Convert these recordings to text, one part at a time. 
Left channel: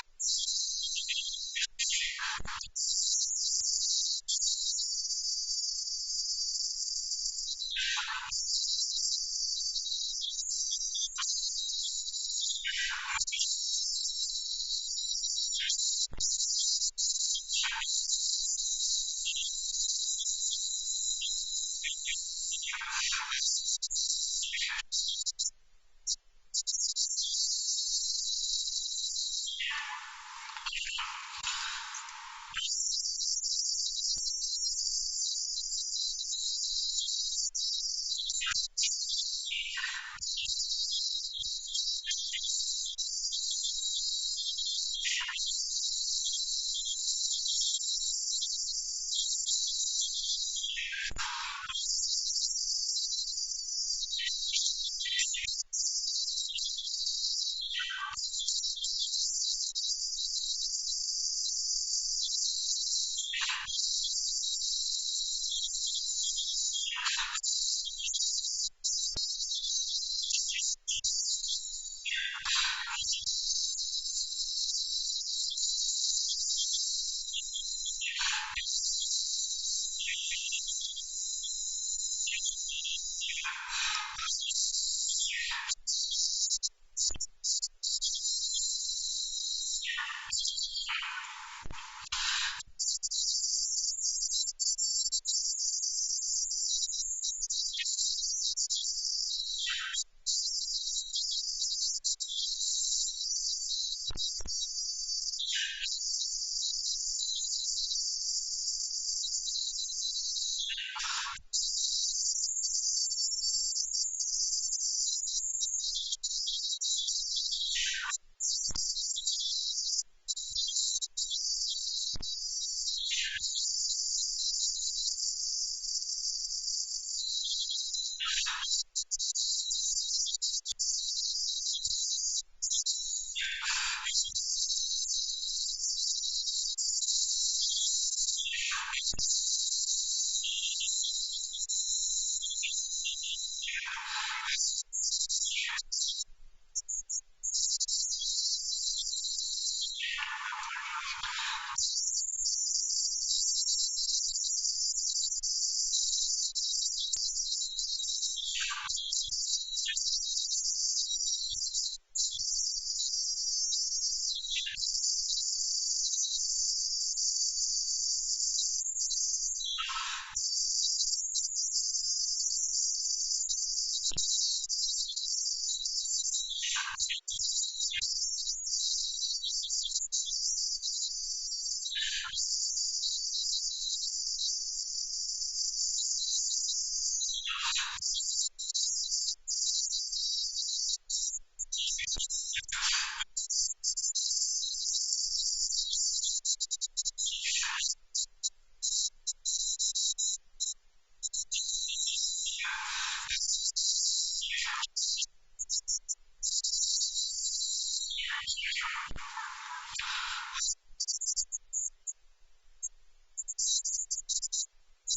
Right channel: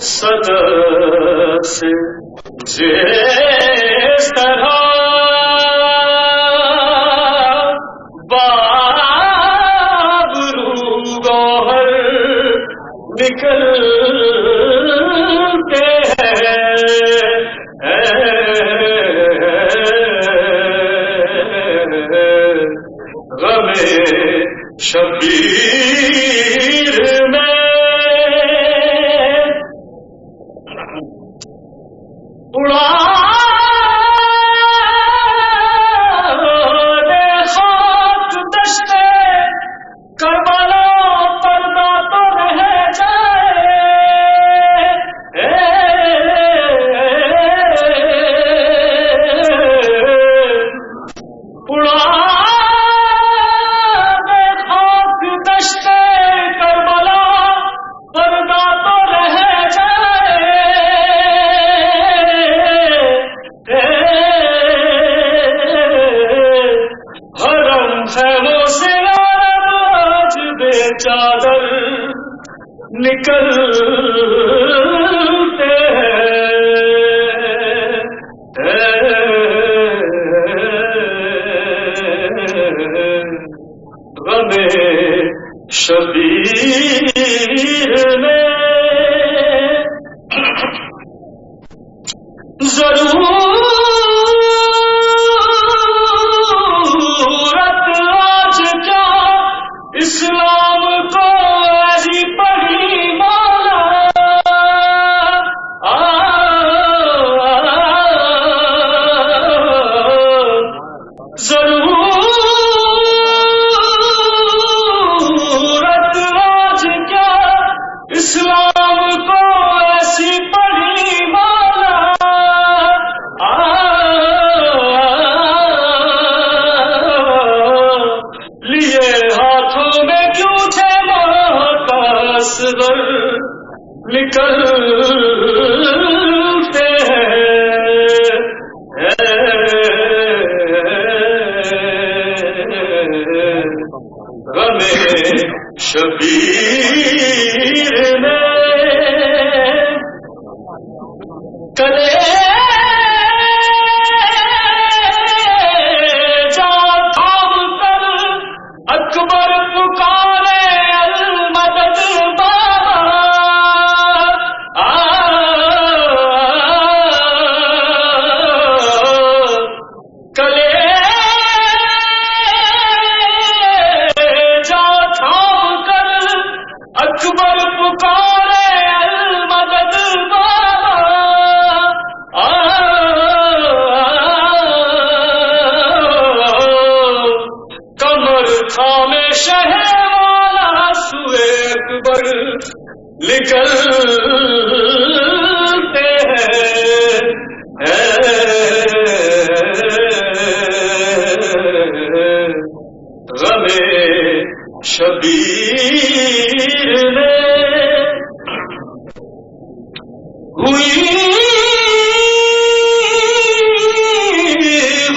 صدر سے جس طرح بابرو گوہر نکلتے ہیں، غم شبیر میں اڑا دے خاک دشت کربلا، پردہ تو رہ جائے، اڑا دے خاک دشت کربلا، پردہ تو رہ جائے، حرم خیموں سے عرب آج بے چادر نکلتے ہیں، غم شبیر میں ضرورت آج کیا اسلام کو ایسی پڑی مولا، ضرورت آج کیا اسلام کو ایسی پڑی مولا، لیے ہاتھوں میں کیوں تھے ماں کا اصغر نکلتے ہیں، غم شبیر میں کلیجہ تھام کر اکبر پکارے المدد بابا، کلیجہ تھام کر اکبر پکارے المدد بابا، کمر تھامے شہر والا سوئے اکبر نکلتے ہیں، غم شبیر میں ہوئی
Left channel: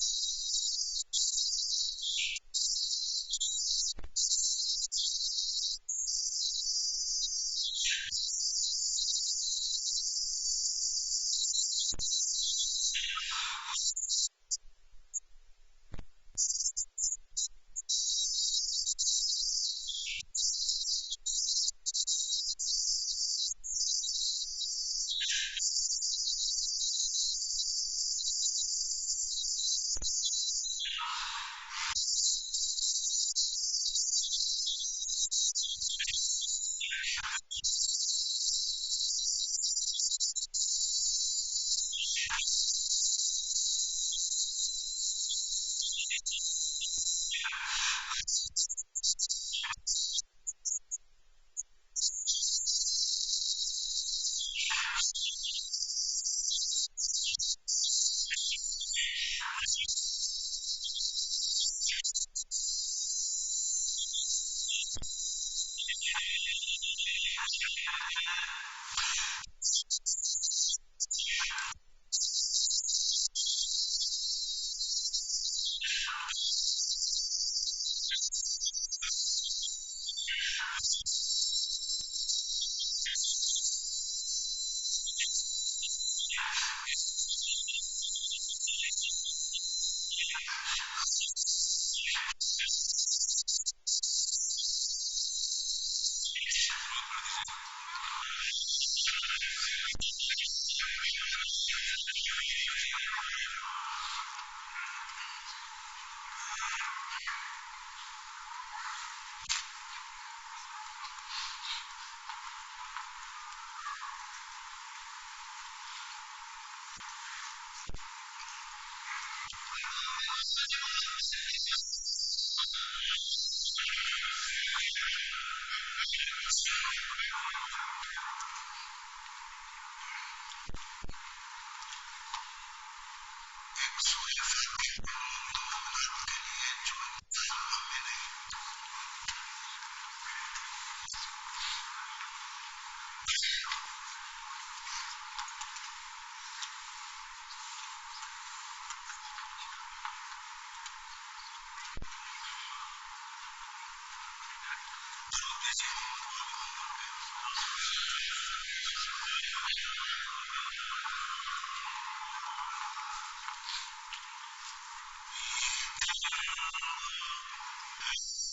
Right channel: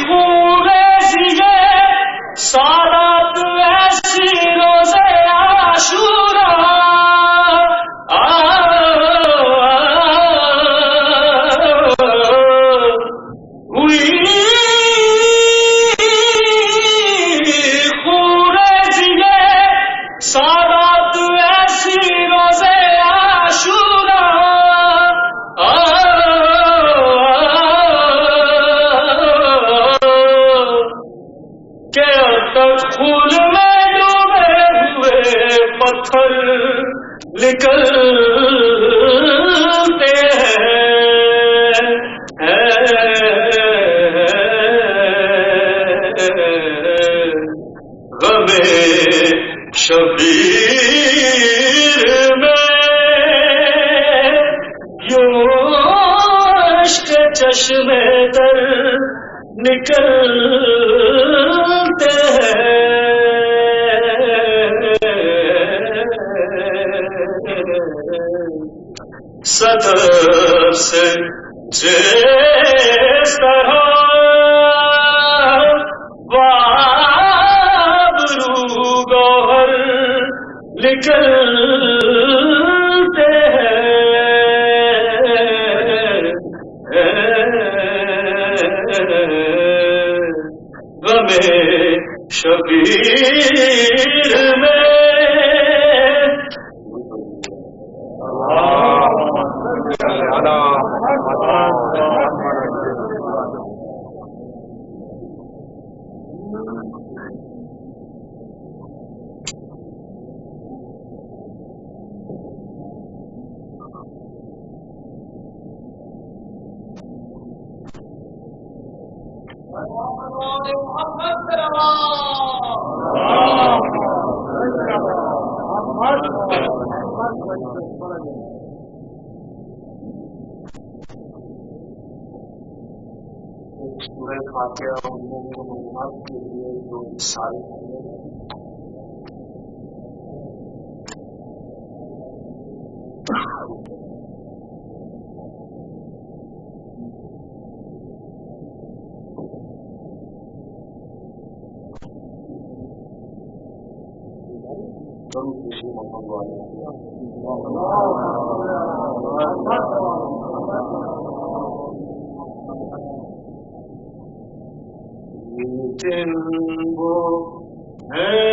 خوریزی سادات ایسی روزے عاشورا، ہوئی خوریزی سادات ایسی روزے عاشورا، کہ اب تک خون میں ڈوبے ہوئے پتھر نکلتے ہیں، غم شبیر میں یوں عشق چشمے تر نکلتے ہیں، صدر سے جس طرح بابرو گوہر نکلتے ہیں، سورہ فاتحہ ان مومن و مومنات کے لیے جو ان سال ہم میں نہیں. درود دیجیے محمد والے محمد پہ. یہ دن وہ ہے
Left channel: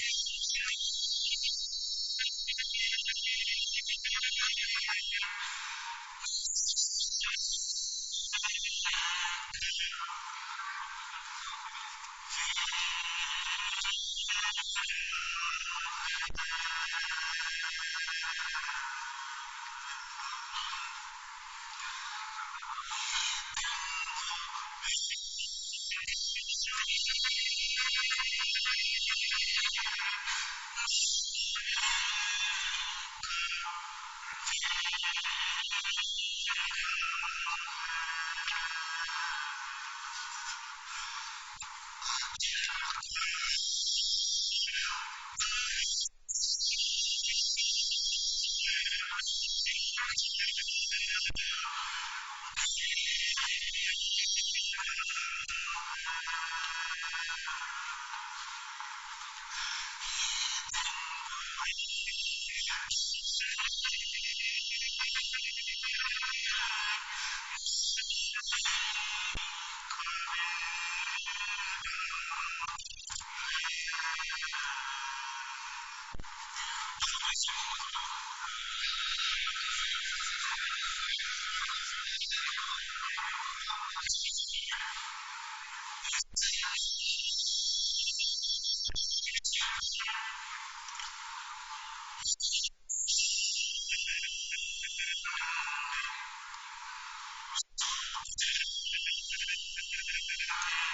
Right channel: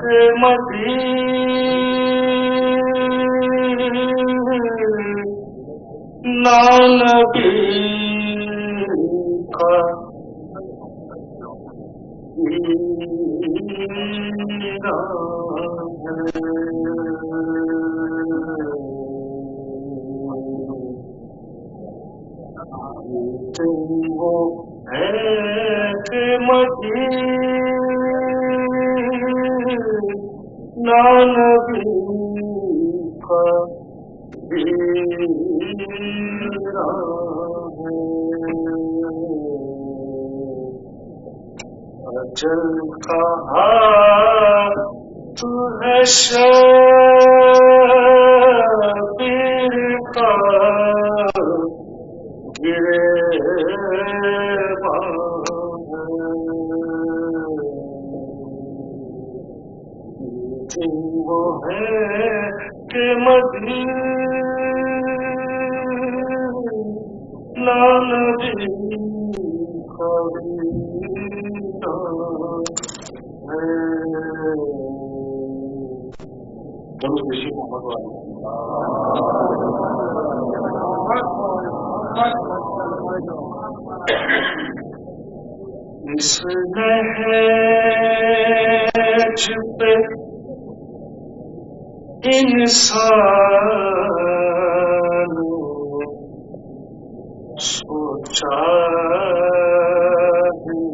کہ مدینہ نبی کا نبی کا ویران ہے. اجل کا ہاتھ ہے شبیر کا گریباں ہے. یہ دن وہ ہے کہ مدینہ نبی کا ویران ہے. درود دیجیے محمد والی. اس نہج پہ انسان نے سوچا ہی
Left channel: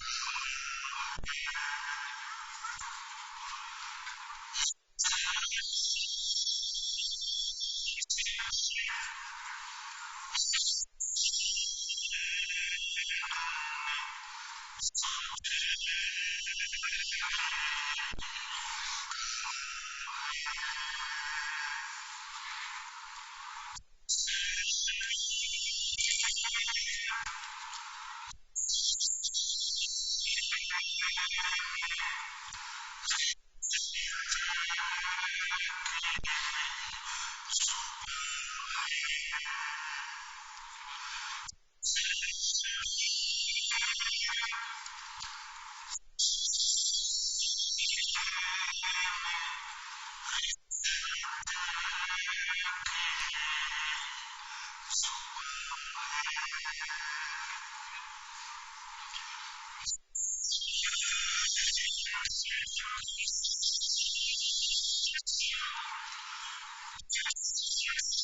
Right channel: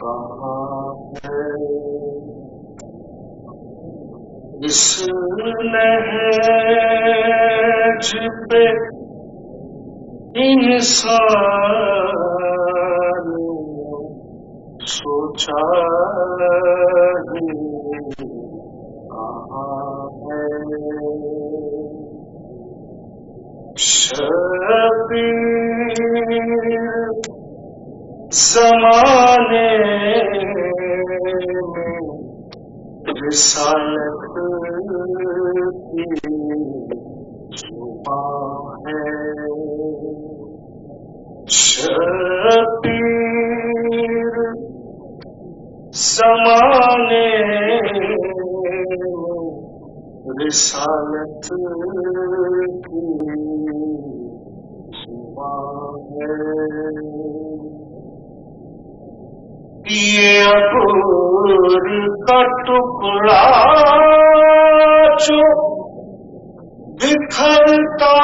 کہاں ہے. اس نہج پہ انسان نے سوچا ہی کہاں ہے. شبیر زمانے میں رسالت کی زبان ہے. شبیر زمانے میں رسالت کی زبان ہے. یہ عبور کا ٹکڑا جو بکھرتا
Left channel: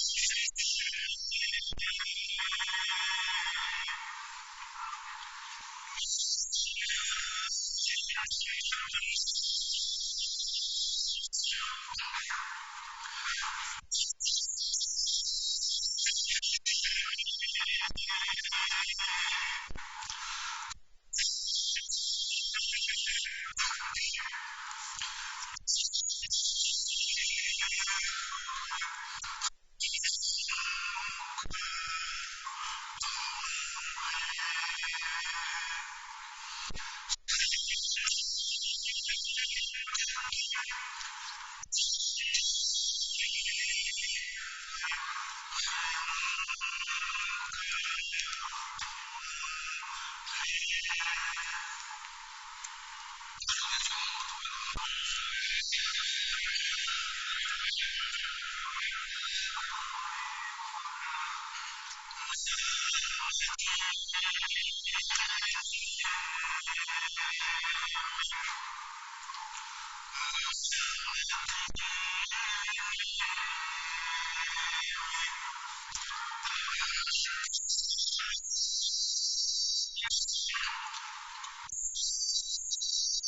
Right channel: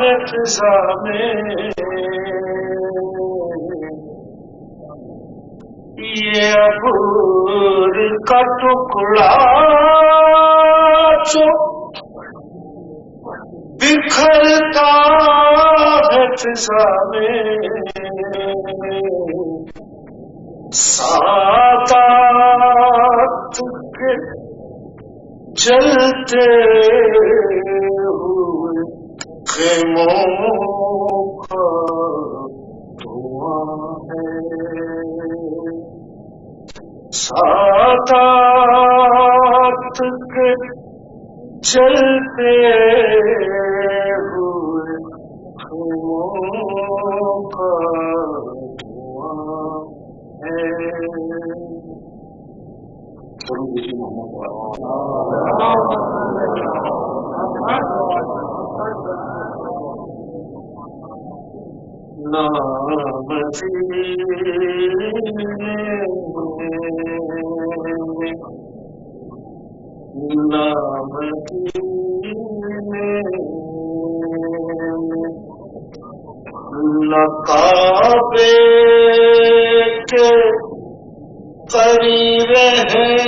ہے فضا میں. یہ عبور کا ٹکڑا جو بکھرتا ہے فضا میں. سادات کے جلتے ہوئے خیموں کا دھواں ہے. سادات کے جلتے ہوئے خیموں کا دھواں ہے. درود دیجیے محمد والا. نام مدینے میں نام مدینے میں نہ کعبے کے قریب ہیں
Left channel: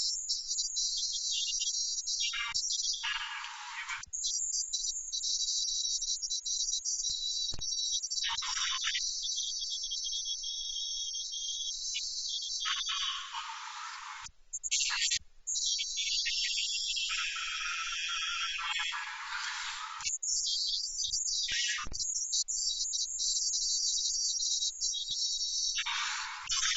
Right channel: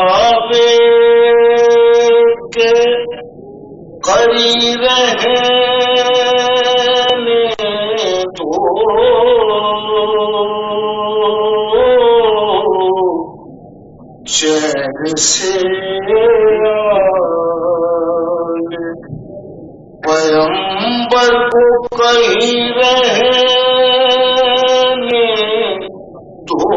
کعبے کے قریب رہنے دو چین سے پیغمبر کو کہیں رہنے دو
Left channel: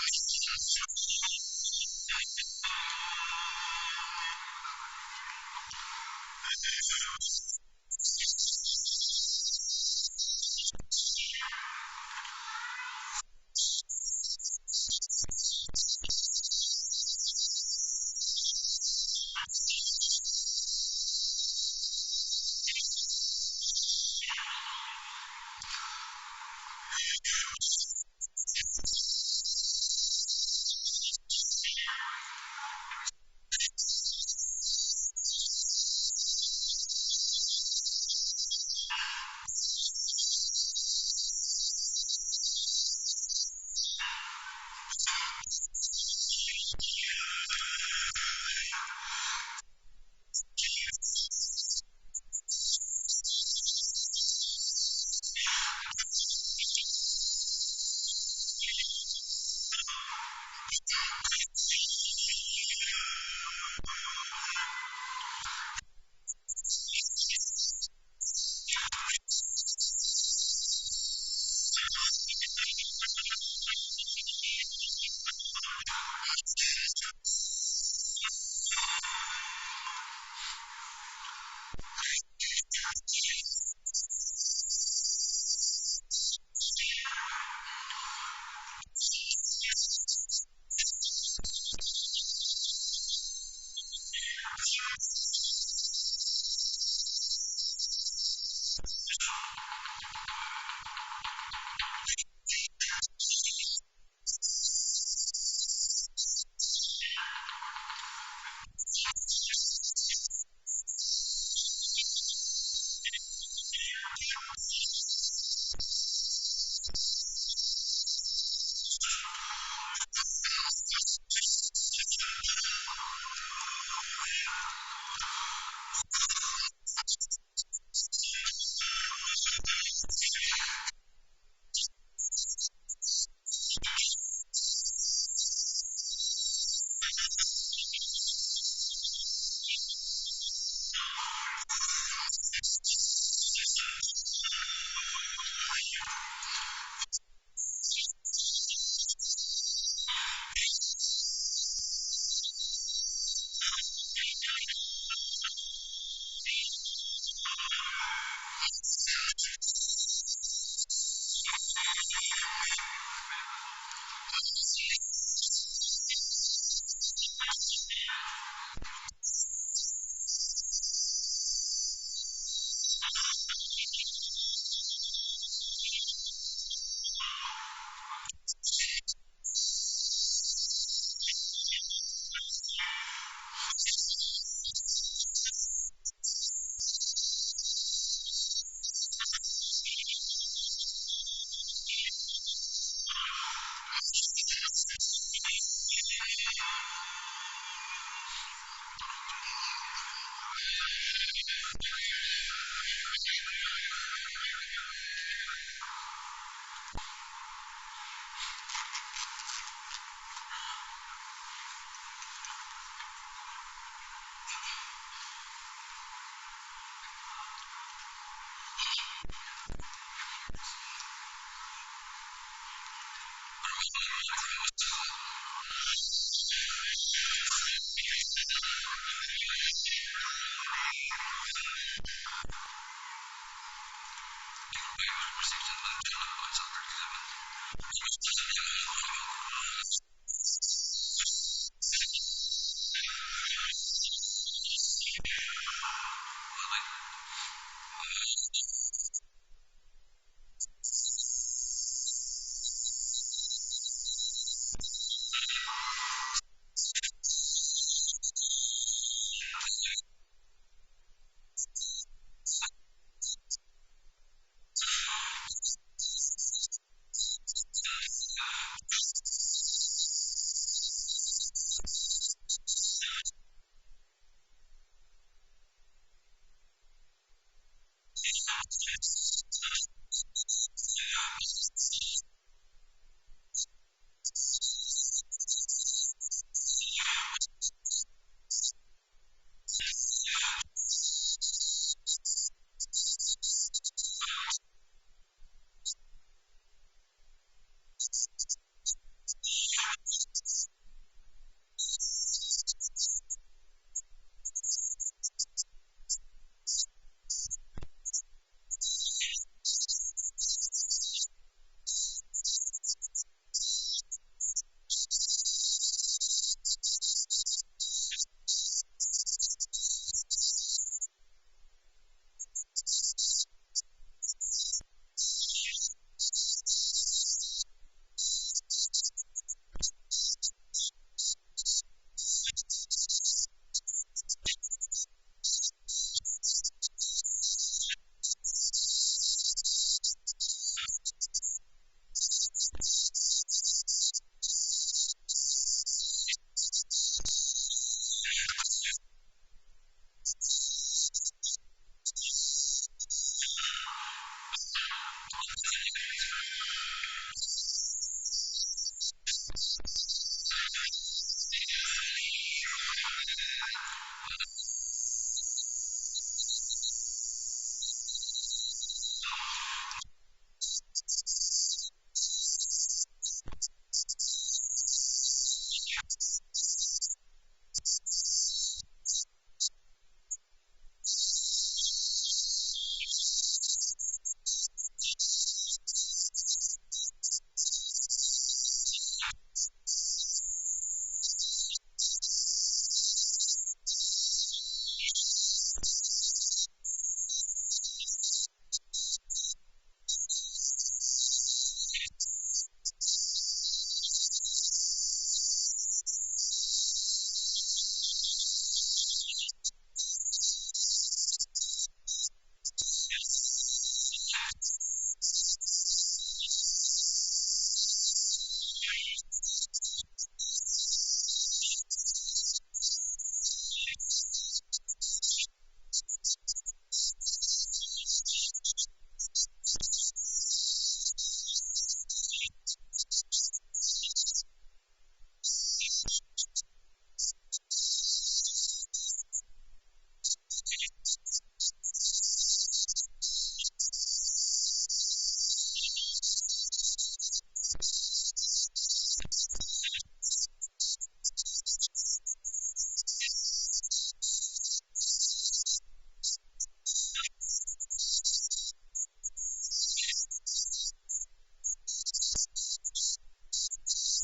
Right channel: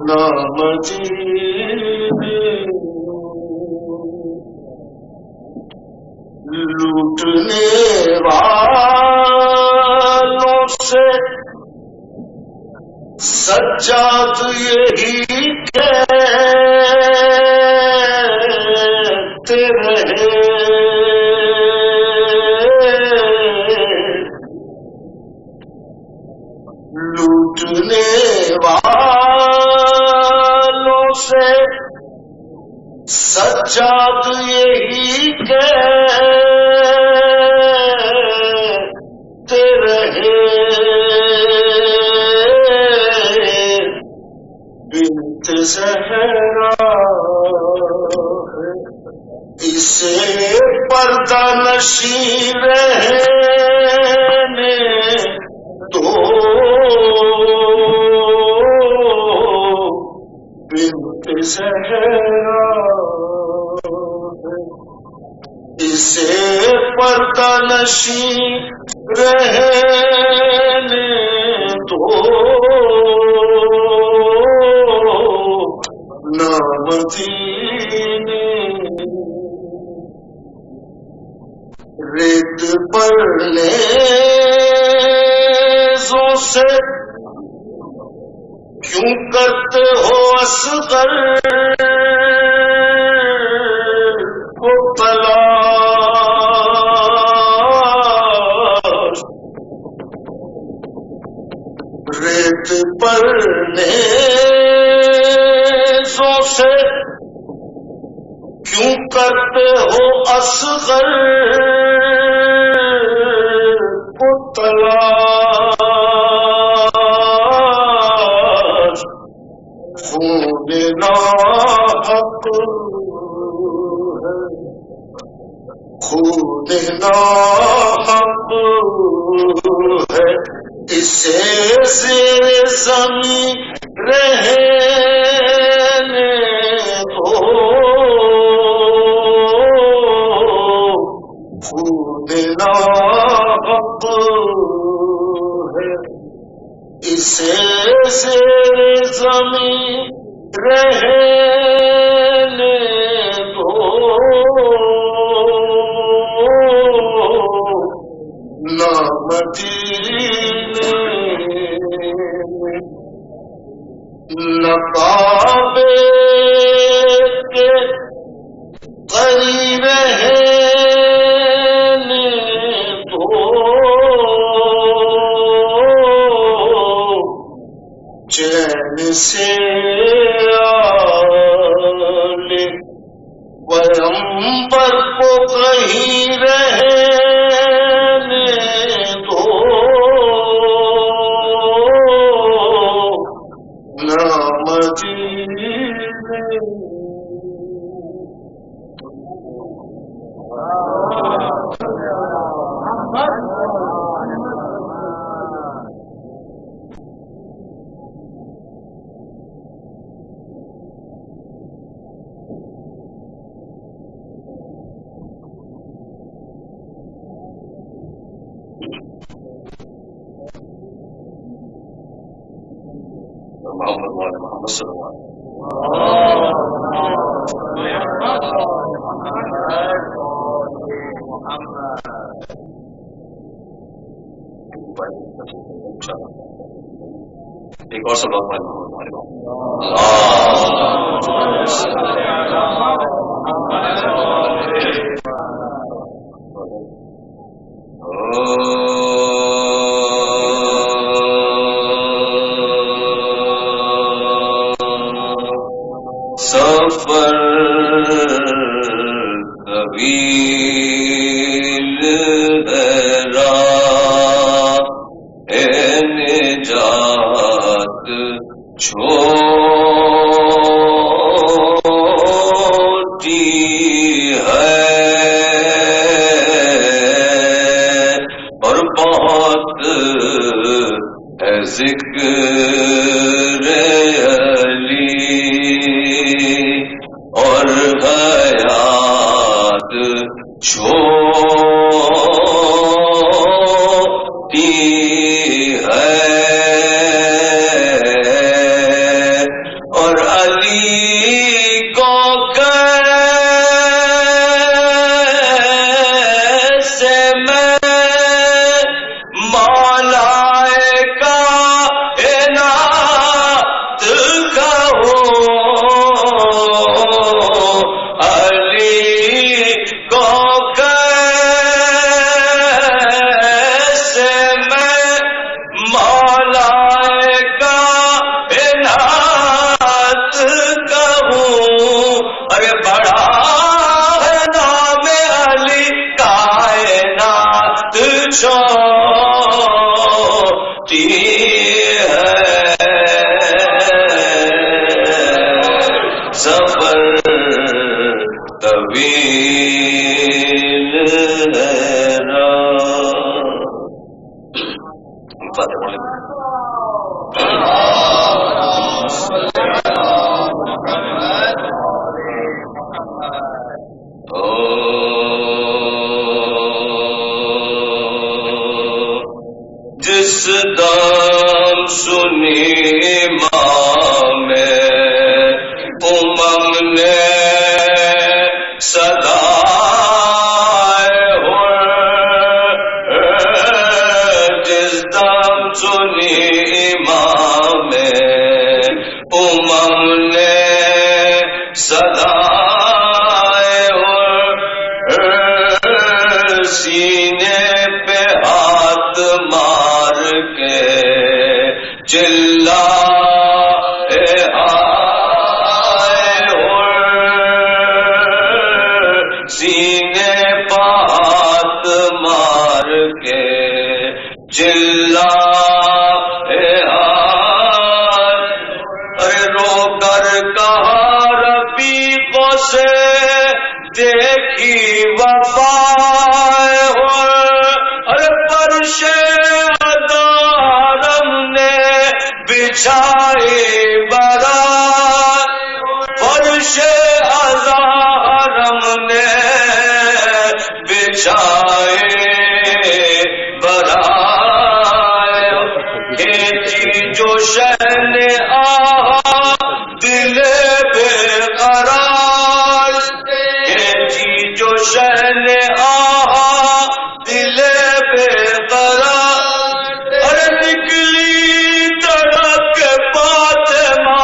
نہ مدینے میں لوٹنے والوں سے سجاد یہی کہتے رہے لوٹنے والوں سے سجاد یہی کہتے رہے بنت زہرا ہے اسے پردہ نشین رہنے دو بنت زہرا ہے اسے پردہ نشین رہنے دو نہ مدینے ریت پر نیزوں سے کیوں کرتے ہو اصغر کو تلاش ریت پر نیزوں سے کیوں کرتے ہو اصغر کو تلاش خون ناحق ہے خون ناحق ہے اسے زیر زمین رہنے دو خون ناحق ہے اسے زیر زمین رہنے دو نہ مدینے میں نہ کعبے کے قریب رہنے دو چین سے آلے پیغمبر کو کہیں رہنے دو نہ مدینے محمد وآل محمد صلی اللہ علیہ وسلم ایک روپائی کے اوپر سے چند بند انشاءاللہ ہمارے ساتھ بیٹھ کے زمین ایک اور صلوات پڑھیں محمد وآل محمد سفر طویل ہے راہ نجات چھوٹی ہے اور بہت ہے ذکر علی اور حیات چھوٹی ہے اور علی کو کیسے میں مولائے کائنات کہوں علی کو کیسے میں مولائے کائنات کہوں ارے بڑا ہے نام علی کائنات چھوٹی ہے سفر طویل ہے راہ ایک فاتحہ پڑھ لیں جس دم سنی امام امم نے صدائے جس دم سنی امام امم نے صدائے سینے پہ ہاتھ مار کے چلا سینے پہ ہاتھ مار کے چلا ارے رو کر کہا رفیقوں سے دیکھی وفا ارے فرش ہزارم نے بچھائی برات فرش ہزارم نے بچھائی برات کھینچی جو شہن آہا دل بے قرار کھینچی جو شہن آہا دل بے قرار ارے نکلی تڑپ فاطمہ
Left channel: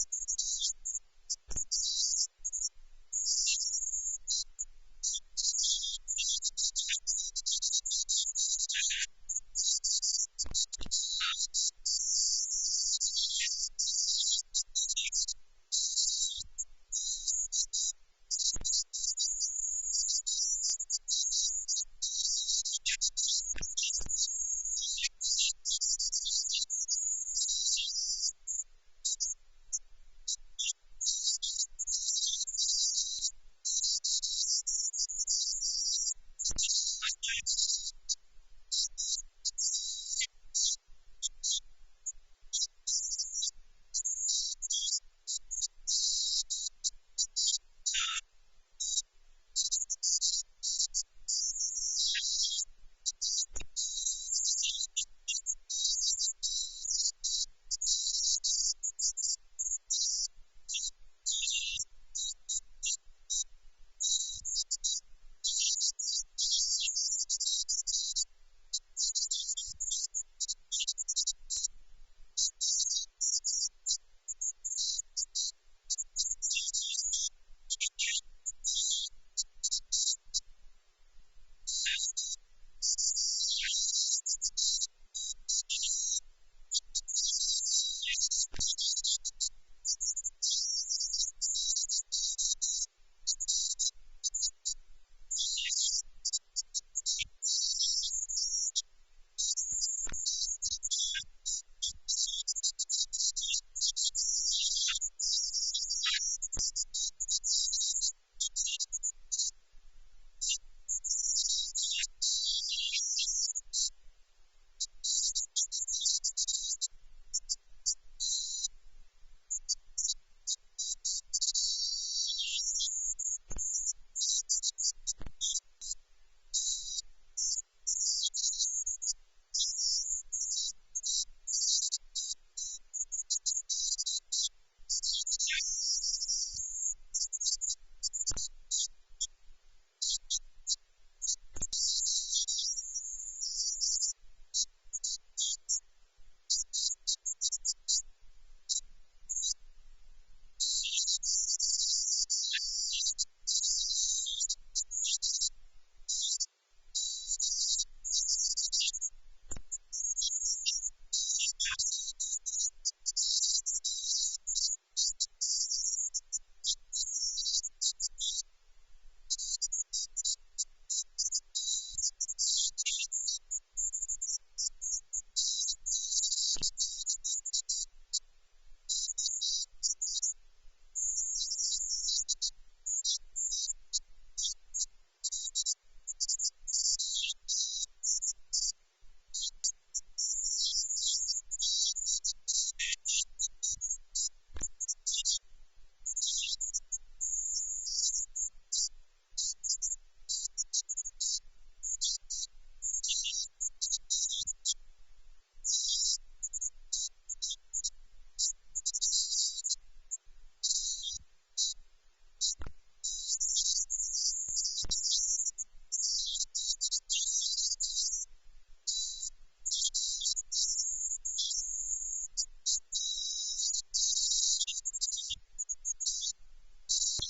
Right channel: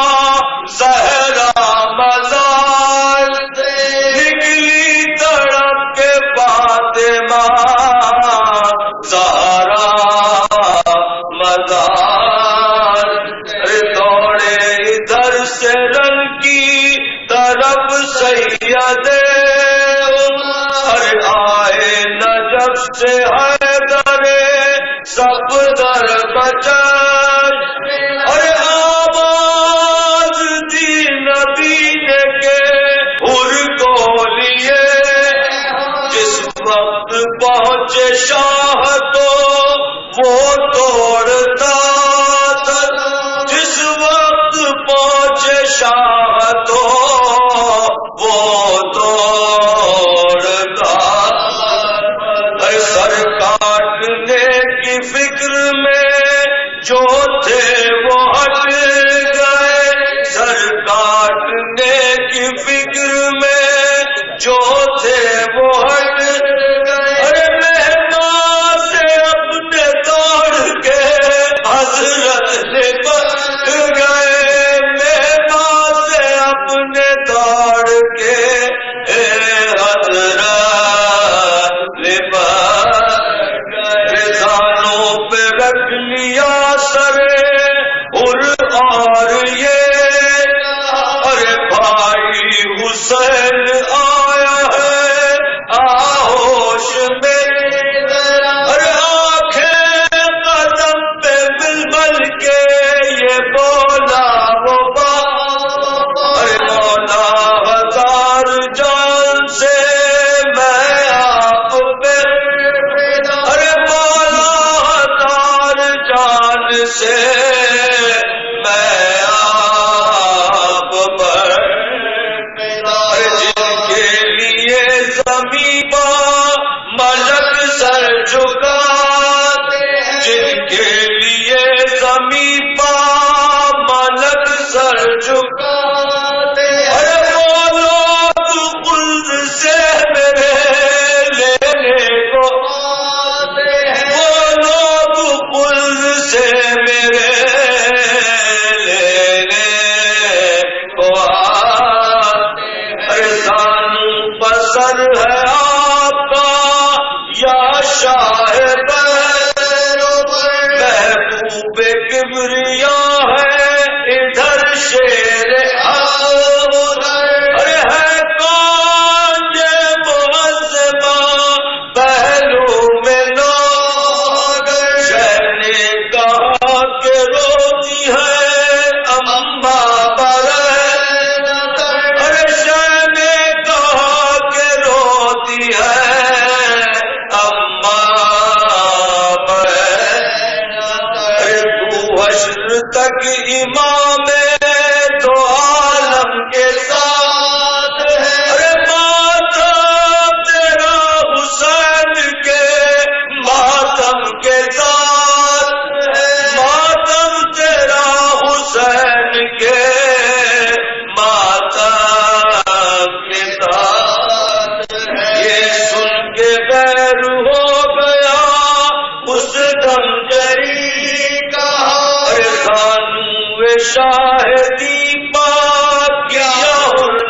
مہدی پاک کیا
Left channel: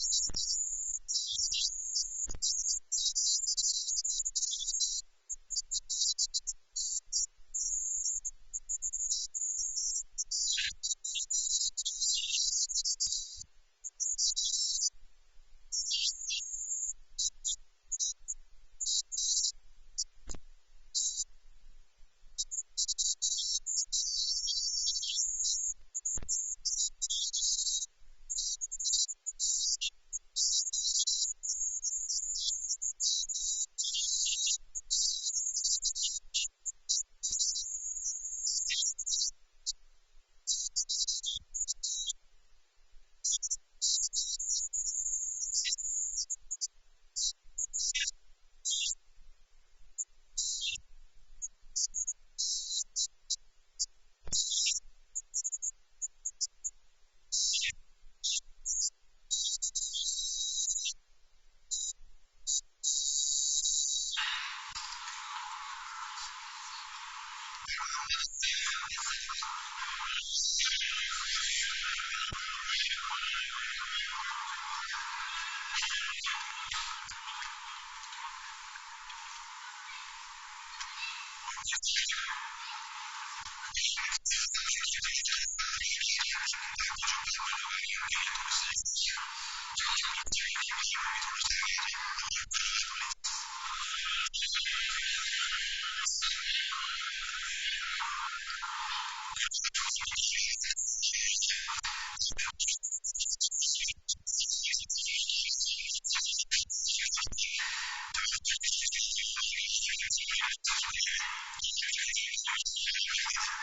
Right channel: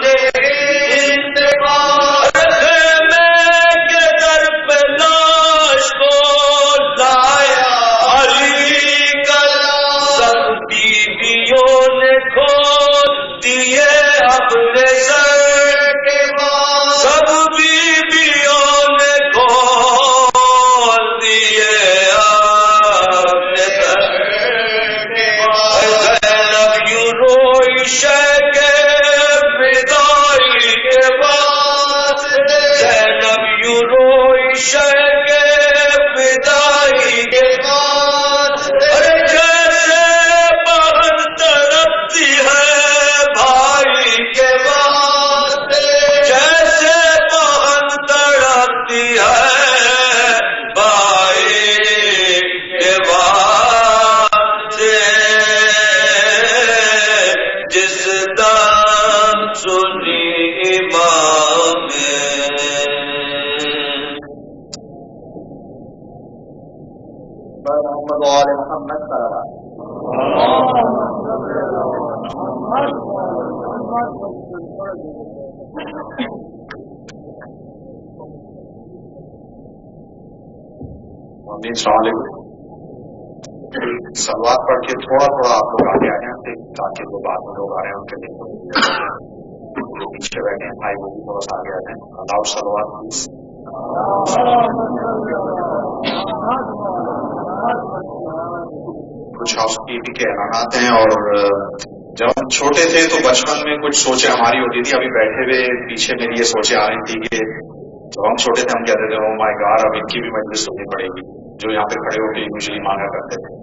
نے انتقال خیمے کے در پہ لاش کو لایا علی کا سب بیویوں نے کھول دیے اپنے سر کے بعد سب بیویوں نے کھول دیے اپنے سر کے بعد زینب یوں روئی شہ کے فدائی کے بعد زینب یوں روئی شہ کے فدائی کے بعد ارے جیسے بہن تڑپتی ہے بھائی کے واسطے جیسے بہن تڑپتی ہے بھائی کے واسطے جس دم سنی امام بر محمد و آل محمد صلوات. اور السلام علیکم. صلوات پڑھ کے تھوڑا تھوڑا آپ لوگ آگے آ جائیں تاکہ جو بعد میں لوگ آ رہے ہیں ان کے لیے تھوڑی سی جگہ ہو جائے. جو پیچھے بیٹھے ہیں بھائی وہ بھی تھوڑا سا آگے آ جائیں. الاؤڈ صلوات پلیز. کچھ ہاؤس کیپنگ کے اعلانات ہیں. اور جب ہم چھوٹے تھے تو بچپن میں کچھ سوچیں ہماری ہوتی تھی. ابھی بیٹھے ہوئے پیچھے میری یہ سوچیں آ رہی تھی کہ جب ہم چھوٹے تھے ہم کہتے تھے او مائی گاڈ اب ان کی بھی مجلس سننی پڑے گی, جو یہاں پہ کھڑے ہو کے یوزلی مانگا کرتے تھے.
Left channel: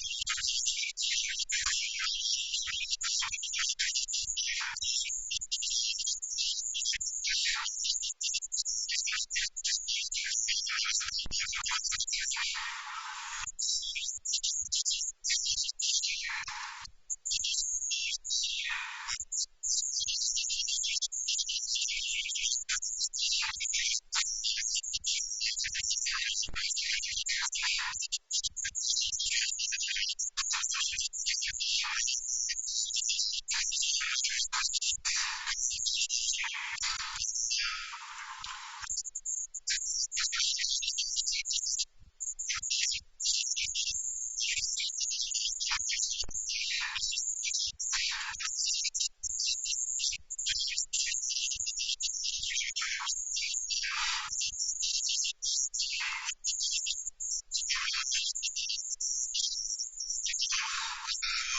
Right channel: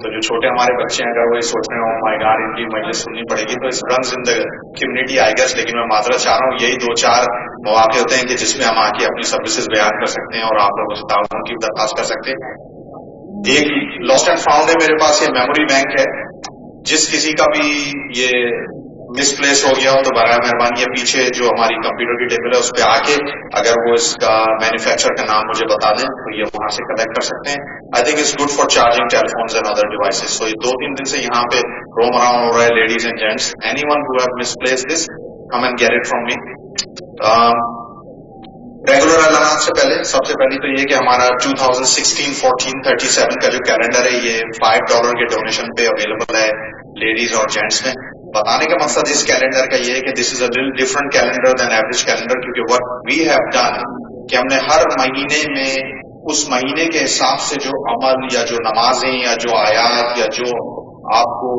تو جو چھوٹے ہمارے بچے ہیں اگر وہ یہ سوچ رہے ہیں او مائی گاڈ ان کی مجلس سننی پڑے گی, تو اس runs in the community I guess. لیکن میں معذرت چاہ رہا ہوں, یہی 2-4 مواقع ہوتے ہیں کہ جس میں ہم آ کے اپنی سروسز بیان کر سکتے ہیں اور آپ لوگوں سے تعاون کی بھی درخواست کر سکتے ہیں. ایک لاسٹ اینڈ فاؤنڈ ہے میرے پاس, یہ میموری بینک ہے. جس کسی کا بھی یہ مس پلیس ہو گیا ہو تو برائے مہربانی یہ پیچھے جو ہماری کمپیوٹر کی ٹیبل ہے اس پہ آ کے اگر وہ اس کا مینوفیکچر کا نام مجھے بتا دیں تو یہ وہاں سے کلیکٹ کر سکتے ہیں. I think it's good for charging telephones and other devices. So یہ 2-3 دن سے یہاں پہ روم اراؤنڈ ہو رہا ہے. Ladies and gents, anyone who have misplace this, come and get it from me. Regular اعلانات سے پہلے سب سے پہلی تو یہ کہ ہمارا 2016-14-37 کا جو کیلنڈر ہے یہ $5 کے ڈونیشن پہ اویلیبل ہے لیڈیز اور جینٹس میں. بتانے کا مقصد اس کیلنڈر کا یہ ہے کہ this is a little different calendar than average calendar, کیونکہ وٹ وی ہیو ڈن کہ ہم نے ہر مہینے میں اس مہینے کے حساب سے جو عمل یا جو نمازیں یا جو آیات یا جو آپ کو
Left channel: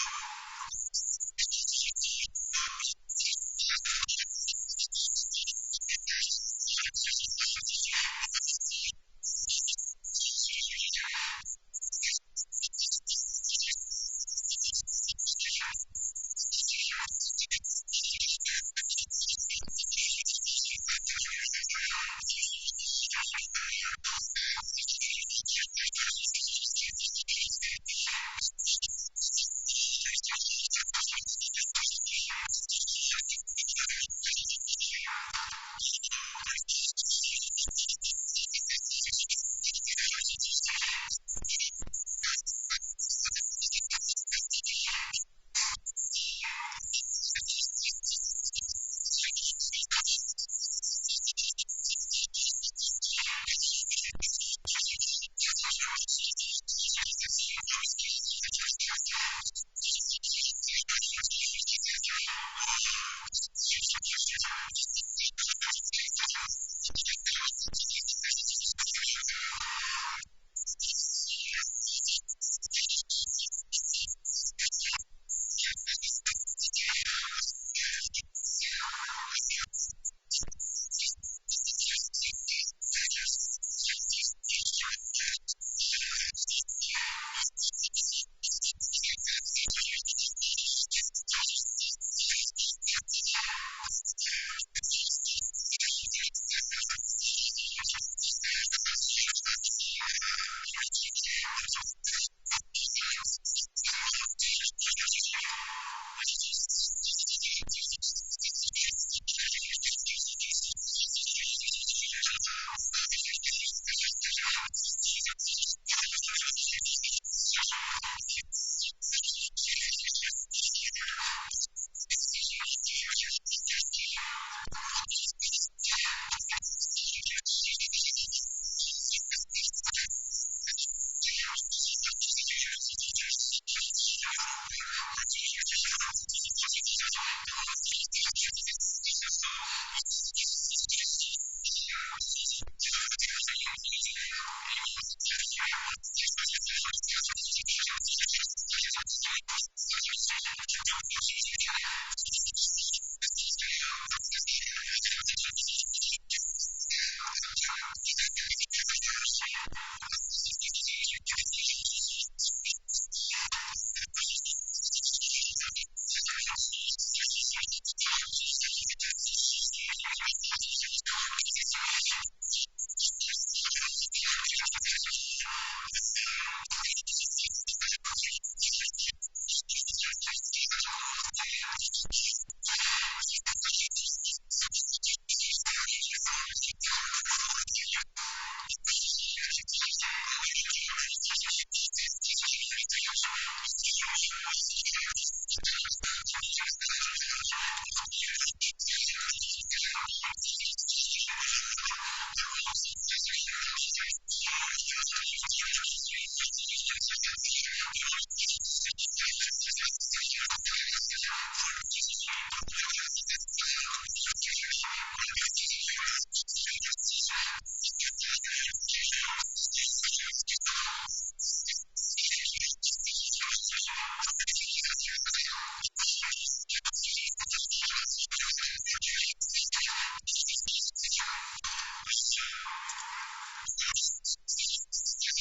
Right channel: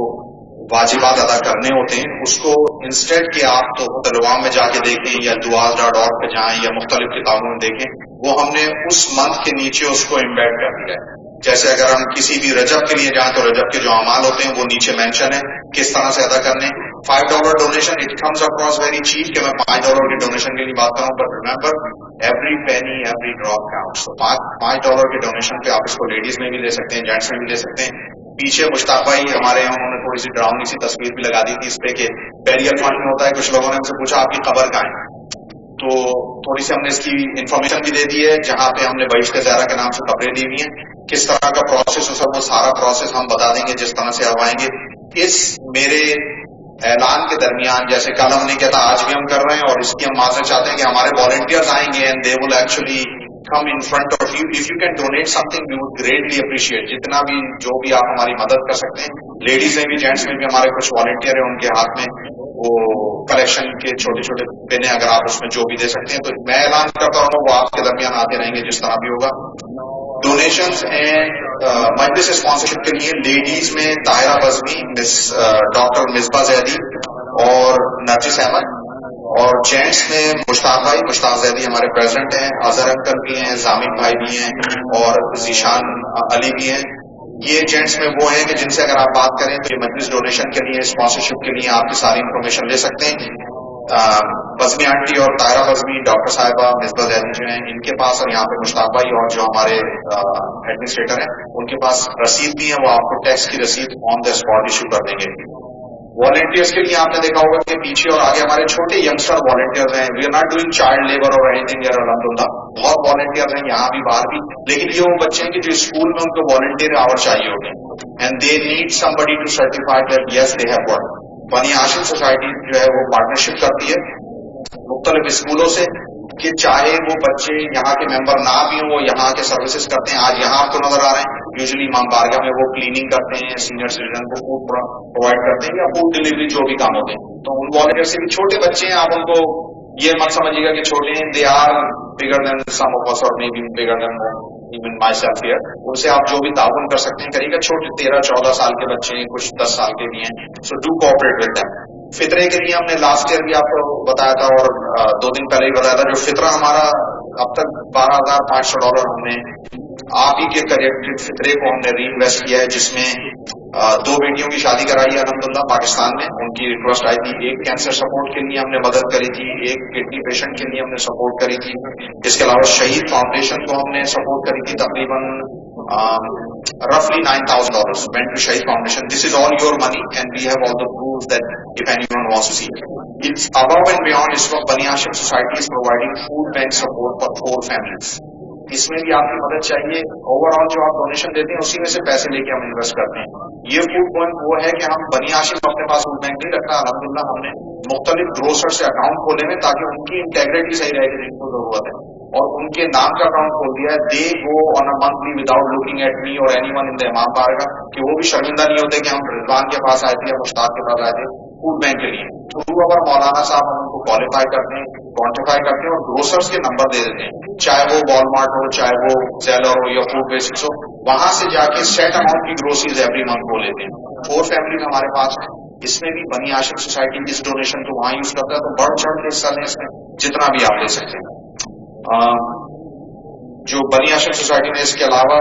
واجبات ادا کرنے ہوتے ہیں اس کو انسٹیڈ کہ آپ تحفۃ العوام میں جا کے دیکھیں یا duas.org پہ جائیں یا مختلف کتابوں میں دیکھیں, وہ ہم نے اس منتھ کے نیچے اس کو امبیڈ کر دیا ہے. جیسے اگر ہم کسی بھی رجب کے لیے جائیں تو رجب کے جو اعمال ہوتے ہیں وہ نیچے مینشن ہے کس طرح سے ادا کرنے. $5 donation it comes across very cheap کہ میں $5 کے ڈونیشن کے لیے بات کروں, but remember every penny every drop counts. تو $5 کے ڈونیشن پہ آپ اس کو لیڈیز میں بھی لے سکتے ہیں, جینٹس میں بھی لے سکتے ہیں. پیچھے مشتاق بھائی ہمارے یہاں انہوں نے تھوڑی سی ڈراؤنی سی تصویر بھی لگا دی تھی اس پہ کہ بیریل فنڈ میں ہوتا ہے. کچھ لوگوں نے ہم سے پوچھا آپ کی قبر کہاں ہے, تو تھوڑی سی ہم نے اس کی انفارمیشن بھی دے دی ہے. جہاں پہ ہم نے بہشت زہرا کے نام سے قبریں لی ہوئی ہیں, کس طرح کا پروسیس ہے وہ سارا پروسیس ہم بتا دیں گے جس طرح سے آپ آئیں گے. اس میرے اعلان کے درمیان جیسے کل ہم نے کیا تھا آج بھی ہم کر رہے ہیں, اور اس کی ہم معذرت چاہتے ہیں کہ ہمارے والنٹیئرز آئیں گے and they will actually come in front of you. If you can donate something, we would greatly appreciate. جتنا بھی جو بھی آپ ہماری مدد کر سکتے ہیں, لیڈیز میں بھی جینٹس میں بھی ہمارے کچھ والنٹیئر ہیں ان کے ہاتھ میں وہ کلیکشن کے چھوٹے چھوٹے پن ہیں, اگر آپ اس میں جو بھی دے سکتے ہیں تو میں اعلان کرتا رہوں گا, وہ آپ کے درمیان آتے رہیں گے جس طرح بھی ہوگا. ڈونیشنز اینڈ مجلس اسپانسرشپ کے لیے لیڈیز میں طاہرہ بزمی, ڈاکٹر مصباح زیدی اور نرجس احمد, اور جینٹس میں مشتاق زیدی ہمارے پریزیڈنٹ ہیں, اظہر انکل بھی ہیں, زامن بھائی بھی ہیں اور ذیشان علی بھی ہیں. یہ جینٹس میں وہ ہیں کہ جن سے اگر آپ بات کریں تو یہ مجلس ڈونیشن کے لیے اسپانسرشپ کے لیے آپ کی ساری انفارمیشن لے سکتے ہیں. بزمی آنٹی اور طاہرہ بزمی, ڈاکٹر صاحبہ مصباح زیدی جو ہیں ان کے پاس, اور یہاں پہ مشتاق بھائی اور جو ہمارے ایڈمنسٹریٹر ہیں ان کے پاس رسید بھی ہیں, وہ آپ کو ٹیکس کی رسید آن دا اسپاٹ ایشو کر دیں گے. والنٹیئرس کے لیے آپ نے دیکھا ہوگا کہ پیچھے اور آگے ہمارے چھوٹے ینگسٹر والنٹیئرز ہیں. We are not doing child labour اور اینی تھنگ, الحمدللہ بہت والنٹیئرز ہیں یہاں بھی باہر بھی, لیکن یہ وہ بچے ہیں کہ جو اسکول میں ان کو والنٹیئر آور چاہیے ہوتے ہیں, and they need somebody to certify that yes they have worked. Bani Hashim society جو ہے وہ پارٹنرشپ کرتی ہے مختلف اسکولوں سے کہ چاہے وہ بچے یہاں کے ممبر نہ بھی ہوں وہ یہاں کے سروسز کرتے ہیں. آج یہاں آپ کو نظر آ رہے ہیں. یوزلی امام بارگاہ میں وہ کلیننگ کرتے ہیں, سینئر سٹیزن کو فوڈ پرووائڈ کرتے ہیں یا فوڈ ڈلیوری جو بھی کام ہوتے ہیں. تو ان والنٹیئر سے بھی چھوٹے بچے ہیں, آپ ان کو یہ مت سمجھیے گا کہ چھوٹے ہیں. They are bigger then some of us اور maybe bigger than even myself here. ان سے آپ جو بھی تعاون کر سکتے ہیں کریے گا. چھوٹے 13-14 سال کے بچے ہیں, کچھ 10 سال کے بھی ہیں. So do cooperate with them. فطرے کے لیے ہم نے لاسٹ ایئر بھی آپ کو بتایا تھا اور 2 دن پہلے ہی بتایا تھا. جو فطرہ ہمارا اب تک $12,500 ہم نے آپ ہی کے کریکٹڈ فطرے کو ہم نے ری انویسٹ کیا ہے, جس میں 2 بیٹیوں کی شادی کرائی ہے الحمدللہ پاکستان میں. ان کی ریکویسٹ آئی تھی. ایک کینسر سپورٹ کے لیے ہم نے مدد کری تھی, ایک کڈنی پیشنٹ کے لیے ہم نے سپورٹ کری تھی. اس کے علاوہ شہید فاؤنڈیشن کو ہم نے سپورٹ کری تھی. تقریباً roughly $9,000 went to Shahid Foundation. This is all your money and we have all the proofs that if anyone wants to see. It's above and beyond. اس وقت Bani Hashim society is providing food bank support for 4 families. اس میں بھی آپ کی مدد چاہیے. Over all جو آپ ڈونیشن دیتے ہیں اسی میں سے پیسے لے کے ہم انویسٹ کرتے ہیں. یہ فوڈ بینک وہ ہے کہ ہم بنی ہاشم اپنے پاس فوڈ بینک نہیں رکھتا. الحمدللہ ہم نے مختلف گروسر سے اکاؤنٹ کھولے ہوئے تاکہ ان کی انٹیگریٹی صحیح رہے کہ جن کو ضرورت ہے, اور ان کے نام کا اکاؤنٹ کھول دیا ہے. They go on a monthly without looking at me اور اینی ون ان دا امام بارگاہ, کہ وہ بھی شرمندہ نہیں ہوتے کہ ہم رضوان کے پاس آئے تھے یا مشتاق کے پاس آئے تھے فوڈ بینک کے لیے. تھرو اوور مولانا صاحب ہم ان کو کوالیفائی کرتے ہیں, کوانٹیفائی کرتے ہیں اور گروسرز کے نمبر دے دیتے ہیں, چاہے وہ والمارٹ ہو, چاہے وہ زیلر ہو یا فوڈ بیسکس ہو. وہاں سے جا کے سیٹ اماؤنٹ کی گروسریز ایوری منتھ وہ لیتے ہیں. 4 فیملیز ہمارے پاس ہیں. اس میں بھی بنی ہاشم سوسائٹی اس ڈونیشن کو وہاں یوز کرتا ہے. تو بڑھ چڑھ کے حصہ لیں اس میں جتنا بھی آپ لے سکتے ہیں. جو بنی ہاشم سوسائٹی نے اس کے علاوہ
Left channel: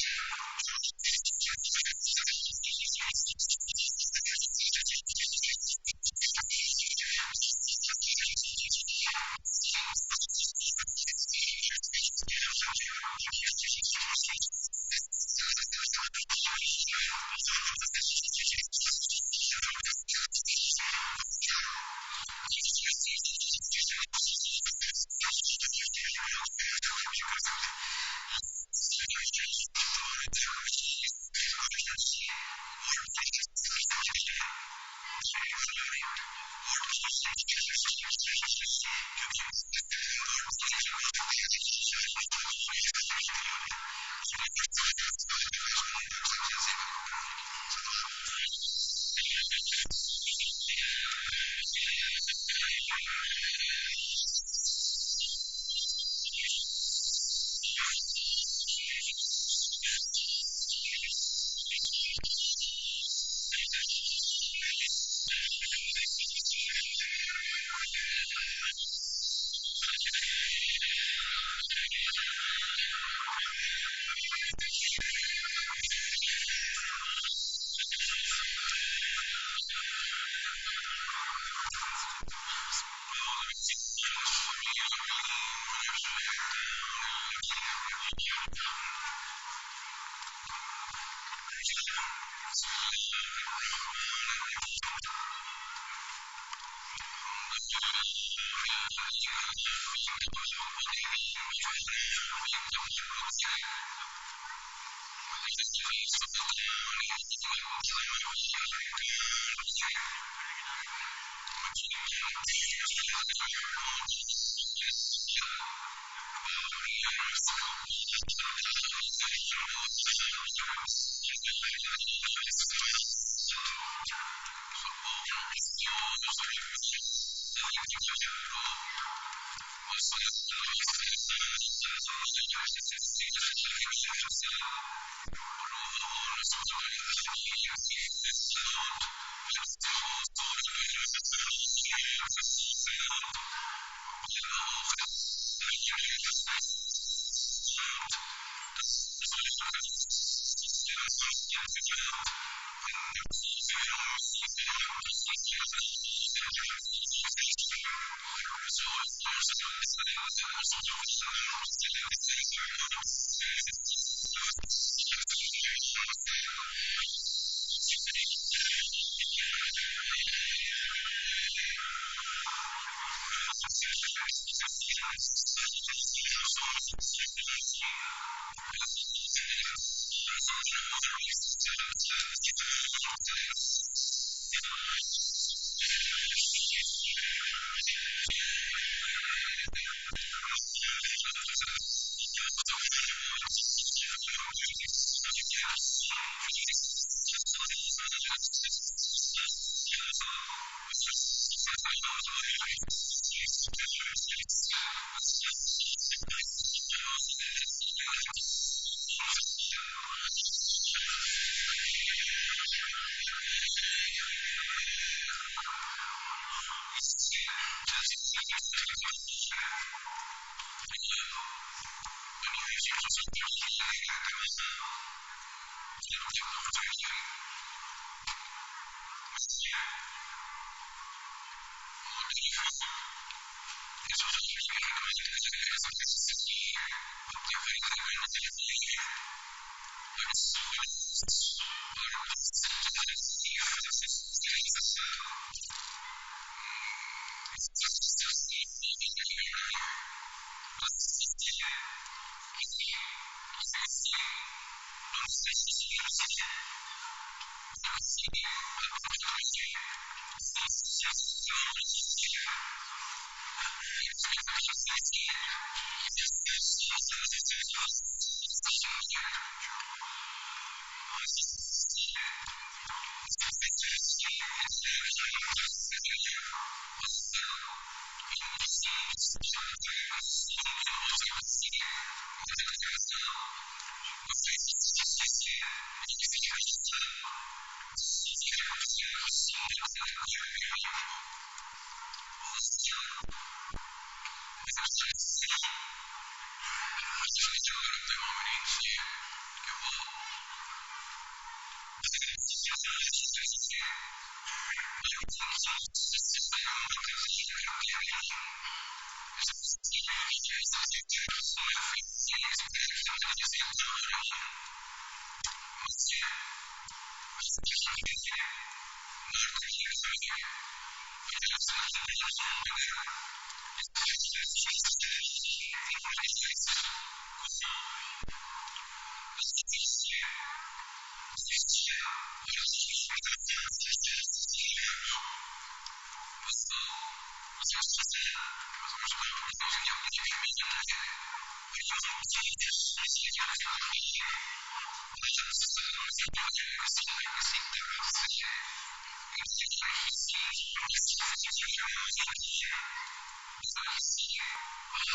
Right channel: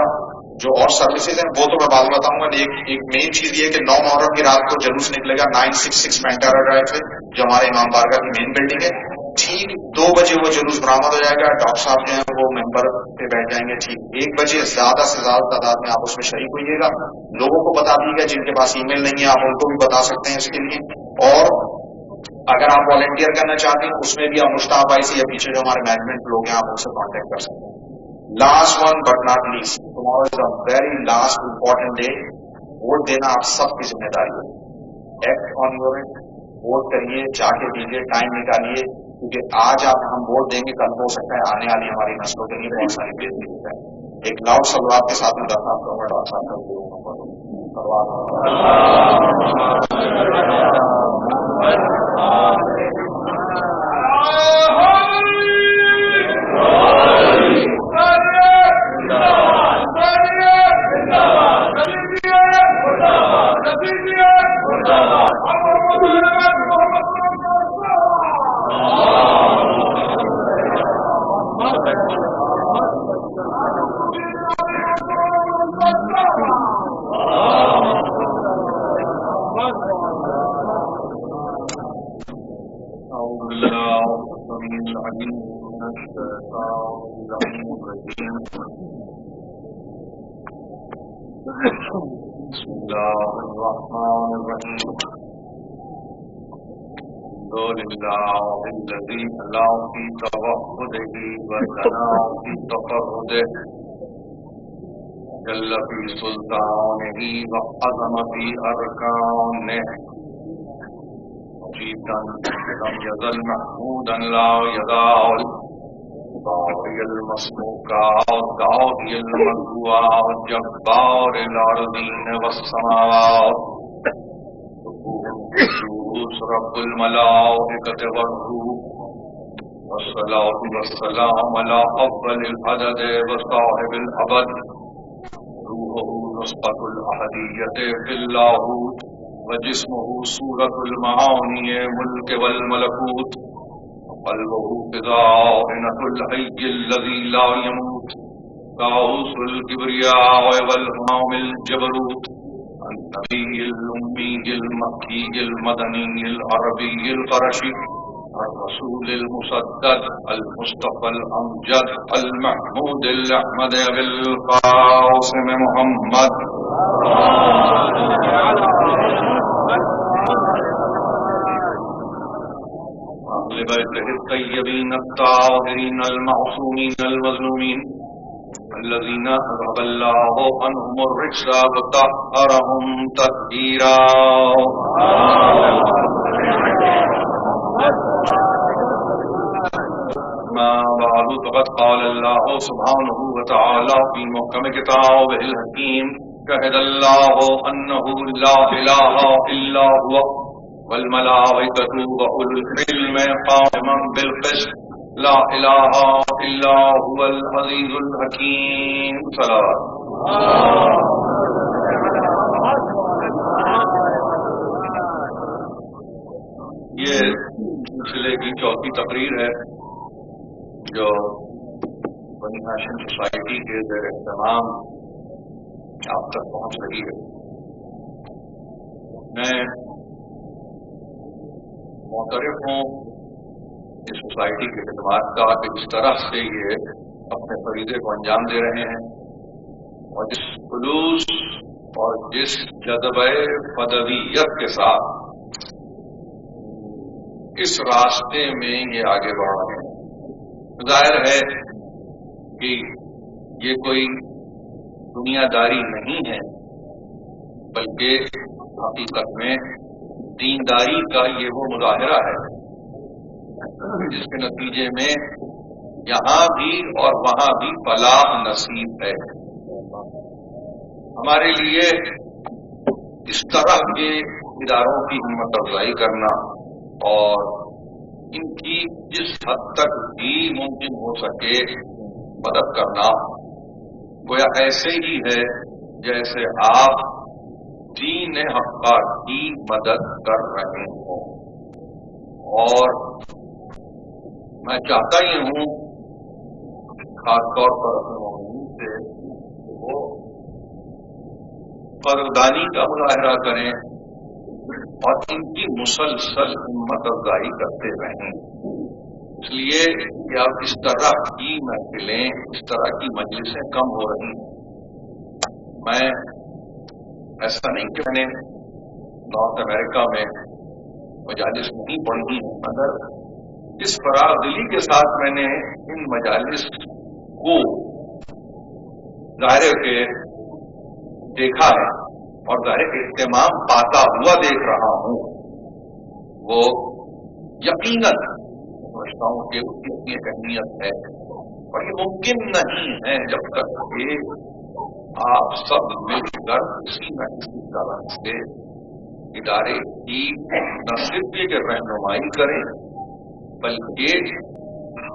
جو اور سروسز ہیں وہ تو میں بعد میں بتاؤں گا. ایک مین چیز یہ ہے کہ 9 محرم کی رات کو جلوس نکلے گا 966 پینٹارا ڈرائیو سے, جو ہمارے امام بارگاہ کی مین بلڈنگ ہے. ٹھیک 2 بجے وہ جلوس برآمد ہو جائے گا. ڈاکٹر صاحب جو ہیں وہ ممبر پہ بیٹھ جائیں گے. ٹھیک 1 بجے زیادہ سے زیادہ تعداد میں آپ اس میں شریک ہوئیے گا. لوگوں کو بتا دیجیے گا, جن کے پاس ای میل نہیں ہے آپ ان کو بھی بتا سکتے ہیں اس کے لیے. اور اگر آپ والنٹیئر کرنا چاہتے ہیں اس میں بھی آپ مشتاق بھائی سے یا پیچھے جو ہمارے مینجمنٹ لوگ ہیں آپ ان سے کانٹیکٹ کر سکتے ہیں. Last one but not least, tomorrow is a very last important day. Vote دینا آپ سب کی ذمہ داری ہے. Act on your it, vote کریے, جا کے دیجیے, ٹائم نکالیے, کیونکہ آج ہم ووٹ دیں گے, کل کو ہو سکتا ہے آنے والی ہماری نسلوں کے لیے بہت ساری بہتری ہو جائے. ایک لاؤڈ صلوات کے ساتھ میں درخواست کروں گا ڈاکٹر صاحب سے زیب میں پڑھنے کی. صلوات. بسم اللہ الرحمن الرحیم. الحمد للہ الذی علا فی توحدہ وثنا فی تفردہ وجل فی سلطانہ وعظم فی ارکانہ مجیدا لم یزل محمودا لا یزال باری المسموکا داہی المدعا جبار الارضین والسماوات سبوح قدوس رب الملائکۃ والروح والصلاة والسلام علی اول العدد وصاحب الابد روحہ نسخۃ الاحدیۃ فی اللاہوت وجسمہ صورۃ المعانی ملک والملکوت قلبه خزائنة الحي الذي لا يموت طاووس الكبرياء والهمام الجبروت النبي الأمي المكي المدني العربي القرشي الرسول المسدد المصطفى الأمجد المحمود الأحمد بالقاسم محمد بیتہ الطیبین الطاہرین المعصومین المظلومین الذين اذهب الله عنهم الرجس وطهرهم تطهيرا. ما بعد فقد قال الله سبحانه وتعالى في محكم كتابه الحكيم شهد الله أنه لا إله إلا هو والملائكة وأولو العلم قائما بالقسط لا إله إلا هو العزيز الحكيم. صلوات. یہ سلسلے کی چوتھی تقریر ہے جو بنی ہاشم سوسائٹی کے زیر اہتمام آپ تک پہنچ رہی ہے. میں معترف ہوں اس سوسائٹی کی خدمات کا کہ جس طرح سے یہ اپنے فریضے کو انجام دے رہے ہیں اور جس خلوص اور جس جذبہ فدویت کے ساتھ اس راستے میں یہ آگے بڑھ رہے ہیں. ظاہر ہے کہ یہ کوئی دنیا داری نہیں ہے بلکہ حقیقت میں دینداری کا یہ وہ مظاہرہ ہے جس کے نتیجے میں یہاں بھی اور وہاں بھی فلاح نصیب ہے. ہمارے لیے اس طرح کے اداروں کی ہمت افزائی کرنا اور ان کی جس حد تک بھی ممکن ہو سکے مدد کرنا گویا ایسے ہی ہے جیسے آپ دین حقہ کی مدد کر رہے ہوں. اور میں چاہتا ہی ہوں خاص طور پر اپنے مومنین سے کہ وہ قدردانی کا مظاہرہ کریں اور ان کی مسلسل ہمت افزائی کرتے رہیں. اس لیے کہ اب اس طرح کی محفلیں اس طرح کی مجلسیں کم ہو رہی ہیں. میں ایسا نہیں کہ میں نے نارتھ امریکہ میں مجالس نہیں پڑھی ہیں مگر جس فراغ دلی کے ساتھ میں نے ان مجالس کو ظاہر کہ دیکھا ہے اور ظاہر اہتمام پاتا ہوا دیکھ رہا ہوں وہ یقیناً میں سمجھتا ہوں کہ اس کی اپنی ایک اہمیت ہے. اور یہ ممکن نہیں ہے جب تک کہ آپ سب مل کر کسی نہ کسی طرح سے ادارے کی نہ صرف یہ کہ رہنمائی کریں بلکہ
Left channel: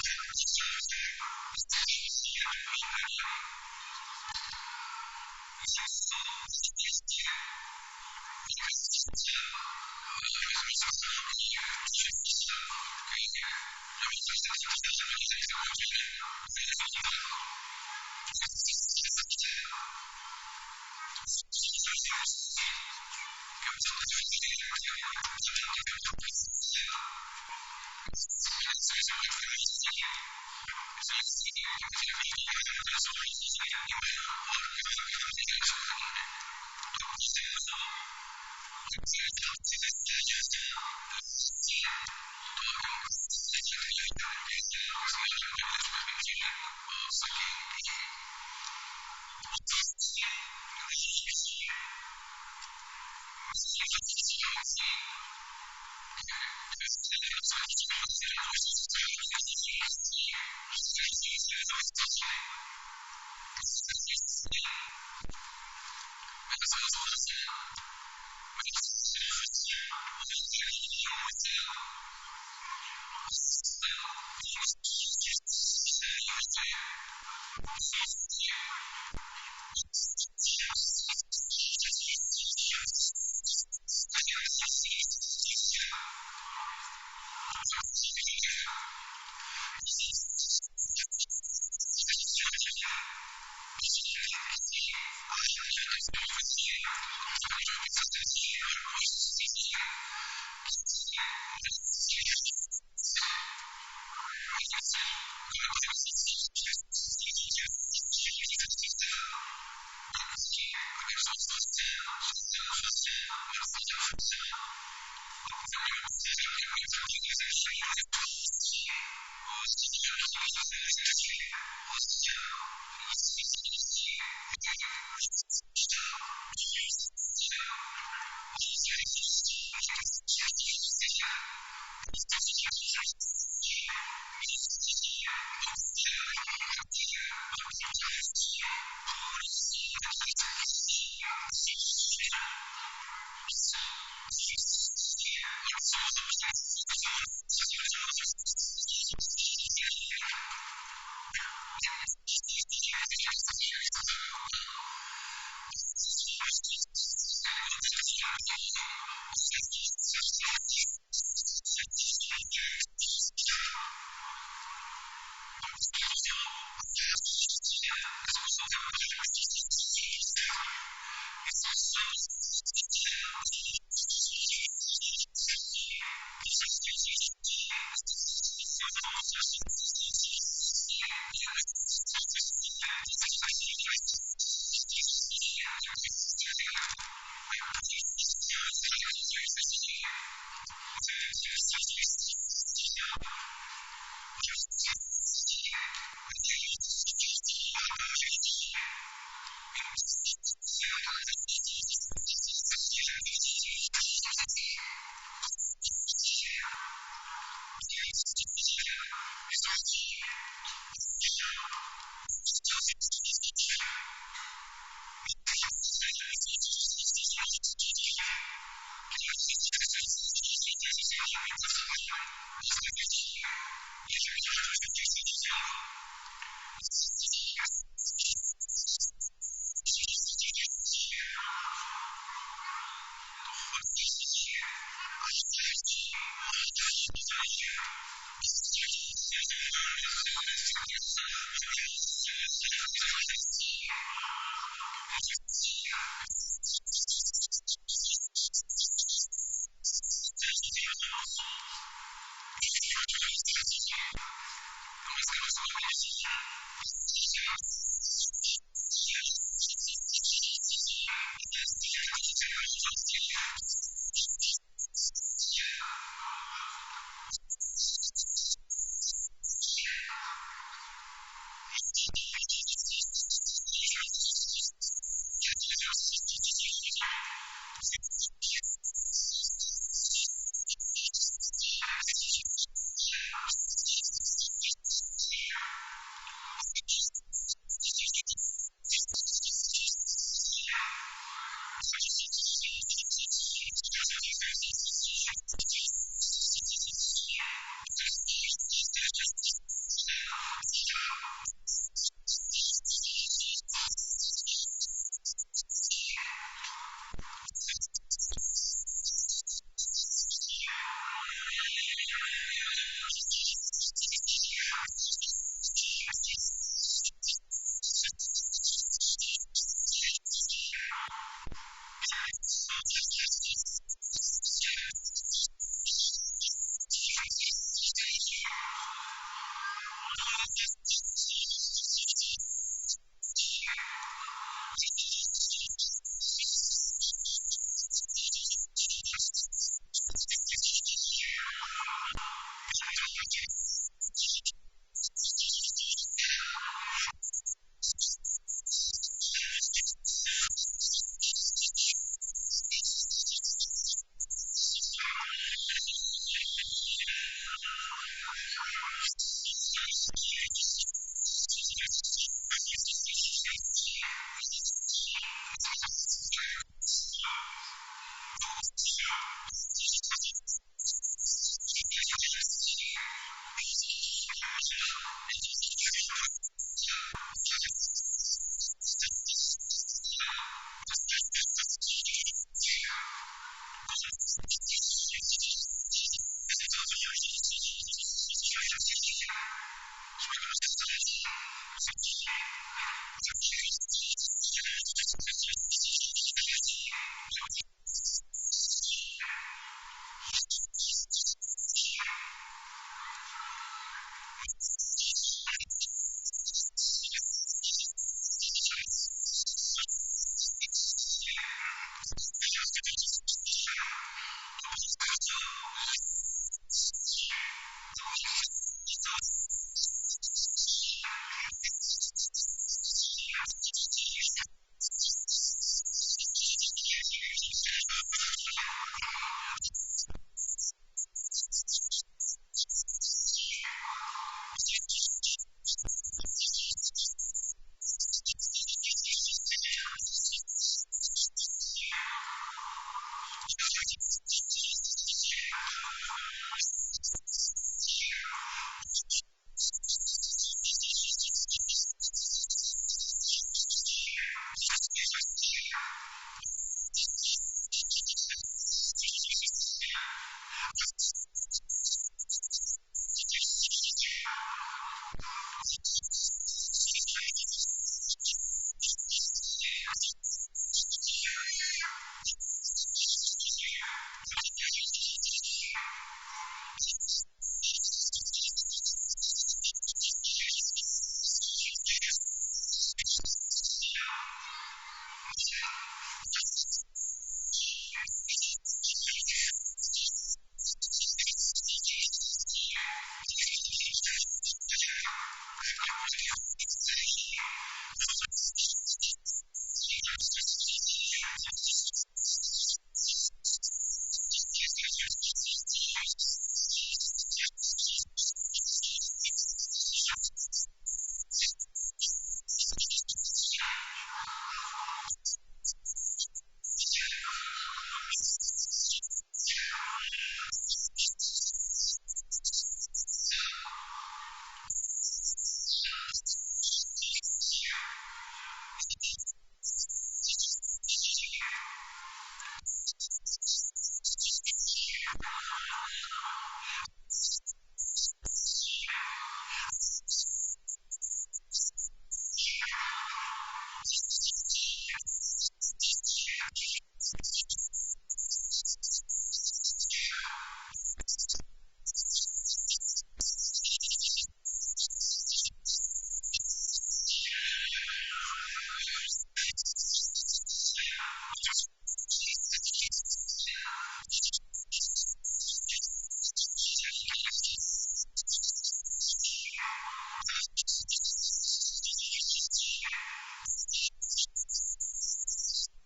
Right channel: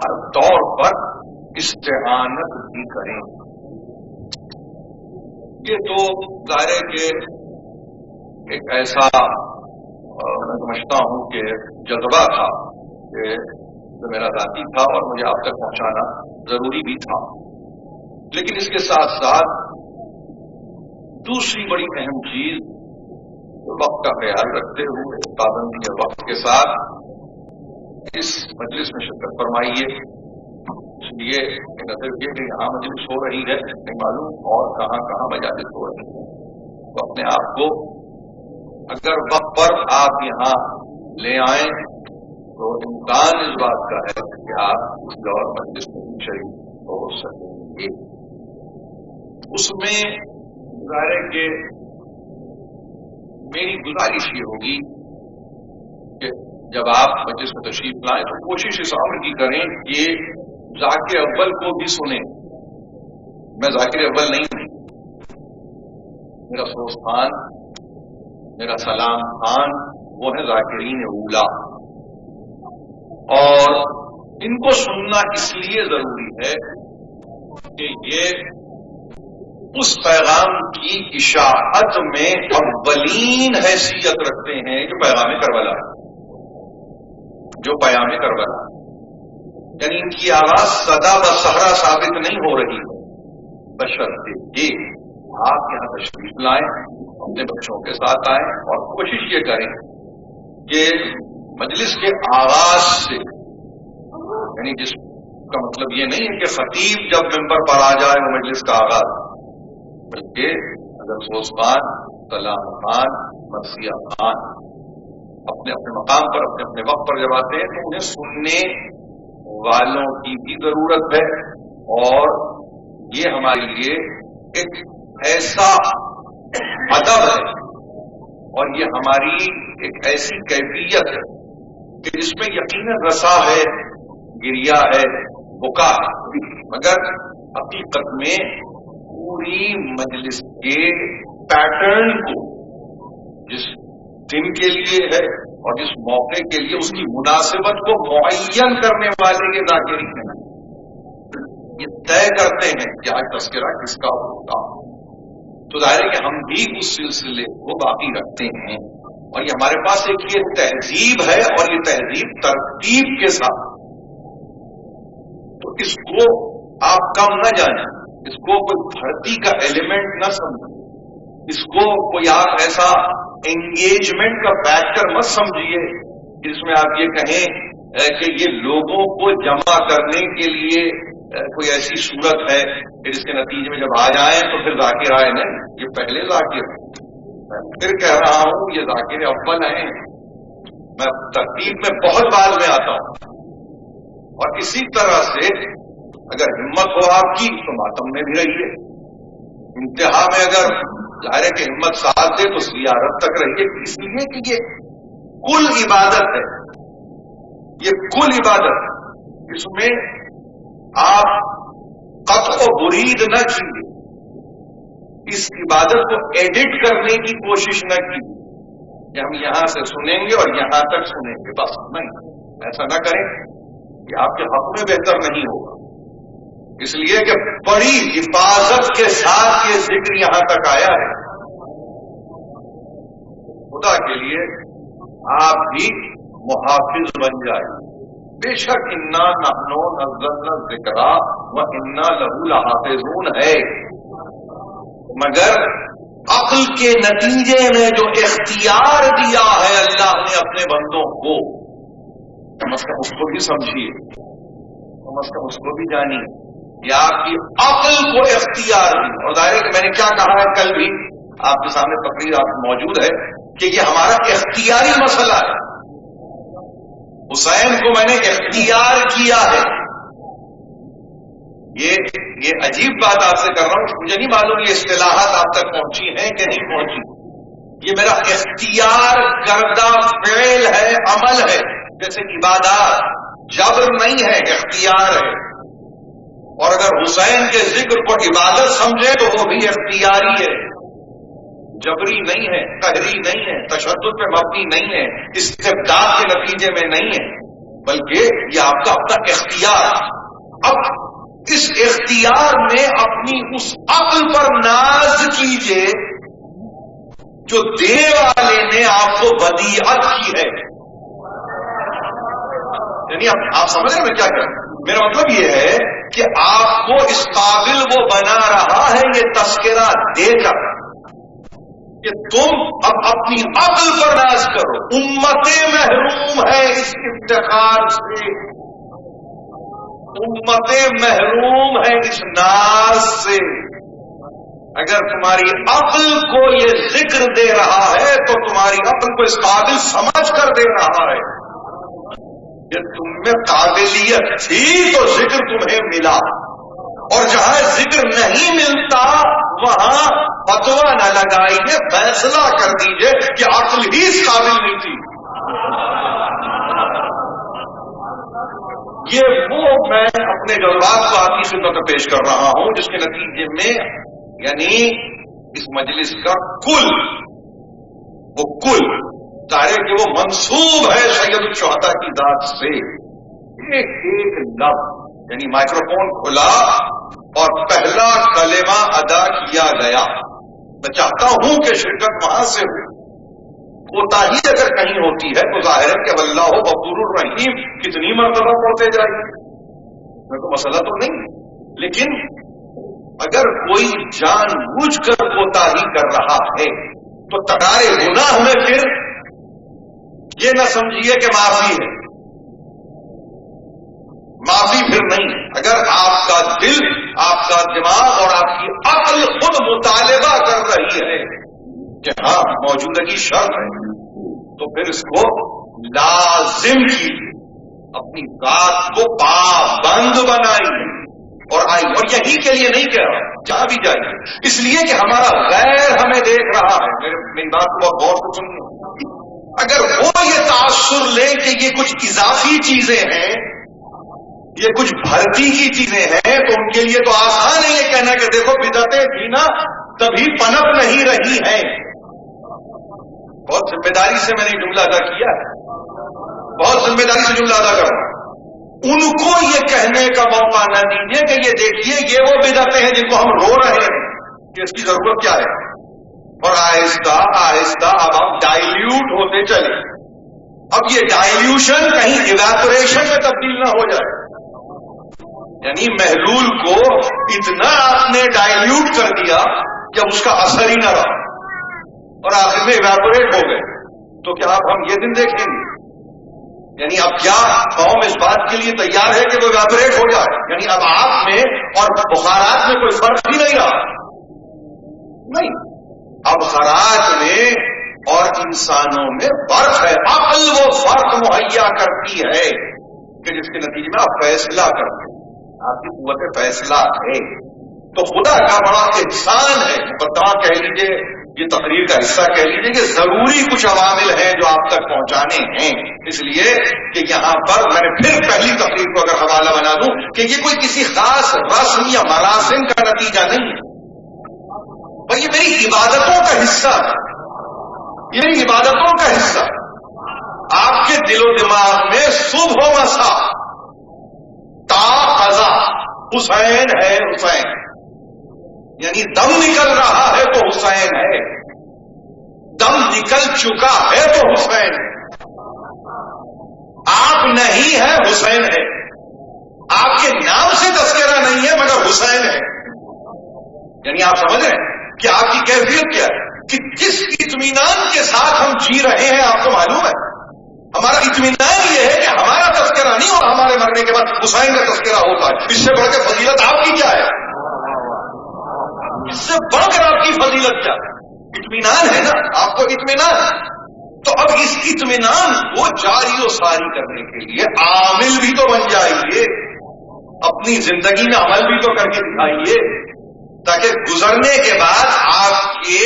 ہر طور پر استعانت بھی کریں. یہ تو ظاہر ہے کہ ایک ایسا میں سمجھتا ہوں کہ جذبہ تھا کہ جو میرا ذاتی تھا اور مجھے آپ تک پہنچانا ضروری بھی تھا. لیکن اس کے ساتھ ساتھ دوسری بڑی اہم چیز کہ وقت کا خیال رکھتے ہوئے پابندی وقت کے ساتھ اس مجلس میں شرکت فرمائیے. اس لیے کہ نہ صرف یہ کہ یہاں مجلس ہو رہی ہے نہیں معلوم اور کہاں کہاں مجالس ہو رہی ہیں تو اپنے آپ کو اگر وقت پر آپ یہاں لے آئیں تو امکان اس بات کا ہے کہ آپ کسی اور مجلس میں بھی شریک ہو سکیں گے. اس میں ظاہر ہے کہ میری گزارش یہ ہوگی کہ جب آپ مجلس میں تشریف لائیں تو کوشش اس امر کی کریں کہ ذاکر اول کو بھی سنیں. میں ذاکر اول نہیں ہوں. میرا سوز خان میرا سلام خان وہ ہے ذاکرین اولا اور ان کو سننا اس لیے ضروری ہے کہ یہ اس پیغام کی اشاعت میں اولین حیثیت رکھتے ہیں جو پیغام کربلا ہے جو پیام کربلا ہے. یعنی ان کی آواز صدا و صحرا ثابت نہیں ہو رہی ہے بشرطے کہ آپ یہاں تشریف لائیں اپنے بچوں کے ساتھ آئیں اور کوشش یہ کریں کہ مجلس کے آغاز سے یعنی جس کا مطلب یہ نہیں ہے کہ خطیب جب ممبر پر آ جائے وہ مجلس کا آغاز بلکہ اگر سوز خان سلام خان مرثیہ خان اپنے اپنے مقام پر اپنے اپنے وقت پر جب آتے ہیں تو انہیں سننے والوں کی بھی ضرورت ہے اور یہ ہمارے لیے ایک ایسا ادب ہے اور یہ ہماری ایک ایسی کیفیت ہے کہ جس میں یقیناً رسا ہے، گریا ہے، بکا ہے، مگر حقیقت میں پوری مجلس کے پیٹرن کو جس دن کے لیے ہے اور جس موقع کے لیے اس کی مناسبت کو معین کرنے والے یہ ذاکرین ہیں، یہ طے کرتے ہیں کہ آج تذکرہ کس کا ہوگا. تو ظاہر ہے کہ ہم بھی اس سلسلے کو باقی رکھتے ہیں اور یہ ہمارے پاس ایک یہ تہذیب ہے اور یہ تہذیب ترتیب کے ساتھ. تو اس کو آپ کم نہ جانیں، اس کو کوئی بھرتی کا ایلیمنٹ نہ سمجھیے، اس کو کوئی آپ ایسا انگیجمنٹ کا فیکٹر مت سمجھیے کہ جس میں آپ یہ کہیں کہ یہ لوگوں کو جمع کرنے کے لیے کوئی ایسی صورت ہے کہ جس کے نتیجے میں جب آ جائیں تو پھر ذاکر آئے. نہیں، یہ پہلے ذاکر ہیں. میں پھر کہہ رہا ہوں یہ ذاکر اول ہیں. میں ترتیب میں بہت بعد میں آتا ہوں. اور اسی طرح سے اگر ہمت ہو آپ کی تو ماتم میں بھی رہیے، انتہا میں اگر ظاہر ہے کہ ہمت ساتھ دے تو زیارت تک رہیے، اس لیے کہ یہ کل عبادت ہے، یہ کل عبادت ہے. اس میں آپ قطع و برید نہ کیجیے، اس عبادت کو ایڈٹ کرنے کی کوشش نہ کیجیے کہ ہم یہاں سے سنیں گے اور یہاں تک سنیں گے بس. نہیں، ایسا نہ کریں، یہ آپ کے حق میں بہتر نہیں ہوگا. اس لیے کہ بڑی حفاظت کے ساتھ یہ ذکر یہاں تک آیا ہے. تو خدا کے لیے آپ بھی محافظ بن جائیے. بے شک انا نحن نزلنا الذکر وانا لہ لحافظون ہے، مگر عقل کے نتیجے میں جو اختیار دیا ہے اللہ نے اپنے بندوں کو، کم از کم اس کو بھی سمجھیے، کم از کم اس کو بھی جانیے. یہ آپ کی عقل کو اختیار دی. اور ظاہر ہے کہ میں نے کیا کہا ہے، کل بھی آپ کے سامنے تقریر آپ موجود ہے کہ یہ ہمارا اختیاری مسئلہ ہے. حسین کو میں نے اختیار کیا ہے. یہ عجیب بات آپ سے کر رہا ہوں، مجھے نہیں معلوم یہ اصطلاحات آپ تک پہنچی ہیں کہ نہیں پہنچی. یہ میرا اختیار کردہ فعل ہے، عمل ہے. جیسے عبادات جبر نہیں ہے، اختیار ہے. اور اگر حسین کے ذکر کو عبادت سمجھے تو وہ بھی اختیاری ہے، جبری نہیں ہے، قہری نہیں ہے، تشدد پہ مبنی نہیں ہے، استبداد کے نتیجے میں نہیں ہے، بلکہ یہ آپ کا اپنا اختیار. اب اس اختیار میں اپنی اس عقل پر ناز کیجئے جو دینے والے نے آپ کو ودیعت کی ہے. یعنی آپ سمجھ رہے ہیں میں کیا کہہ رہا ہوں؟ میرا مطلب یہ ہے کہ آپ کو اس قابل وہ بنا رہا ہے یہ تذکرہ دے کر کہ تم اب اپنی عقل پر ناز کرو. امتیں محروم ہے اس افتخار سے، امتیں محروم ہے اس ناز سے. اگر تمہاری عقل کو یہ ذکر دے رہا ہے تو تمہاری عقل کو اس قابل سمجھ کر دے رہا ہے کہ تم میں قابلیت تھی تو ذکر تمہیں ملا، اور جہاں ذکر نہیں ملتا وہاں فتویٰ نہ لگائیے، فیصلہ کر دیجئے کہ عقل ہی اس قابل نہیں تھی. یہ وہ میں اپنے جذبات کو آپ کی خدمت میں پیش کر رہا ہوں جس کے نتیجے میں یعنی اس مجلس کا کل ظاہر ہے کہ وہ منسوب ہے سید الشہداء کی ذات سے. ایک ایک لفظ یعنی مائکروفون کھلا اور پہلا کلمہ ادا کیا گیا. میں چاہتا ہوں کہ شرکت وہاں سے ہو. کوتاہی اگر کہیں ہوتی ہے تو ظاہر ہے کہ اللہ غفور الرحیم کتنی مرتبہ پڑھتے جائیے، اس میں کوئی مسئلہ تو نہیں. لیکن اگر کوئی جان بوجھ کر کوتاہی کر رہا ہے تو تکرار گناہ میں پھر یہ نہ سمجھیے کہ معافی ہے، معافی پھر نہیں. اگر آپ کا دل، آپ کا دماغ اور آپ کی عقل خود مطالبہ کر رہی ہے کہ ہاں موجودگی شرط ہے تو پھر اس کو لازم کیجیے، اپنی ذات کو پابند بنائیے اور آئی، اور یہی کے لیے نہیں کہہ رہا، جہاں بھی جائیے، اس لیے کہ ہمارا غیر ہمیں دیکھ رہا ہے. میری بات کو بہت غور سے سنیے. اگر وہ یہ تاثر لیں کہ یہ کچھ اضافی چیزیں ہیں، یہ کچھ بھرتی کی چیزیں ہیں، تو ان کے لیے تو آسان ہے یہ کہنا کہ دیکھو بدعتیں تھی نا تبھی پنپ نہیں رہی ہیں. بہت ذمہ داری سے میں نے جملہ ادا کیا ہے، بہت ذمہ داری سے جملہ ادا کر رہا ہوں. ان کو یہ کہنے کا موقع نہ دیجیے کہ یہ دیکھیے یہ وہ بدعتیں ہیں جن کو ہم رو رہے ہیں کہ اس کی ضرورت کیا ہے. اور آہستہ آہستہ اب آپ ڈائلیوٹ ہوتے چلے. اب یہ ڈائلیوشن کہیں ایویپوریشن میں تبدیل نہ ہو جائے، یعنی محلول کو اتنا آپ نے ڈائلیوٹ کر دیا کہ اب اس کا اثر ہی نہ رہا اور آخر میں ایویپوریٹ ہو گئے. تو کیا اب ہم یہ دن دیکھیں گے؟ یعنی اب کیا قوم اس بات کے لیے تیار ہے کہ وہ ایویپوریٹ ہو جائے؟ یعنی اب آپ میں اور بخارات میں کوئی فرق ہی نہیں رہا. نہیں، اب خراج میں اور انسانوں میں فرق ہے. عقل وہ فرق مہیا کرتی ہے کہ جس کے نتیجے میں آپ فیصلہ کرتے ہیں، آپ کی قوت فیصلہ ہے. تو خدا کا بڑا احسان ہے، مقدمہ کہہ لیجئے، یہ تقریر کا حصہ کہہ لیجئے کہ ضروری کچھ عوامل ہیں جو آپ تک پہنچانے ہیں. اس لیے کہ یہاں پر میں نے پھر پہلی تقریر کو اگر حوالہ بنا دوں کہ یہ کوئی کسی خاص رسم یا مراسم کا نتیجہ نہیں ہے، پر یہ میری عبادتوں کا حصہ ہے، یہ میری عبادتوں کا حصہ ہے. آپ کے دل و دماغ میں صبح و مساء تا قضا حسین ہے، حسین، یعنی دم نکل رہا ہے تو حسین ہے، دم نکل چکا ہے تو حسین ہے. آپ نہیں ہے، حسین ہے. آپ کے نام سے تذکرہ نہیں ہے مگر حسین ہے. یعنی آپ سمجھ رہے ہیں کہ آپ کی کیفیت کیا ہے، کہ کس اطمینان کے ساتھ ہم جی رہے ہیں. آپ کو معلوم ہے ہمارا اطمینان یہ ہے کہ ہمارا تذکرہ نہیں اور ہمارے مرنے کے بعد حسین کا تذکرہ ہوتا ہے. اس سے بڑھ کے فضیلت آپ کی کیا ہے؟ اس سے بڑھ کر آپ کی فضیلت کیا ہے؟ اطمینان ہے نا، آپ کو اطمینان ہے. تو اب اس اطمینان کو جاری و ساری کرنے کے لیے عامل بھی تو بن جائیے، اپنی زندگی میں عمل بھی تو کر کے دکھائیے، تاکہ گزرنے کے بعد آپ کے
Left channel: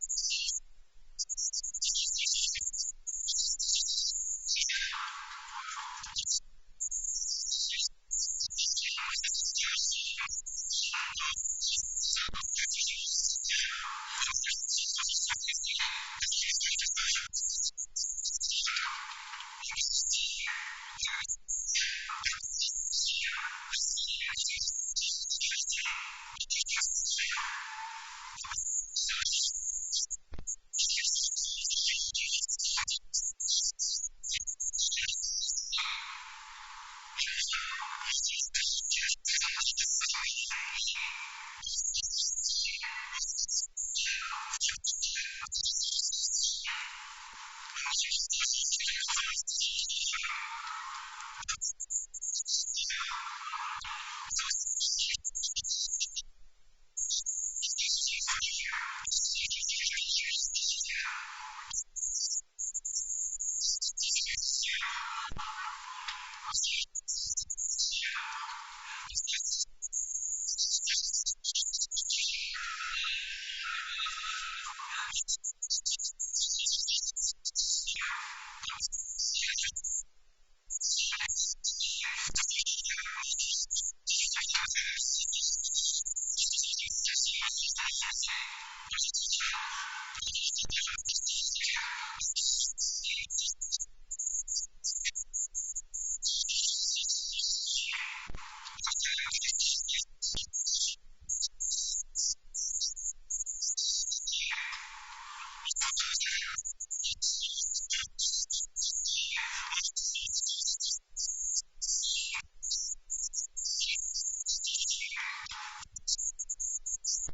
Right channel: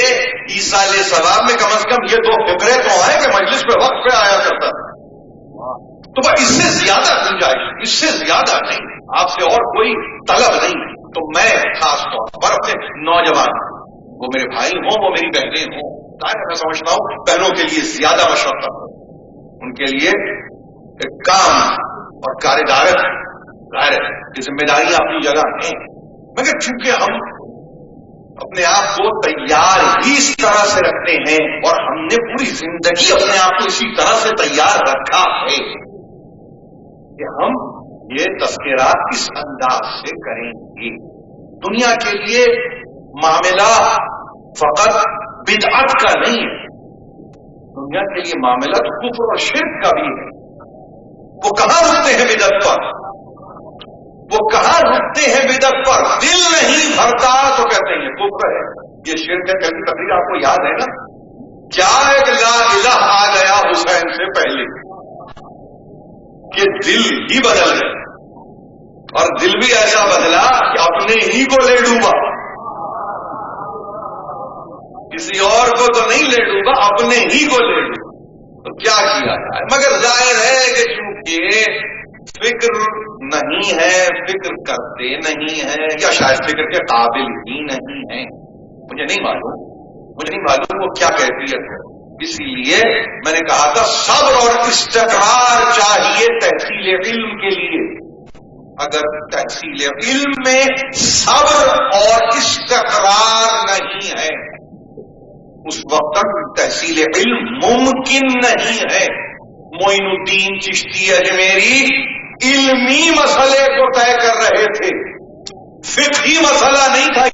ایصال ثواب میں کم از کم یہ 2 فقرے تو آئے کہ مجلس پہ وقت پہ آیا کرتا تھا. تو بس اس سے زیادہ گنجائش، اس سے زیادہ نہیں، آپ سے اور کوئی طلب نہیں. تو میں خاص طور پر اپنے نوجوان، وہ میرے بھائی ہوں، وہ میری بہنیں ہوں، میں سمجھتا ہوں بہنوں کے لیے زیادہ مشقت ہے، ان کے لیے ایک کام اور کاردارت ہے. ظاہر ہے کہ ذمہ داریاں اپنی جگہ ہیں، مگر چونکہ ہم اپنے آپ کو تیار ہی اس طرح سے رکھتے ہیں اور ہم نے پوری زندگی اپنے آپ کو اسی طرح سے تیار رکھا ہے کہ ہم یہ تذکرہ اس انداز سے کریں گے. دنیا کے لیے معاملہ فقط بدعت کا نہیں ہے، دنیا کے لیے معاملہ تو کفر اور شرک کا بھی ہے. وہ کہاں رکتے ہیں بدعت پر؟ وہ کہاں رکتے ہیں بدعت پر؟ دل نہیں بھرتا تو کہتے ہیں یہ کفر ہے، یہ شرک ہے. کل کی تقریر آپ کو یاد ہے نا، کیا ایک لا الہ آ گیا حسین سے پہلے کہ دل ہی بدل گئے، اور دل بھی ایسا بدلا کہ اپنے ہی کو لے ڈوبا. کسی اور کو تو نہیں لے ڈوبا، اپنے ہی کو لے ڈوبا. تو کیا کیا جائے؟ مگر ظاہر ہے کہ چونکہ فکر نہیں ہے، فکر کرتے نہیں ہیں، یا شاید فکر کے قابل ہی نہیں ہیں، مجھے نہیں معلوم وہ کیا کیفیت ہے. اسی لیے میں نے کہا تھا صبر اور استقرار چاہیے تحصیل علم کے لیے. اگر تحصیل علم میں صبر اور استقرار نہیں ہے اس وقت تک تحصیل علم ممکن نہیں ہے. معین الدین چشتی اجمیری علمی مسئلے کو طے کر رہے تھے، فقہی مسئلہ نہیں تھا.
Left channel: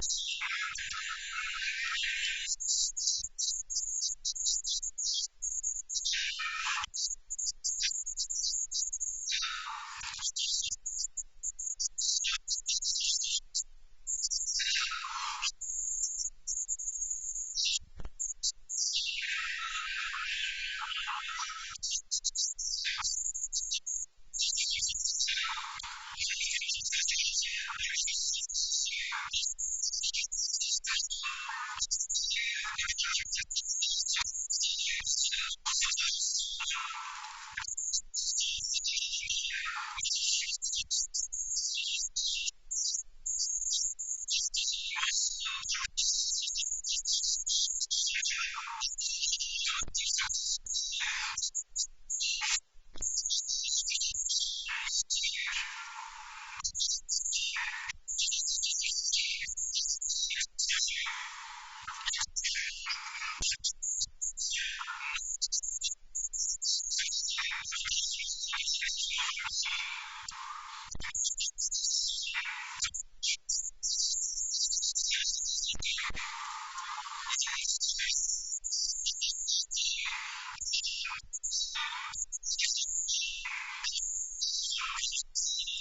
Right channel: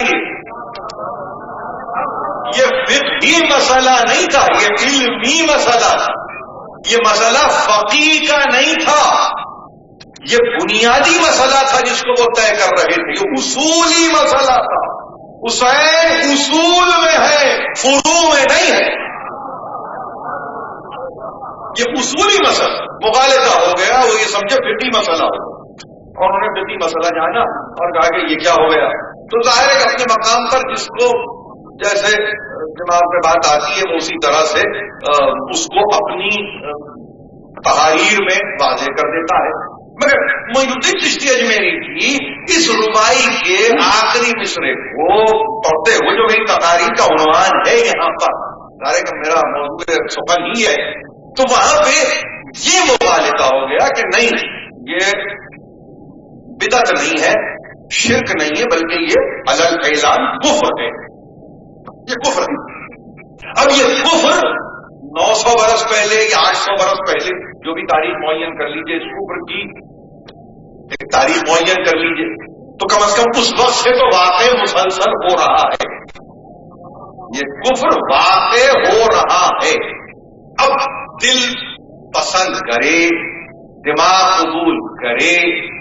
یہ فقہی مسئلہ نہیں تھا، یہ علمی مسئلہ تھا. یہ مسئلہ فقیہ کا نہیں تھا، یہ بنیادی مسئلہ تھا جس کو وہ طے کر رہے تھے. یہ اصولی مسئلہ تھا. حسین اصول میں ہے، فروع میں نہیں ہے. یہ اصولی مسئلہ مغالطہ ہو گیا، وہ یہ سمجھے فقہی مسئلہ ہو گیا. اور انہوں نے فقہی مسئلہ جانا اور کہا کہ یہ کیا ہو گیا. تو ظاہر ہے کہ اپنے مقام پر جس کو جیسے دماغ میں بات آتی ہے وہ اسی طرح سے اس کو اپنی تحاریر میں واضح کر دیتا ہے. مگر معین الدین چشتی اجمیری کی اس ربائی کے آخری مصرے کو پڑھتے ہوئے جو میری تقاریر کا عنوان ہے یہاں پر، ظاہر ہے کہ میرا موضوع سخن ہی ہے، تو وہاں پہ یہ مبالغہ ہو گیا کہ نہیں، یہ بدعت نہیں ہے، شرک نہیں ہے، بلکہ یہ علل اعلان کفر ہے. یہ کفر ہے. اب یہ کفر 900 برس پہلے یا 800 برس پہلے جو بھی تاریخ معین کر لیجئے، اس کفر کی ایک تاریخ معین کر لیجئے، تو کم از کم اس وقت سے تو واقع مسلسل ہو رہا ہے. یہ کفر واقع ہو رہا ہے. اب دل پسند کرے، دماغ قبول کرے،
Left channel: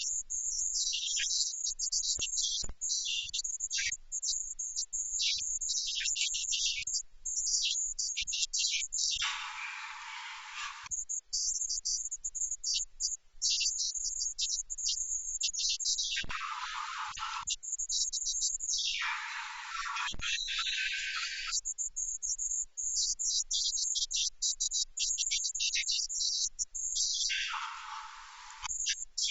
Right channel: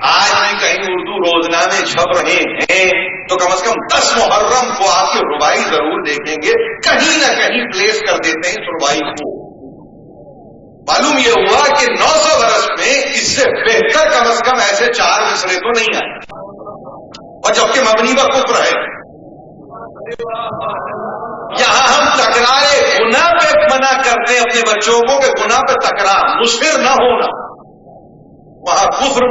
آج بھی کہیں اردو روزنامے چھپ رہے ہیں تو کم از کم 10 محرم کو آپ کی ربائی ضرور دیکھیں گے، کہیں نہ کہیں پلیس کر دیتے ہیں اس ربائی کو. معلوم یہ ہوا کہ 900 برس میں اس سے بہتر کم از کم ایسے 4 مصرے تو نہیں آئے، اور جبکہ مبنی پر کفر ہے. یہاں ہم تکرار گناہ پہ منع کرتے ہیں اپنے بچوں کو کہ گناہ پہ تکرار، مصر نہ ہونا. وہاں کفر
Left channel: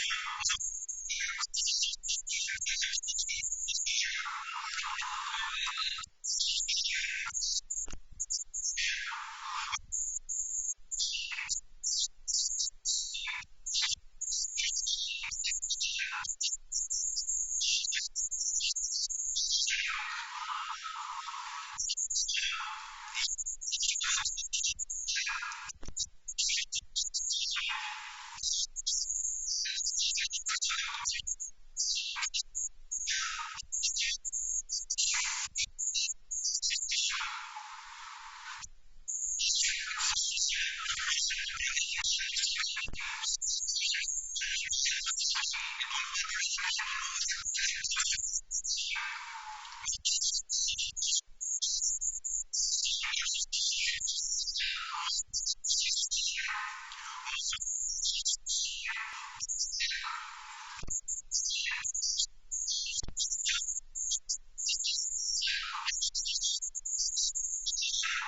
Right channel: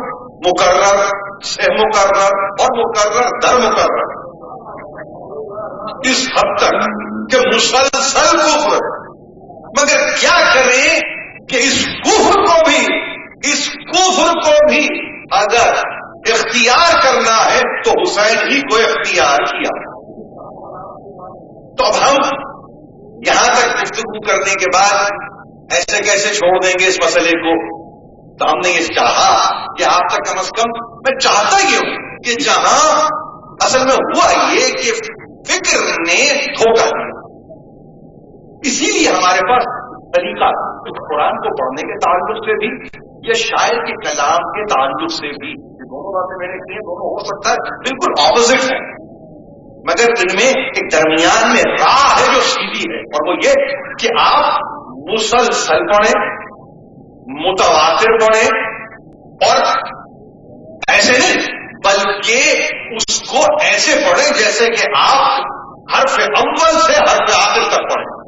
مکرر سے مکرر اور مکرر در مکرر اس حد تک کہ مسلسل کفر ہے. مگر کیا کریں کہ اس کفر کو بھی اگر اختیار کرنا ہے تو حسین ہی کو اختیار کیا. تو اب ہم یہاں تک گفتگو کرنے کے بعد ایسے کیسے چھوڑ دیں گے اس مسئلے کو؟ تو ہم نے یہ چاہا کہ آپ تک کم از کم، میں چاہتا یہ ہوں کہ جہاں اصل میں ہوا یہ کہ فکر نے دھوکہ دیا، اسی لیے ہمارے پاس ایک سلیقہ قرآن کو پڑھنے کے تعلق سے بھی یا شاعر کے کلام کے تعلق سے بھی. یہ دونوں باتیں میں نے کی ہیں، دونوں ہو سکتا ہے بالکل اپوزٹ ہے، مگر ان میں ایک درمیان میں راہ ہے جو سیدھی ہے، اور وہ یہ کہ آپ مسلسل پڑھیں، متواتر پڑھیں، اور ایسے نہیں بلکہ اس کو ایسے پڑھیں جیسے کہ آپ حرف اول سے حرف آخر تک پڑھیں.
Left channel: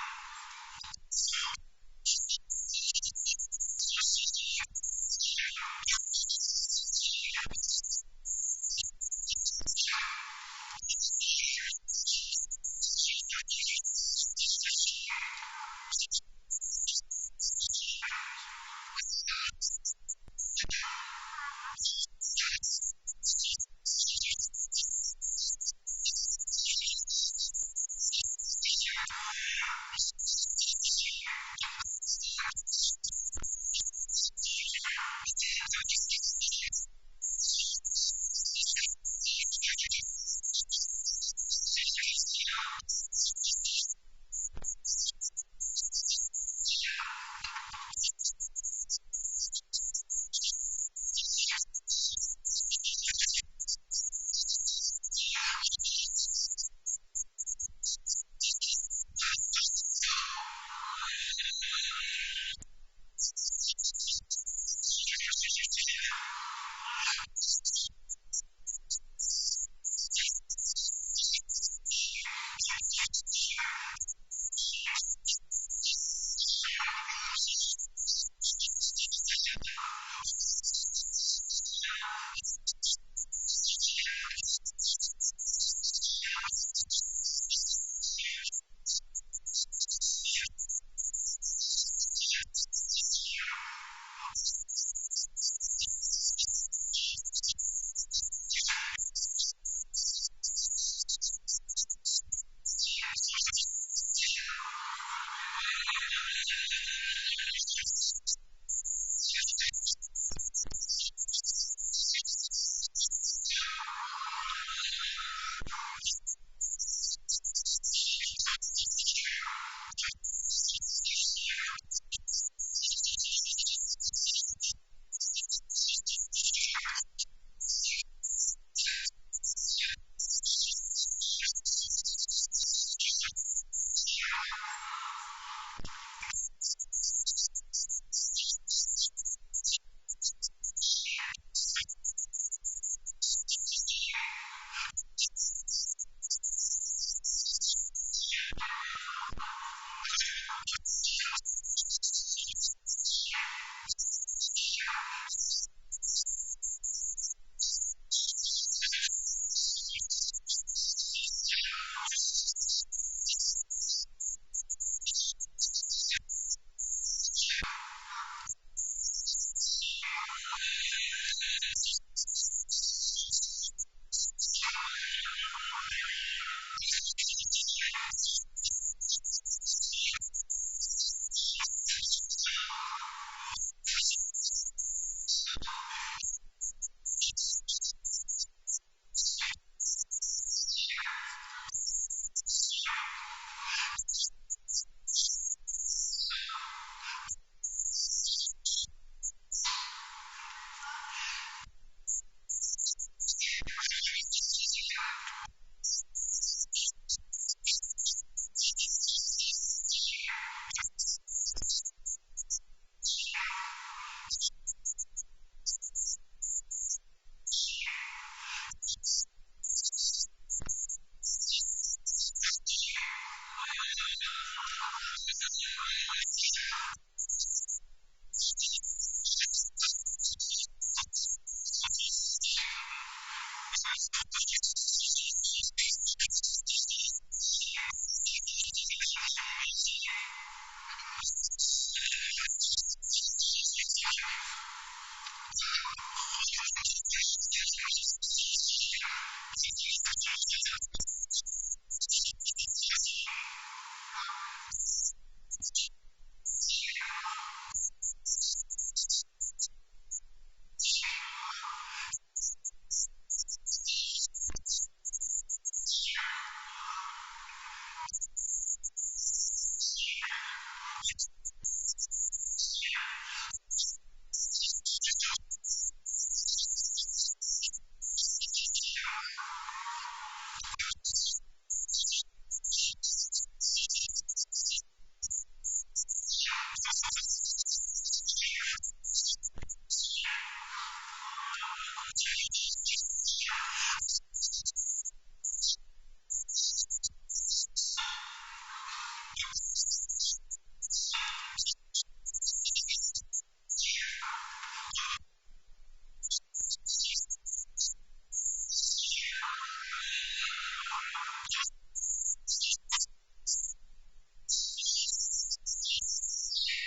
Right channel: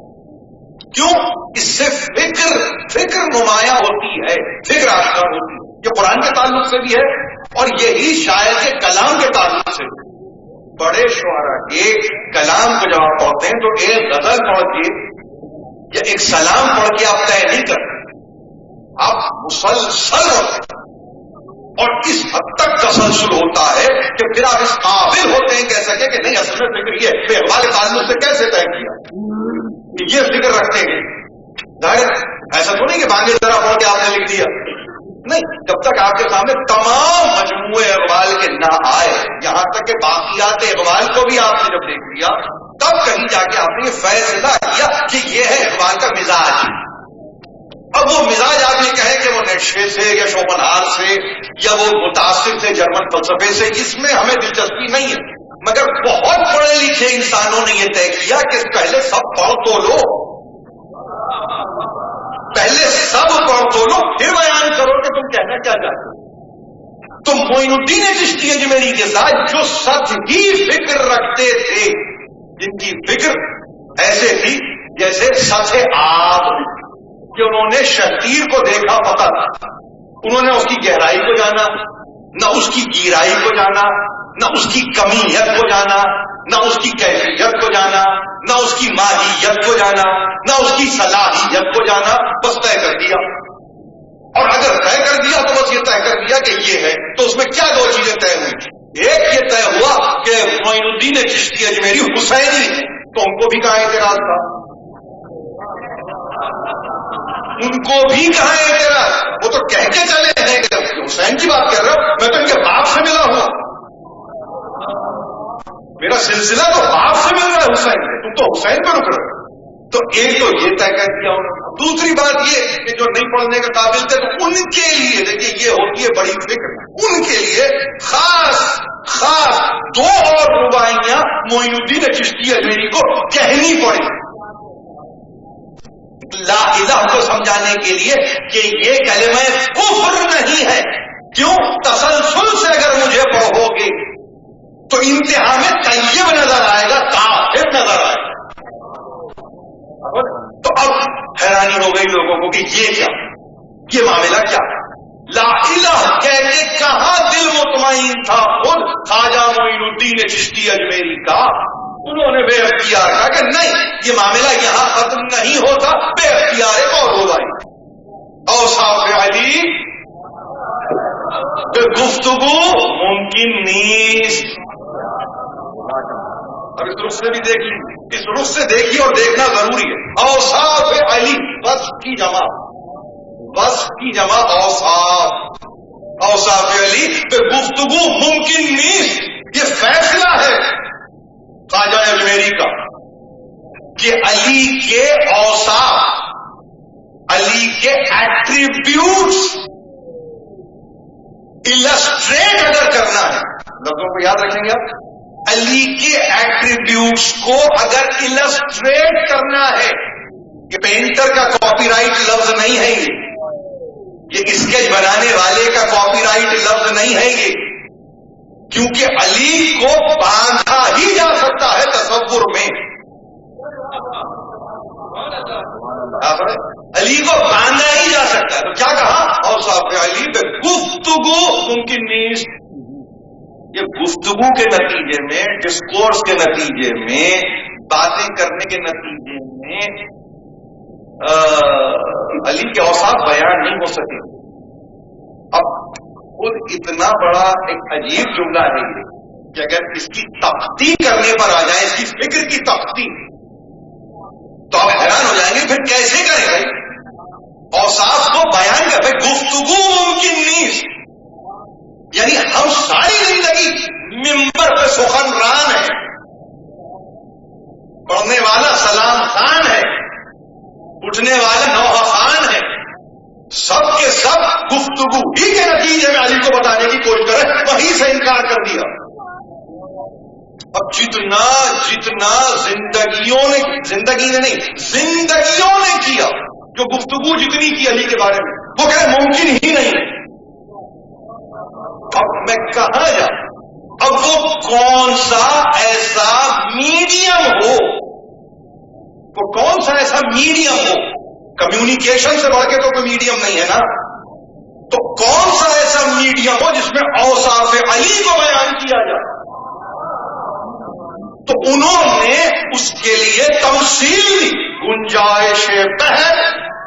کیوں؟ اس سے فکر نمایاں ہوتی ہے، فکر آشکار ہوتی ہے. یہ قرآن کے تعلق سے بھی ہے اور یہی شاعر کے کلام کے تعلق سے بھی. بڑے شعراء کے کلام کو جب آپ پڑھتے ہیں تو ایک غزل پڑھ کے یا ایک سلام پڑھ کے آپ طے نہیں کرتے، آپ مسلسل ہوتے ہیں، اور اس حد تک تسلسل ہوتا ہے کہ پھر آپ اس قابل ہوتے ہیں کہہ سکیں کہ نہیں اصل میں فکر یہ ہے. اقبال کے تعلق سے کیسے طے کیا کہ یہ فکر رکھتے ہیں؟ ظاہر ایسا تو نہیں کہ بانگے ذرا پڑھ کے آپ نے لکھ دیا، نہیں. جب تک آپ کے سامنے تمام مجموعے اقبال کے نہ آئے، یہاں تک کہ باقیات اقبال کو بھی آپ نے جب دیکھ لیا، تب کہیں جا کے آپ نے یہ فیصلہ کیا کہ یہ ہے اقبال کا مزاج. اب وہ مزاج آپ یہ کہیں کہ وہ نیٹشے سے یا شوپنہار سے یا وہ متاثر تھے جرمن فلسفے سے، اس میں ہمیں دلچسپی نہیں ہے. مگر بہت پڑھے لکھے انسانوں نے یہ طے کیا کہ پہلے سب پڑھ تو لو، پہلے سب پڑھ تو لو، پھر بیان کرو کہ تم کہنا کیا چاہتے ہو. تو معین الدین چشتی اجمیری کے ساتھ جو سطحی فکر رکھتے تھے، جن کی فکر ایسے تھی جیسے سطح آب، کہ انہوں نے شتیر کو دیکھا فقط، انہوں نے اس کی گہرائی کو جانا، نہ اس کی گیرائی کو جانا، نہ اس کی کمیت کو جانا، نہ اس کی کیفیت کو جانا، نہ اس کی ماہیت کو جانا، نہ اس کی صلاحیت کو جانا، بس طے کر دیا. اور اگر طے کر دیا تو بس یہ طے کر دیا کہ یہ ہے. تو اس میں کیا 2 چیزیں طے ہوئی؟ ایک یہ طے ہوا کہ معین الدین چشتی اجمیری حسینی ہے، تو ان کو بھی کہاں اعتراض تھا، ان کو بھی کہاں اعتراض. وہ تو کہہ کے چلے ہیں کہ حسین کی بات کر رہا ہوں، میں تو ان کے باپ سے ملا ہوں، میرا سلسلہ تو باپ سے مل رہا ہے حسین کے، تم تو حسین پہ رک رہے. تو ایک تو یہ طے کر دیا انہوں نے. دوسری بات یہ کہ جو نہیں پڑھنے کے قابل تھے تو ان کے لیے دیکھیے یہ ہوتی ہے بڑی فکر، ان کے لیے خاص 2 اور رباعیاں معین الدین چشتی اجمیری کو کہنی پڑی لا الہ کو سمجھانے کے لیے کہ یہ کلمہ کفر نہیں ہے. کیوں؟ تسلسل سے خواجہ معین الدین چشتی اجمیری کا، انہوں نے بے اختیار کہا کہ نہیں، یہ معاملہ یہاں ختم نہیں ہوتا، بے اختیار ایک اور ہو گئی. اوصاف علی بے گفتگو ممکن نیست. اب اس رخ سے بھی دیکھ لیجیے، اس رخ سے دیکھیے اور دیکھنا ضروری ہے. اوصاف علی، وصف کی جمع، وصف کی جمع اوصاف. اوصاف علی بے گفتگو ممکن نیست. یہ فیصلہ ہے خواجہ اجمیری کا کہ علی کے اوصاف، علی کے ایٹریبیوٹس السٹریٹ اگر کرنا ہے، لفظوں کو یاد رکھیں گے آپ، علی کے ایٹریبیوٹس کو اگر السٹریٹ کرنا ہے، یہ پینٹر کا کاپی رائٹ لفظ نہیں ہے، یہ اسکیچ بنانے والے کا کاپی رائٹ لفظ نہیں ہے یہ، کیونکہ علی کو باندھا ہی جا سکتا ہے تصور میں. علی کو باندھا ہی جا سکتا ہے. تو کیا کہا؟ اوصاف علی بے گفتگو ممکن نیست. یہ گفتگو کے نتیجے میں، ڈسکورس کے نتیجے میں، باتیں کرنے کے نتیجے میں علی کے اوصاف بیان نہیں ہو سکیں گے. اب خود اتنا بڑا ایک عجیب جملہ ہے یہ کہ اگر اس کی تختی کرنے پر آ جائے، اس کی فکر کی تختی، تو آپ حیران ہو جائیں گے پھر کیسے کریں بھائی اوصاف کو بیان کر. بھائی گفتگو ممکن نہیں، یعنی ہم ساری زندگی ممبر پہ سخنران ہیں، پڑھنے والا سلام خان ہے، اٹھنے والا نوحہ خان ہے، سب کے سب گفتگو ہی کے نتیجے میں علی کو بتانے کی کوشش کرے، وہیں سے انکار کر دیا. اب جتنا زندگیوں نے کیا، جو گفتگو جتنی کی علی کے بارے میں، وہ کہہ رہے ممکن ہی نہیں ہے. اب میں کہاں جاؤں؟ اب وہ کون سا ایسا میڈیم ہو، وہ کون سا ایسا میڈیم ہو، کمیونیکیشن سے بڑھ کے تو کوئی میڈیم نہیں ہے نا، تو کون سا ایسا میڈیم ہو جس میں اوصاف علی کو بیان کیا جائے؟ تو انہوں نے اس کے لیے تمثیل دی. گنجائش بہر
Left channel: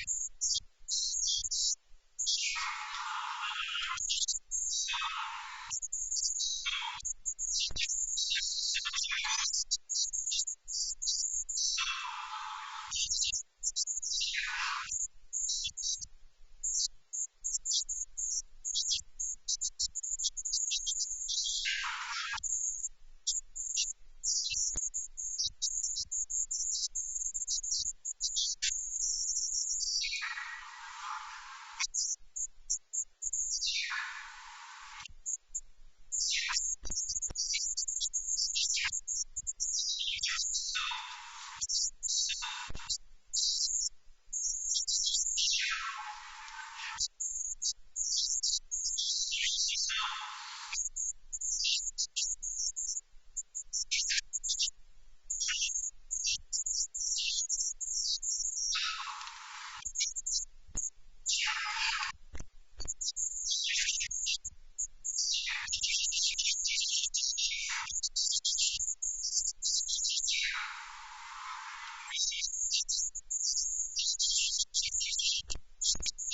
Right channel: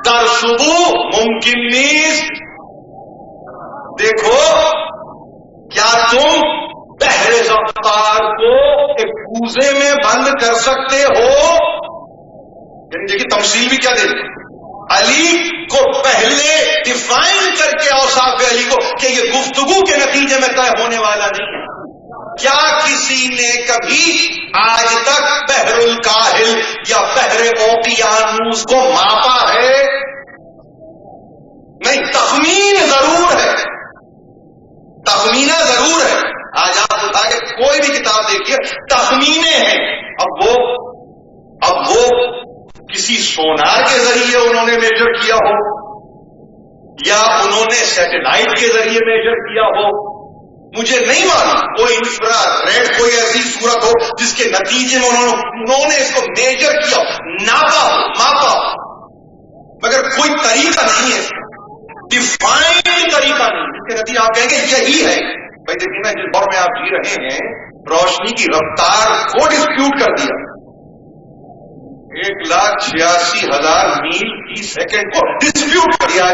در صبح ممکن نیست. دیکھو کیا تم بحر زفتار کو ایک کوزے میں بند کر سکتے ہو؟ یعنی دیکھیے تمثیل بھی کیا دے دی. علی کو پہلے ڈیفائن کر کے اوصاف علی کو کہ یہ گفتگو کے نتیجے میں طے ہونے والا نہیں ہے. کیا کسی نے کبھی آج تک بحر الکاہل یا بحر اوقیانوس کو ماپا ہے؟ نہیں. تخمین ضرور ہے، تخمینہ ضرور ہے. آج آپ اٹھا کے کوئی بھی کتاب دیکھیے، تخمینے ہیں. اب وہ کسی سونار کے ذریعے انہوں نے میجر کیا ہو یا انہوں نے سیٹلائٹ کے ذریعے میجر کیا ہو، مجھے نہیں معلوم. کوئی انفرا ریڈ کوئی ایسی صورت ہو جس کے نتیجے میں انہوں نے اس کو میجر کیا، ناپا ہو، ماپا ہو، مگر کوئی طریقہ نہیں ہے اس کا، ڈیفائنڈ طریقہ نہیں جس کے نتیجے آپ کہیں گے یہی ہے. بھائی دیکھیے نا، جس دور میں آپ جی رہے ہیں، روشنی کی رفتار کو ڈسپیوٹ کر دیا. 1,86,000 میل فی سیکنڈ کو ڈسپیوٹ کر دیا.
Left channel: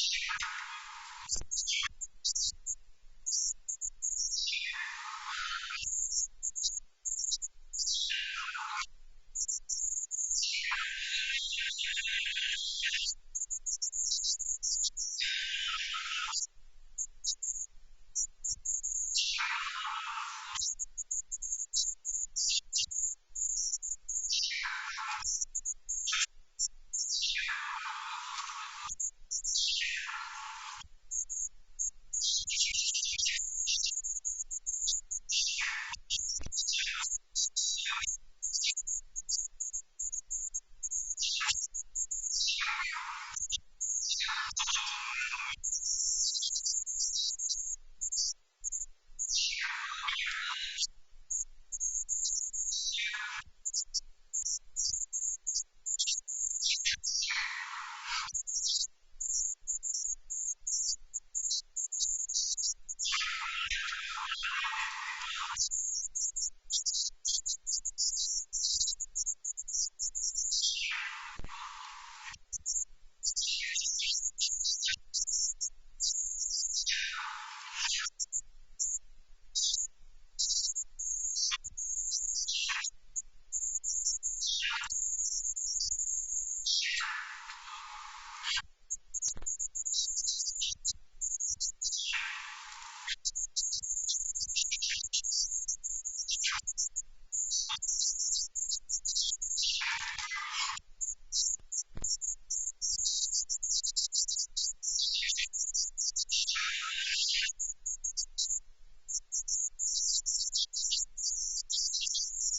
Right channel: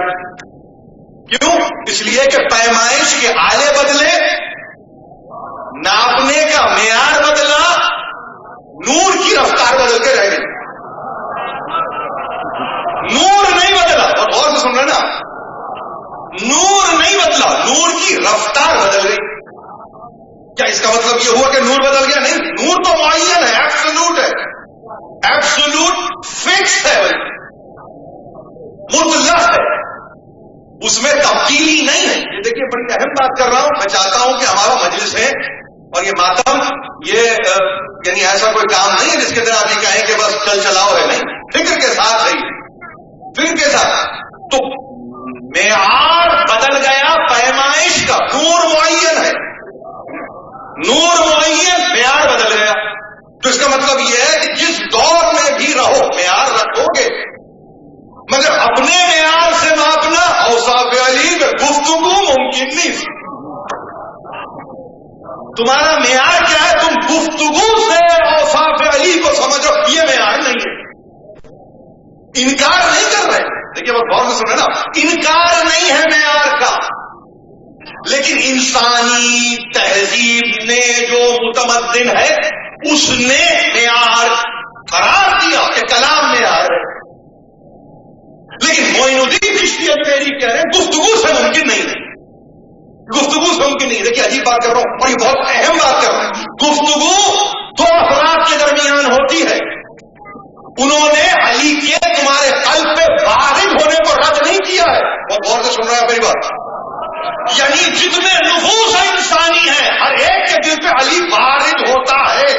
کیوں؟ اس لیے کہ پیمائش کے آلے بدلے، ناپنے کا معیار بدلا، نور کی رفتار بدل کے رہ گئی. نور نہیں بدلا، بہت غور سے سن رہے نا، نور نہیں بدلا، نور کی رفتار بدل گئی. کیا اس کا مطلب یہ ہوا کہ نور بدل گیا؟ نہیں، نور تو معین ہے، ایبسولوٹ ہے، ایبسولوٹ فکس ہے، مطلق ہے، اس میں تبدیلی نہیں ہے. یہ دیکھیے بڑی اہم بات کر رہا ہوں. میں چاہتا ہوں کہ ہمارا مجلس ہے اور یہ ماتم، یہ یعنی ایسا کوئی کام نہیں ہے جس کے اندر آپ یہ کہیں کہ بس چل چلاؤ ہے. نہیں، فکر کے ساتھ ہے، فکر کے ساتھ. تو معیار بدل گیا پیمائش کا، نور معین ہے، نور معین، معیار بدل گیا. تو اس کا مطلب یہ ہے کہ جس دور میں بھی رہو معیار رکھو گے، مگر اپنے معیار سے ماپنا اوصاف علی میں گفتگو ممکن نہیں. تمہارا معیار کیا ہے؟ تم گفتگو سے اوصاف علی کو سمجھو، یہ معیار نہیں ہے. انکار نہیں کر رہے، دیکھیے بہت غور سے سنیں نا، انکار نہیں ہے معیار کا، لیکن انسانی تہذیب نے جو متمدن ہے اس نے معیار قرار دیا کہ کلام معیار ہے. لیکن معین الدین چشتی اجمیری کہہ رہے ہیں گفتگو سے ممکن نہیں ہے، گفتگو سے ممکن نہیں. دیکھیے عجیب بات کر رہا ہوں اور یہ بہت اہم بات کر رہا ہوں. گفتگو دو افراد کے درمیان ہوتی ہے. انہوں نے علی کے تمہارے قلب پہ وارد ہونے کو رد نہیں کیا ہے. بہت غور سے سن رہا ہے میری بات. یعنی جتنے نفوس انسانی ہیں ہر ایک کے دل پہ علی وارد ہوتا ہے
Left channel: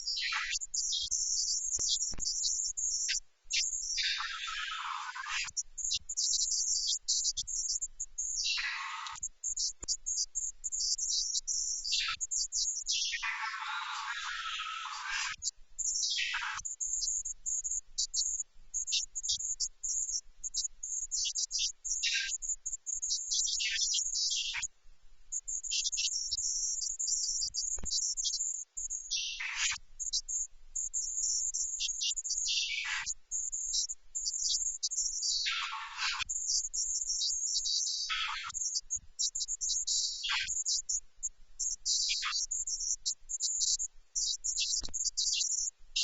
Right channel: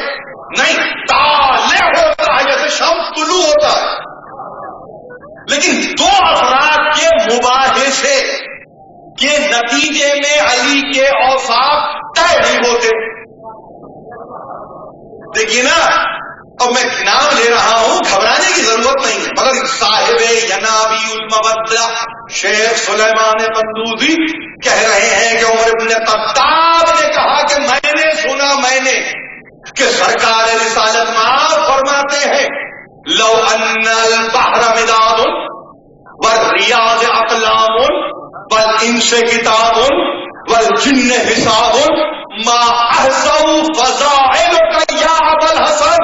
نہیں، طالع ہوتا ہے جیسے شمس طلوع ہوتا ہے. لیکن دو افراد کے مباحثے کے نتیجے میں علی کے اوصاف طے نہیں ہوتے. دیکھیے نا، اب میں نام لے رہا ہوں، گھبرانے کی ضرورت نہیں ہے، مگر صاحب ینابی المودہ شیخ سلیمان قندوزی کہہ رہے ہیں کہ عمر ابن خطاب نے کہا کہ میں نے کہ سرکار رسالت مآب فرماتے ہیں لو ان البحر مداد والریاض اقلام والانس کتاب والجن حساب ما احصوا فضائلک یا ابا الحسن.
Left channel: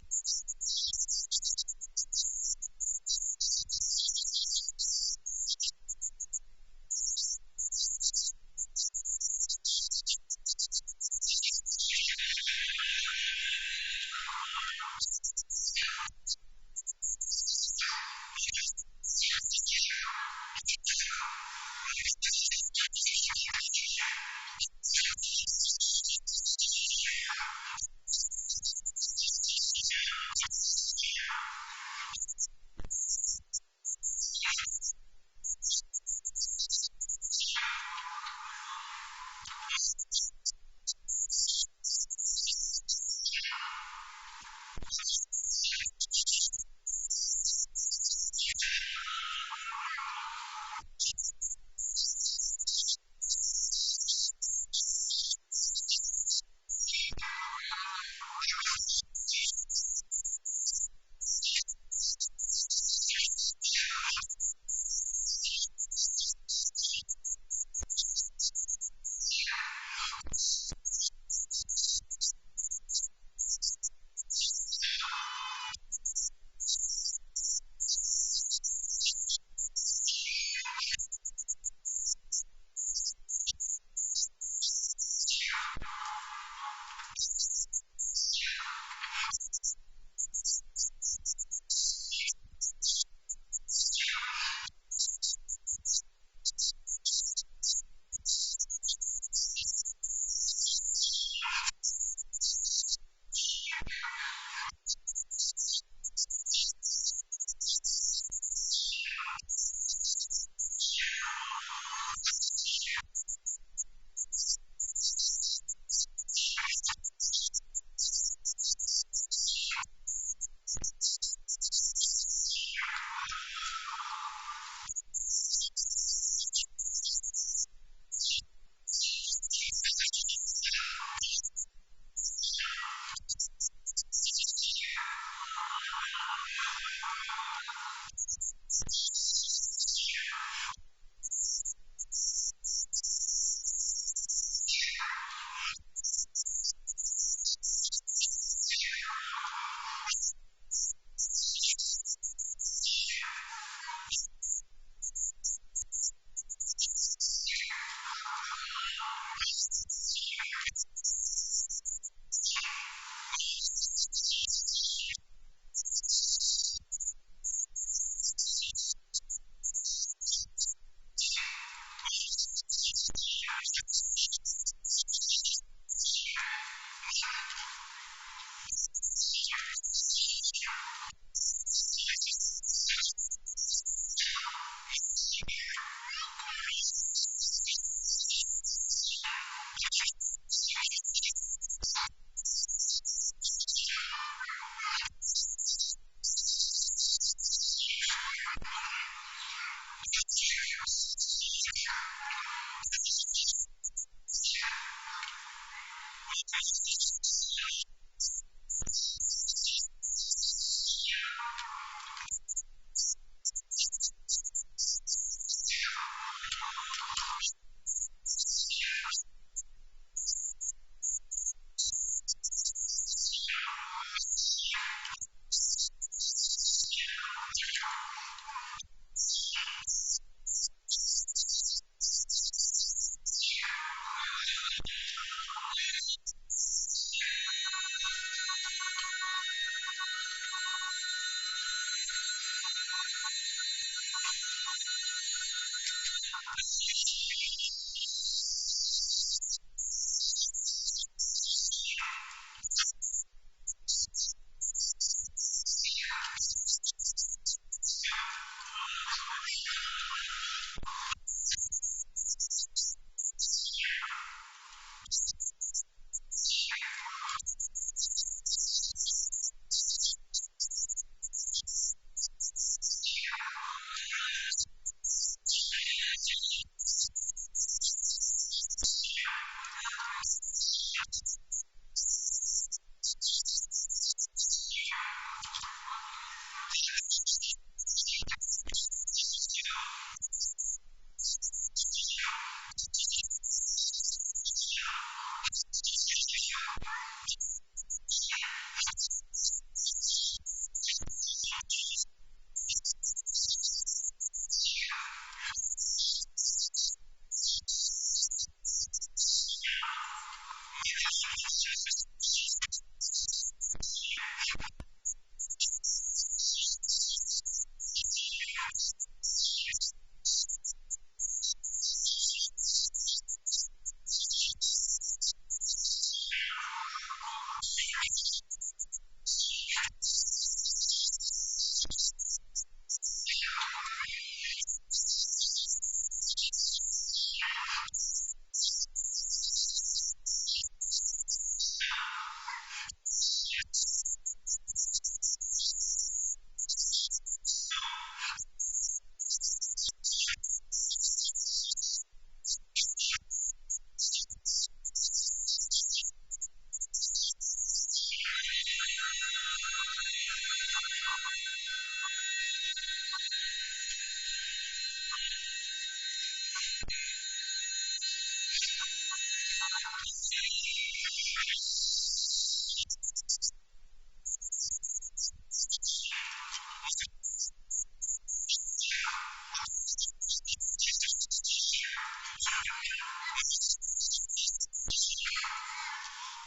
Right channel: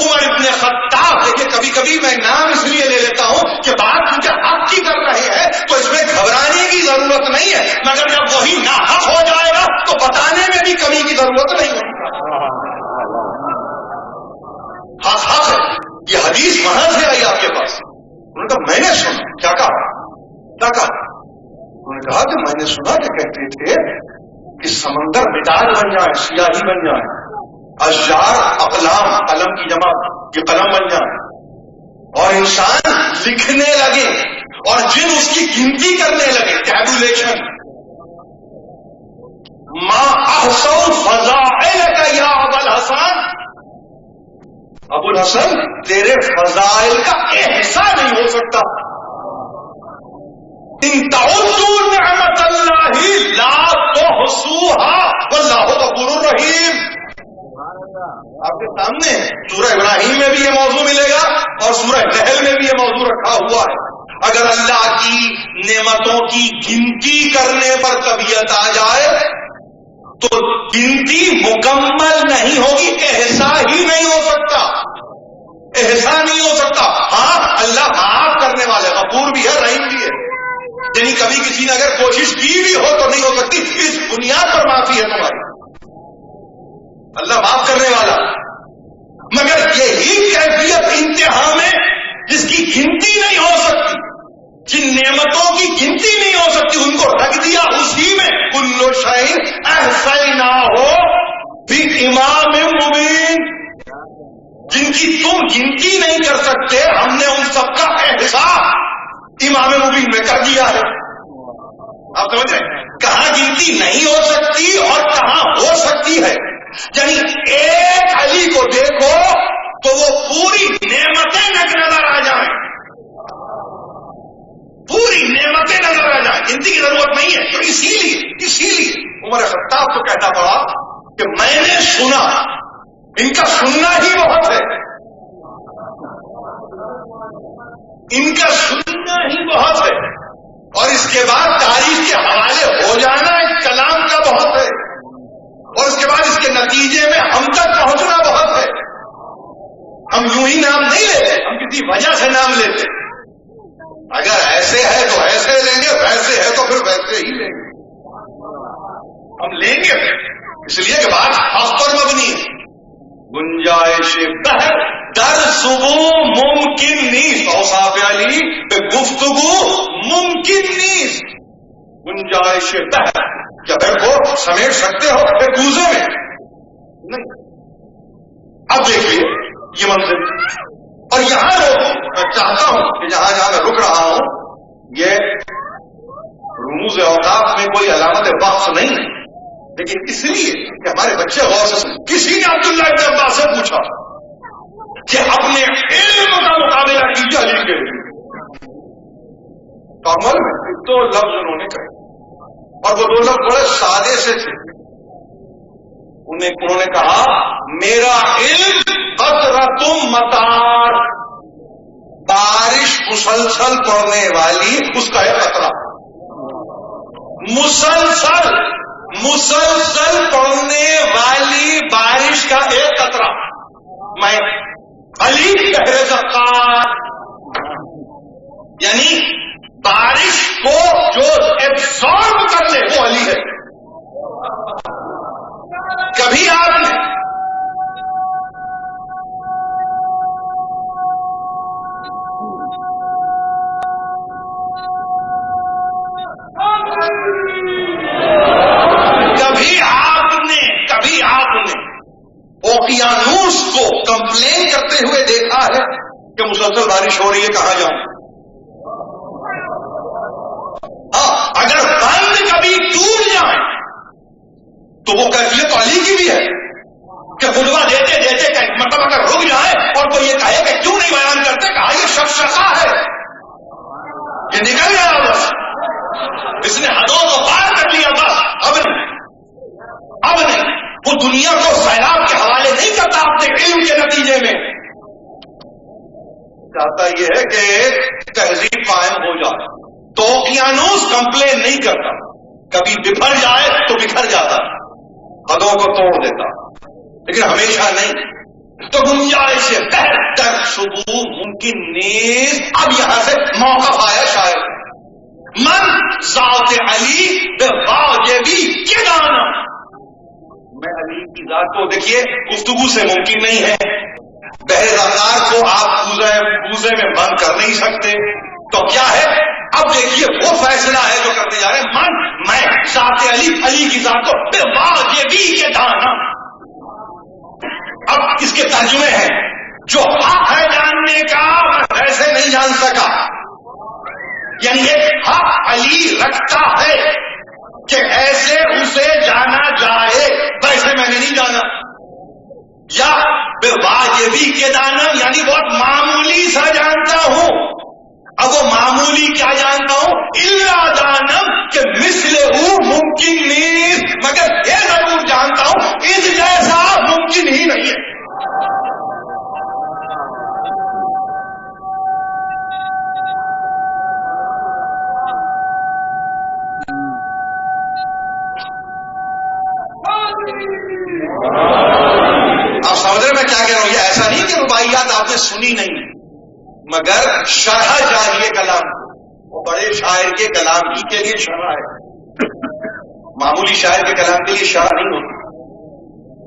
عمر ابن خطاب، دیکھیے کبھی کبھی میں نام اس لیے لے لیتا ہوں کہ بات چونکہ حق کی کر رہے ہیں تو اس میں گھبرانے کی ضرورت نہیں ہے، مگر جب وہی ناحق ہو جائے گا تو بتانے میں بھی کمی کی ضرورت نہیں ہونی چاہیے. حق ہے، یہ حدیث وہاں سے آئی آپ کے پاس. انہوں نے کہا میں نے سنا. کیا کہا؟ انہوں نے کہا کہ میں نے سنا کہ کہتے تھے کہ سمندر مداد بن جائے، سیاہی بن جائے، اشجار اقلام قلم کی جمع یہ قلم بن جائے، اور انسان لکھنے لگے اور جن اس کی گنتی کرنے لگے، ٹیبولیشن. ما احصوا فضائلک یا ابا الحسن، ابو الحسن تیرے فضائل کا احسان نہیں ہو سکتا. ان تعدوا نعمت اللہ لا تحصوها واللہ غفور رحیم. آپ کے سامنے سورہ ابراہیم میں بھی یہ موضوع ملے گا اور سورہ نحل میں بھی یہ موضوع رکھا ہوا ہے. اگر اللہ کی نعمتوں کی گنتی کرنے پر طبیعت آ جائے تو گنتی مکمل نہیں ہوگی، احسان ہی نہیں ہو سکتا، احسان نہیں ہو سکتا. ہاں اللہ معاف کرنے والے، غفور بھی ہے، رحیم بھی ہے. یعنی کبھی کسی نے اگر کوشش کی بھی ہو تو نہیں ہو سکتی. اس بنیاد پر معافی ہے تمہاری، اللہ معاف کرنے والا. مگر یہی کیفیت انتہا میں جس کی گنتی نہیں ہو سکتی، جن نعمتوں کی گنتی نہیں ہو سکتی، ان کو رکھ دیا اسی میں. کل شیء احصیناہ فی امام مبین، جن کی تم گنتی نہیں کر سکتے ہم نے ان سب کا احصاء امام مبین میں کر دیا ہے. آپ سمجھ رہے ہیں کہاں گنتی نہیں ہو سکتی اور کہاں ہو سکتی ہے. یعنی ایک علی کو دیکھو تو وہ پوری نعمتیں نظر آ جائیں، پوری نعمتیں نظر آ جائیں، گنتی کی ضرورت نہیں ہے. تو اسی لیے عمر خطاب کو کہنا پڑا کہ میں نے سنا. ان کا سننا ہی بہت ہے، ان کا سننا ہی بہت ہے، اور اس کے بعد تاریخ کے حوالے ہو جانا اس کلام کا بہت ہے، اور اس کے بعد اس کے نتیجے میں ہم تک پہنچنا بہت ہے. ہم یوں ہی نام نہیں لیتے، ہم کسی وجہ سے نام لیتے. اگر ایسے ہے تو ایسے لیں گے، ویسے ہے تو پھر ویسے ہی لیں گے. ہم لیں گے اس لیے کہ بات حق پر مبنی ہے. گنجائش بہر در صبح ممکن نیست، اوصاف علی پہ گفتگو ممکن نیست. گنجائش بہر، کیا بہر کو سمیٹ سکتے ہو پھر کوزے میں نہیں. اب دیکھیے یہ منظر، اور یہاں میں چاہتا ہوں کہ جہاں جہاں میں رک رہا ہوں یہ رموز اوقاف میں کوئی علامت وقف نہیں ہے، لیکن اس لیے کہ ہمارے بچے غور سے سنیں. کسی نے عبداللہ ابن عباس سے پوچھا کہ اپنے علم کا مقابلہ کیجیے علی کے علم سے. تو عمل میں دو لفظ انہوں نے کہے، اور وہ دو لفظ بڑے سادے سے تھے. انہوں نے کہا میرا علم قطرۃ مطار، بارش مسلسل پڑنے والی اس کا ایک قطرہ، مسلسل پڑنے والی بارش کا ایک قطرہ، میں علی بحر زقات، یعنی بارش کو جو ایبزارب کر لے وہ علی ہے. کبھی آپ نے اوقیانوس کو کمپلین کرتے ہوئے دیکھا ہے کہ مسلسل بارش ہو رہی ہے، کہاں جاؤں؟ ہاں، اگر بند کبھی ٹوٹ جائیں تو وہ کیفیت تو علی کی بھی ہے کہ خطبہ دیتے دیتے مطلب اگر رک جائے اور کوئی یہ کہے کہ کیوں نہیں بیان کرتے، کہا یہ شخصا ہے، یہ نکل گیا بس، اس نے حدوں کو پار کر لیا، بس اب نہیں وہ دنیا کو سیلاب کے حوالے نہیں کرتا اپنے علم کے نتیجے میں، چاہتا یہ ہے کہ تہذیب قائم ہو جائے. تو اوقیانوس کمپلین نہیں کرتا، کبھی بکھر جائے تو بکھر جاتا، حدوں کو توڑ دیتا، لیکن ہمیشہ نہیں. تو گنجائش بہتر شبو ممکن نیز. اب یہاں سے موقف آیا شاید من ذات علی بے واجبی کے دانا، میں علی کی ذات کو دیکھیے گفتگو سے ممکن نہیں ہے، بحر زقار کو آپ کوزے میں بند کر نہیں سکتے، تو کیا ہے؟ اب دیکھیے وہ فیصلہ ہے جو کرنے جا رہے ہیں، میں ذات علی کی ذات کو بے واجبی کے دانا. اب اس کے ترجمے ہیں، جو حق ہے جاننے کا میں ویسے نہیں جان سکا، یعنی ایک حق علی رکھتا ہے کہ ایسے اسے جانا جائے، ویسے میں نے نہیں جانا. یا بے واجبی کے دانم یعنی بہت معمولی سا جانتا ہوں. اب وہ معمولی کیا جانتا ہوں؟ الا دانم کہ مثل ممکن نہیں، مگر یہ ضرور جانتا ہوں اس جیسا ممکن ہی نہیں ہے. آپ نے سنی نہیں، مگر شرح چاہیے کلام کی، اور بڑے شاعر کے کلام ہی کے لیے شرح ہے، معمولی شاعر کے کلام کے لیے شرح نہیں ہوتی.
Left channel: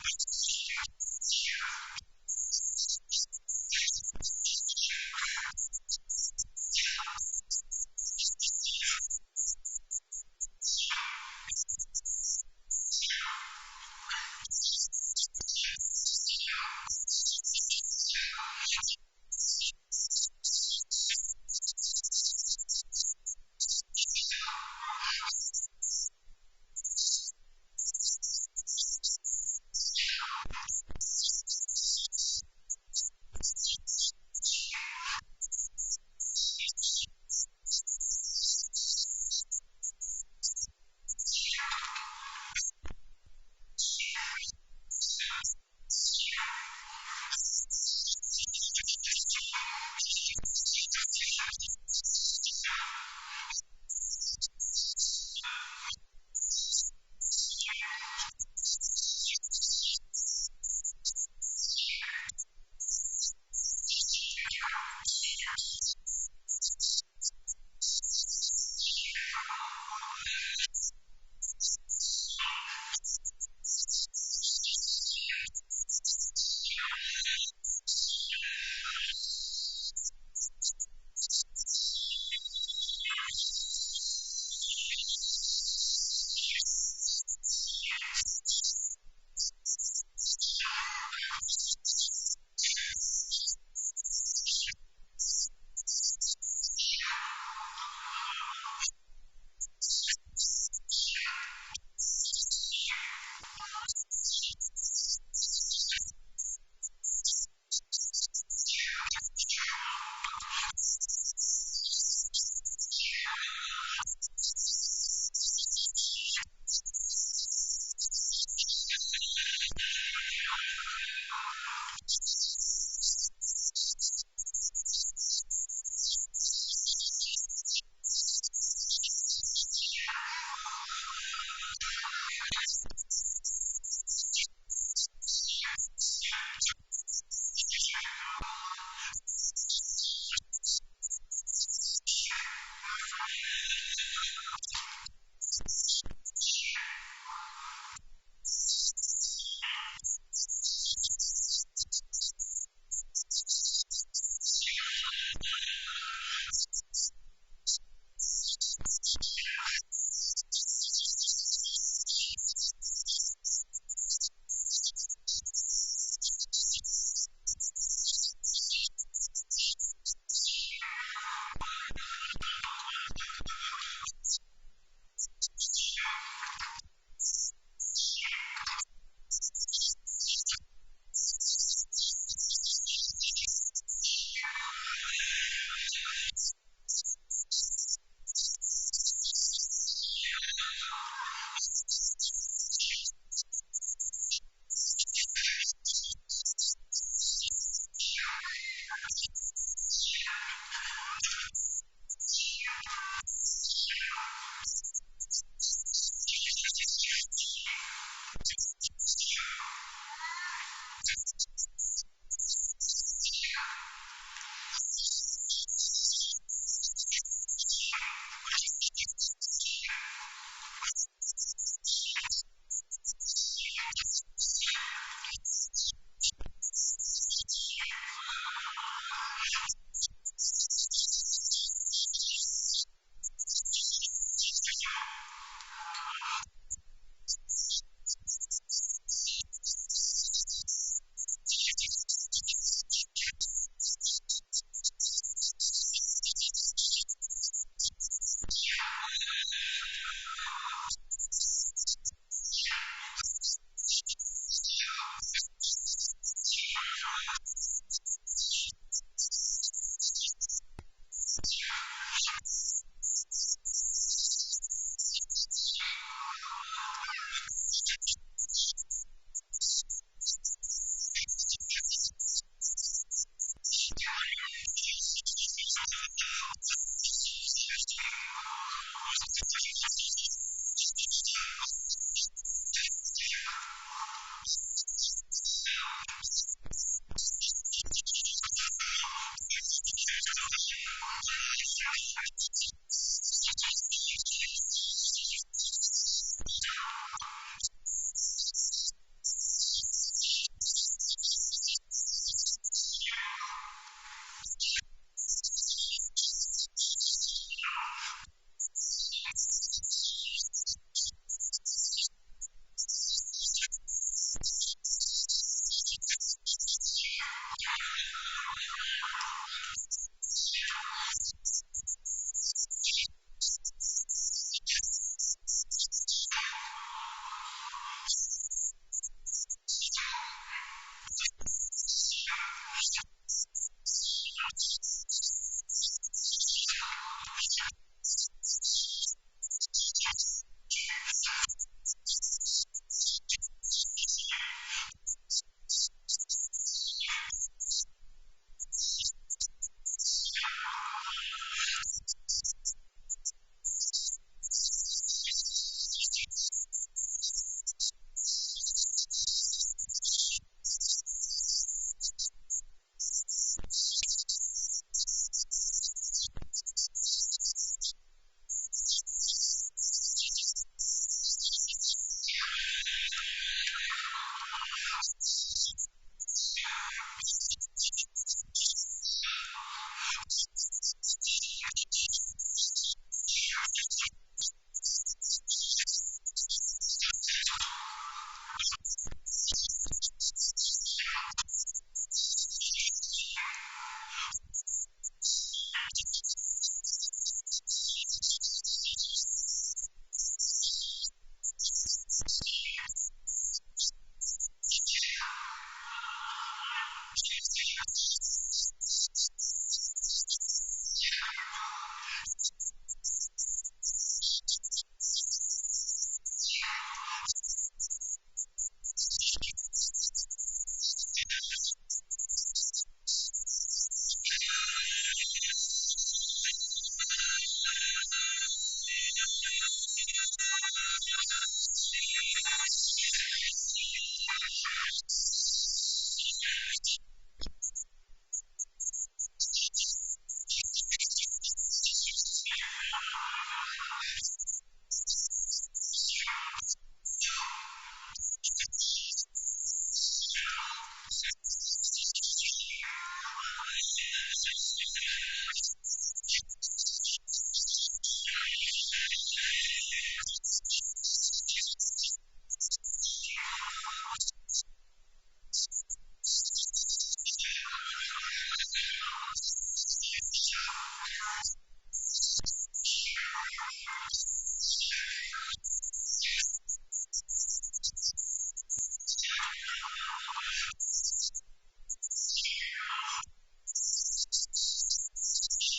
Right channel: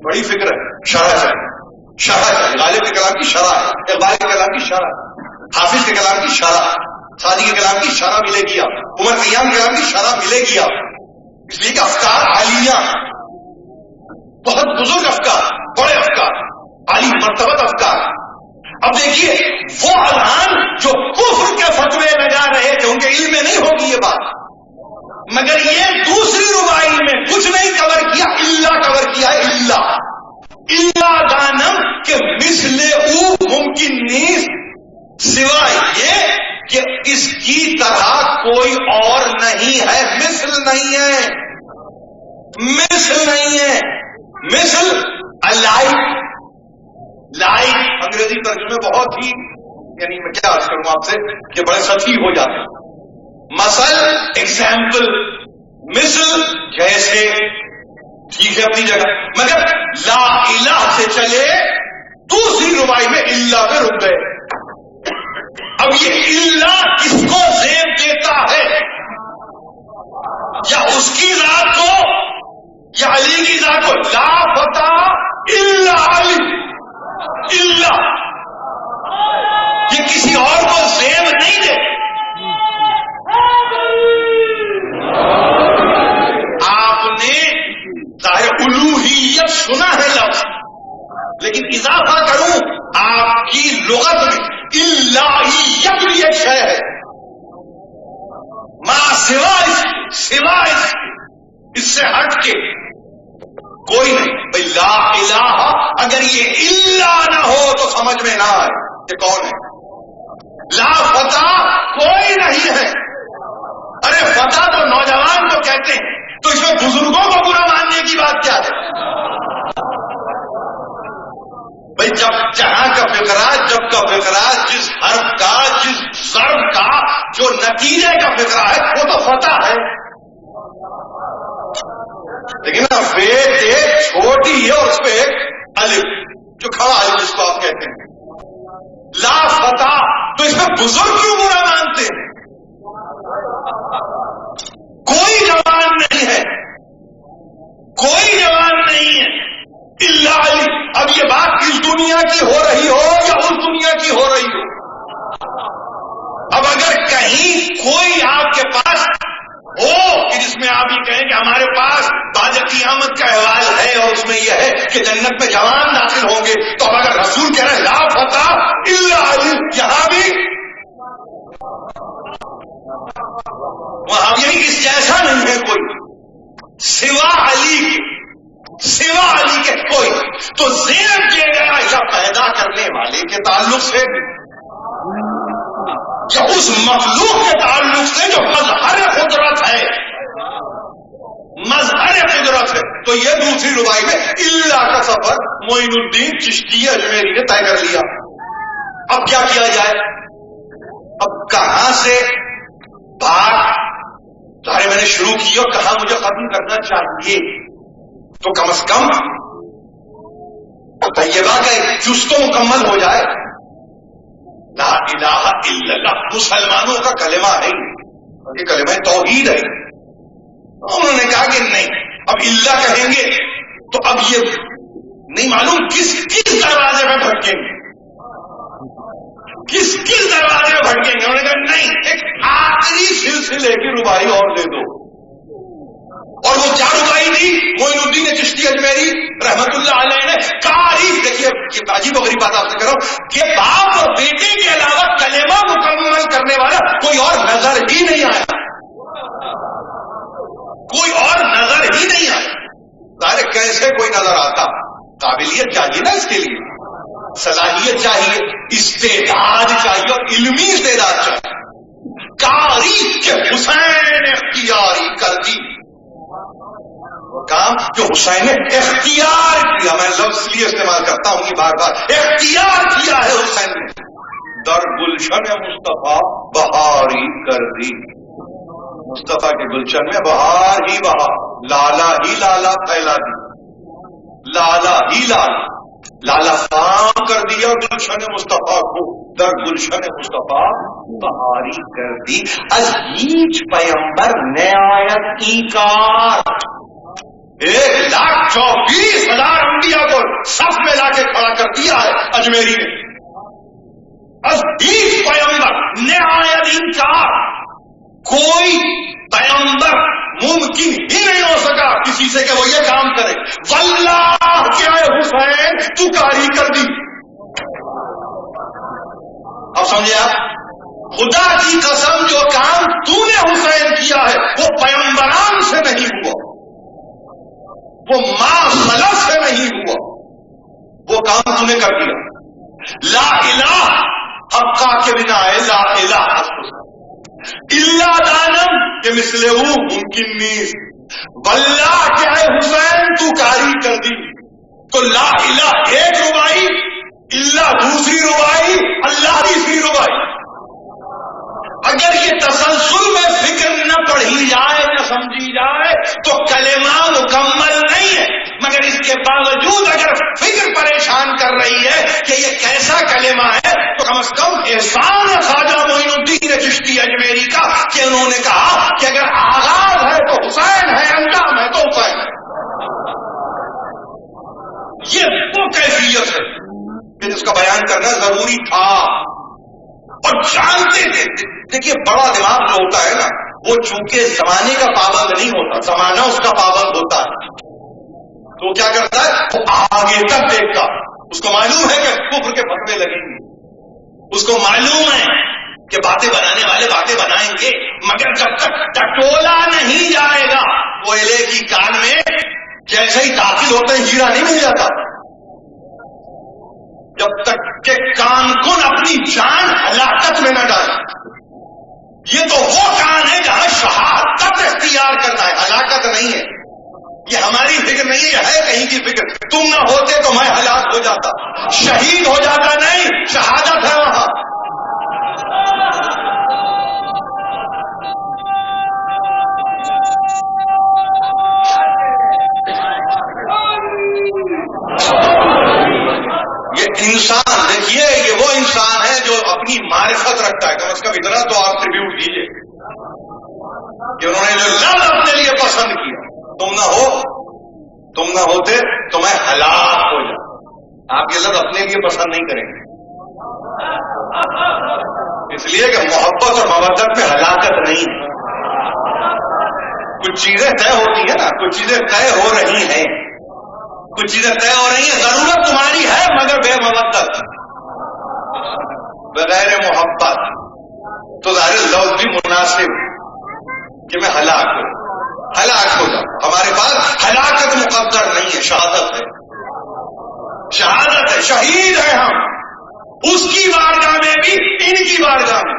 بڑی فکر ہے، شرح چاہیے. غالب کے کلام کی شرح ہے، اقبال کے کلام کی شرح، حافظ کے کلام کی شرح، سعدی کے کلام کی شرح ملے گی آپ، عمر خیام کے کلام کی شرح ملے گی آپ. اس لیے کہ افکار عالیہ، بہت بزرگ افکار، بڑے افکار، عالی مرتبت افکار. اب دیکھیے وہ اذہان جو کفر کے فتوے لگا رہے تھے، ان کے علم میں نہیں ہوگی یہ بات، مگر یہ دوسری ربائی میں کچھ نہیں کور کیا، اللہ کور کیا ہے. اللہ دانم کہ مثل او ممکن نہیں، سوائے یہ کہ اس کی طرح کوئی اور نہیں ہے. مثل نہیں ہے، مثل نہیں ہے. مثل لائک انگریزی ترجمے بہت ہی، یعنی میں کیا عرض کروں آپ سے کہ بڑے سطحی ہو جاتے ہیں. مثل ایگزامپل، مثل جیسے، ٹھیک ہے اپنی جگہ، مگر لا الہ سے چلے دوسری ربائی میں اللہ پہ رک گئے. اب یہ اللہ کس کو زیب دیتا ہے؟ یا اس کی ذات کو یا علی کی ذات کو؟ لا فتح الا علی، اللہ یہ کسی اور کو زیب نہیں دے. آپ نے ظاہر الوہیت سنا ہے لفظ، لیکن اضافہ کروں آپ کی لغت میں، الہیت بھی ایک شے ہے، ما سوا اس سے ہٹ کے کوئی نہیں. بھائی لا الہ، اگر یہ اللہ نہ ہو تو سمجھ میں نہ آئے کہ کون ہے. لا فتح کوئی نہیں ہے. ارے فتح تو نوجوان کو کہتے ہیں، تو اس میں بزرگوں کو برا ماننے کی بات کیا ہے؟ جو نتیجے کا فکرہ ہے وہ تو فتح ہے، لیکن وید ایک چھوٹی ہے اور اس پہ ایک الف جو کھڑا ہے جس کو آپ کہتے ہیں لا فتح، تو اس میں بزرگ کیوں برا مانتے ہیں؟ کوئی جوان نہیں ہے، کوئی جوان نہیں ہے الا علی۔ اب یہ بات اس دنیا کی ہو رہی ہو یا اس دنیا کی ہو رہی ہو، اب اگر کہیں کوئی آپ کے پاس ہو کہ جس میں آپ یہ کہیں کہ ہمارے پاس بعد قیامت کا احوال ہے اور اس میں یہ ہے کہ جنت میں جوان داخل ہوں گے، تو اب اگر رسول کہہ رہے ہیں لا فتح الا علی، یہاں بھی وہاں یہی اس جیسا نہیں ہے کوئی سوا علی کے کوئی، تو ذہن کیا گیا یا پیدا کرنے والے کے تعلق سے یا اس مخلوق کے تعلق سے جو مظہر قدرت ہے، تو یہ دوسری ربائی میں اللہ کا سفر معین الدین چشتی اجمیری نے طے کر لیا۔ اب کیا کیا جائے؟ اب کہاں سے بات ظاہر میں نے شروع کی اور کہاں مجھے ختم کرنا چاہیے، تو کم از کم طیبہ کا ایک جز تو مکمل ہو جائے۔ لا الہ الا اللہ مسلمانوں کا کلمہ ہے بلکہ کلمہ توحید ہے۔ انہوں نے کہا کہ نہیں، اب اللہ کہیں گے تو اب یہ نہیں معلوم کس دروازے میں بھٹکیں گے، کس دروازے میں بھٹکیں گے۔ انہوں نے کہا نہیں، ایک آخری سلسلے کی ربائی اور دے دو، اور وہ کیا ربائی دی؟ معین الدین چشتی اجمیری رحمت اللہ علیہ نے تاریخ، دیکھیے یہ عجیب و غریب بات آپ سے کر رہا ہوں کہ باپ اور بیٹے کے علاوہ کلمہ مکمل کرنے والا کوئی اور نظر ہی نہیں آیا، کوئی اور نظر ہی نہیں آیا۔ ظاہر کیسے کوئی نظر آتا؟ قابلیت چاہیے نا، اس کے لیے صلاحیت چاہیے، استعداد چاہیے اور علمی استعداد چاہیے۔ تاریخ کے حسین اختیاری کر دی، وہ کام جو حسین نے اختیار کیا، میں لفظ اس لیے استعمال کرتا ہوں کہ بار بار اختیار کیا ہے حسین نے، در گلشن مصطفیٰ بہاری کر دی۔ مصطفیٰ کے گلشن میں بہار ہی بہار، لالا ہی لالا پھیلا دی، لالا ہی لالا فام کر دیا گلشن مصطفیٰ کو، در گلشن مصطفیٰ بہاری کر دی۔ از هیچ پیمبر نہایت ایکار، 1,24,000 انبیاء کو صف میں لا کے کھڑا کر دیا ہے اجمیری نے۔ از هیچ پیمبر نہایت انکار، کوئی پیغمبر ممکن ہی نہیں ہو سکا کسی سے کہ وہ یہ کام کرے۔ واللہ کیا ہے حسین تو کاری کر دی۔ اب سمجھے آپ، خدا کی قسم جو کام تو نے حسین کیا ہے وہ پیغمبران سے نہیں ہوا، وہ ما خلف سے نہیں ہوا، وہ کام تو نے کر دیا۔ لا الہ حقا کے بنا ہے، لا الہ حسن اللہ دانم کہ مثلے وہ ممکن نہیں۔ واللہ کیا ہے حسین تو کاری کر دی۔ تو لا الہ ایک ربائی، اللہ دوسری ربائی، اللہ تیسری ربائی۔ اگر یہ تسلسل میں فکر نہ پڑھی جائے نہ سمجھی جائے تو کلمہ مکمل نہیں ہے، مگر اس کے باوجود اگر فکر پریشان کر رہی ہے کہ یہ کیسا کلمہ ہے تو کم از کم احسان خواجہ معین الدین چشتی اجمیری کا کہ انہوں نے کہا کہ اگر آغاز ہے تو حسین ہے، انجام ہے تو حسین ہے۔ یہ وہ کیفیت ہے کہ جس کا بیان کرنا ضروری تھا اور جانتے تھے۔ دیکھیے بڑا دماغ جو ہوتا ہے نا وہ چونکہ زمانے کا پابند نہیں ہوتا، زمانہ اس کا پابند ہوتا ہے، تو کیا کرتا ہے وہ آگے تک دیکھتا۔ اس کو معلوم ہے کہ کفر کے فتوے لگیں گے، اس کو معلوم ہے کہ باتیں بنانے والے باتیں بنائیں گے، مگر جب تک ٹٹولا نہیں جائے گا کوئلے کی کان میں جیسے ہی داخل ہوتے ہیں ہیرا نہیں مل جاتا، جب تک کہ کان کن اپنی جان ہلاکت میں نہ ڈالے۔ یہ تو وہ کان ہے جہاں شہادت اختیار کرنا ہے، ہلاکت نہیں ہے۔ یہ ہماری فکر نہیں ہے، یہ ہے کہیں کی فکر۔ تم نہ ہوتے تو میں ہلاک ہو جاتا، شہید ہو جاتا، نہیں، شہادت ہے وہاں۔ کی معرفت رکھتا ہے. کم از کم اتنا تو آپ ٹریبیوٹ دیجئے کہ انہوں نے جو لفظ اپنے لیے پسند کیا. تم نہ ہوتے تو میں ہلاک ہو جاتا. آپ یہ لفظ اپنے لیے پسند نہیں کریں گے، اس لیے کہ محبت اور مودت میں ہلاکت نہیں ہے. کچھ چیزیں طے ہوتی ہیں نا، کچھ چیزیں طے ہو رہی ہیں، کچھ چیزیں طے ہو رہی ہیں. ضرورت تمہاری ہے مگر بے مودت، بغیر محبت. تو ظاہر لفظ بھی مناسب کہ میں ہلاک ہو جاؤں. ہمارے پاس ہلاکت مقدر نہیں ہے، شہادت ہے. شہادت ہے، شہید ہے ہم. اس کی بارگاہ میں بھی، ان کی بارگاہ میں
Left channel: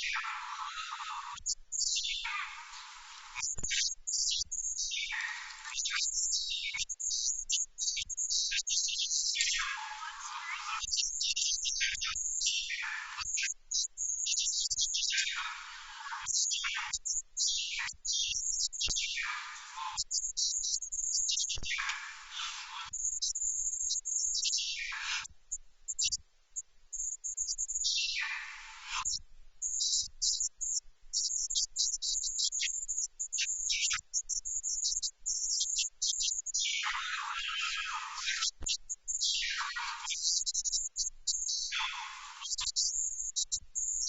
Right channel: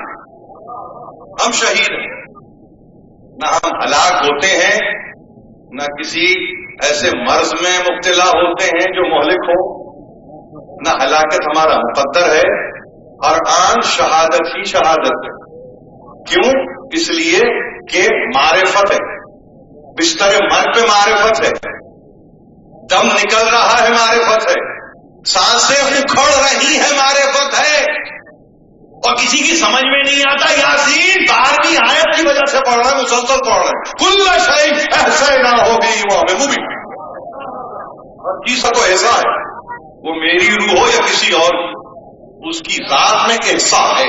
ہم شہید ہیں. نہ ہم ہلاک ہوتے ہیں، نہ کسی ایسے مرض میں مبتلا ہوتے ہیں جو مہلک ہو، نہ ہلاکت ہمارا مقدر ہے. ہر آن شہادت ہی شہادت ہے. کیوں؟ اس لیے کہ معرفت ہے. بستر مرگ پہ معرفت ہے، دم نکل رہا ہے معرفت ہے، سانسیں اکھڑ رہی ہیں معرفت ہے. اور کسی کی سمجھ میں نہیں آتا یاسین 12ویں آیت کی وجہ سے پڑھ رہا ہے، مسلسل پڑھ رہے ہیں. کل شیء احصیناہ فی امام مبین. ہر چیز کا تو ایسا ہے، وہ میری روح ہو یا کسی اور کی، اس کی ذات میں ایسا ہے،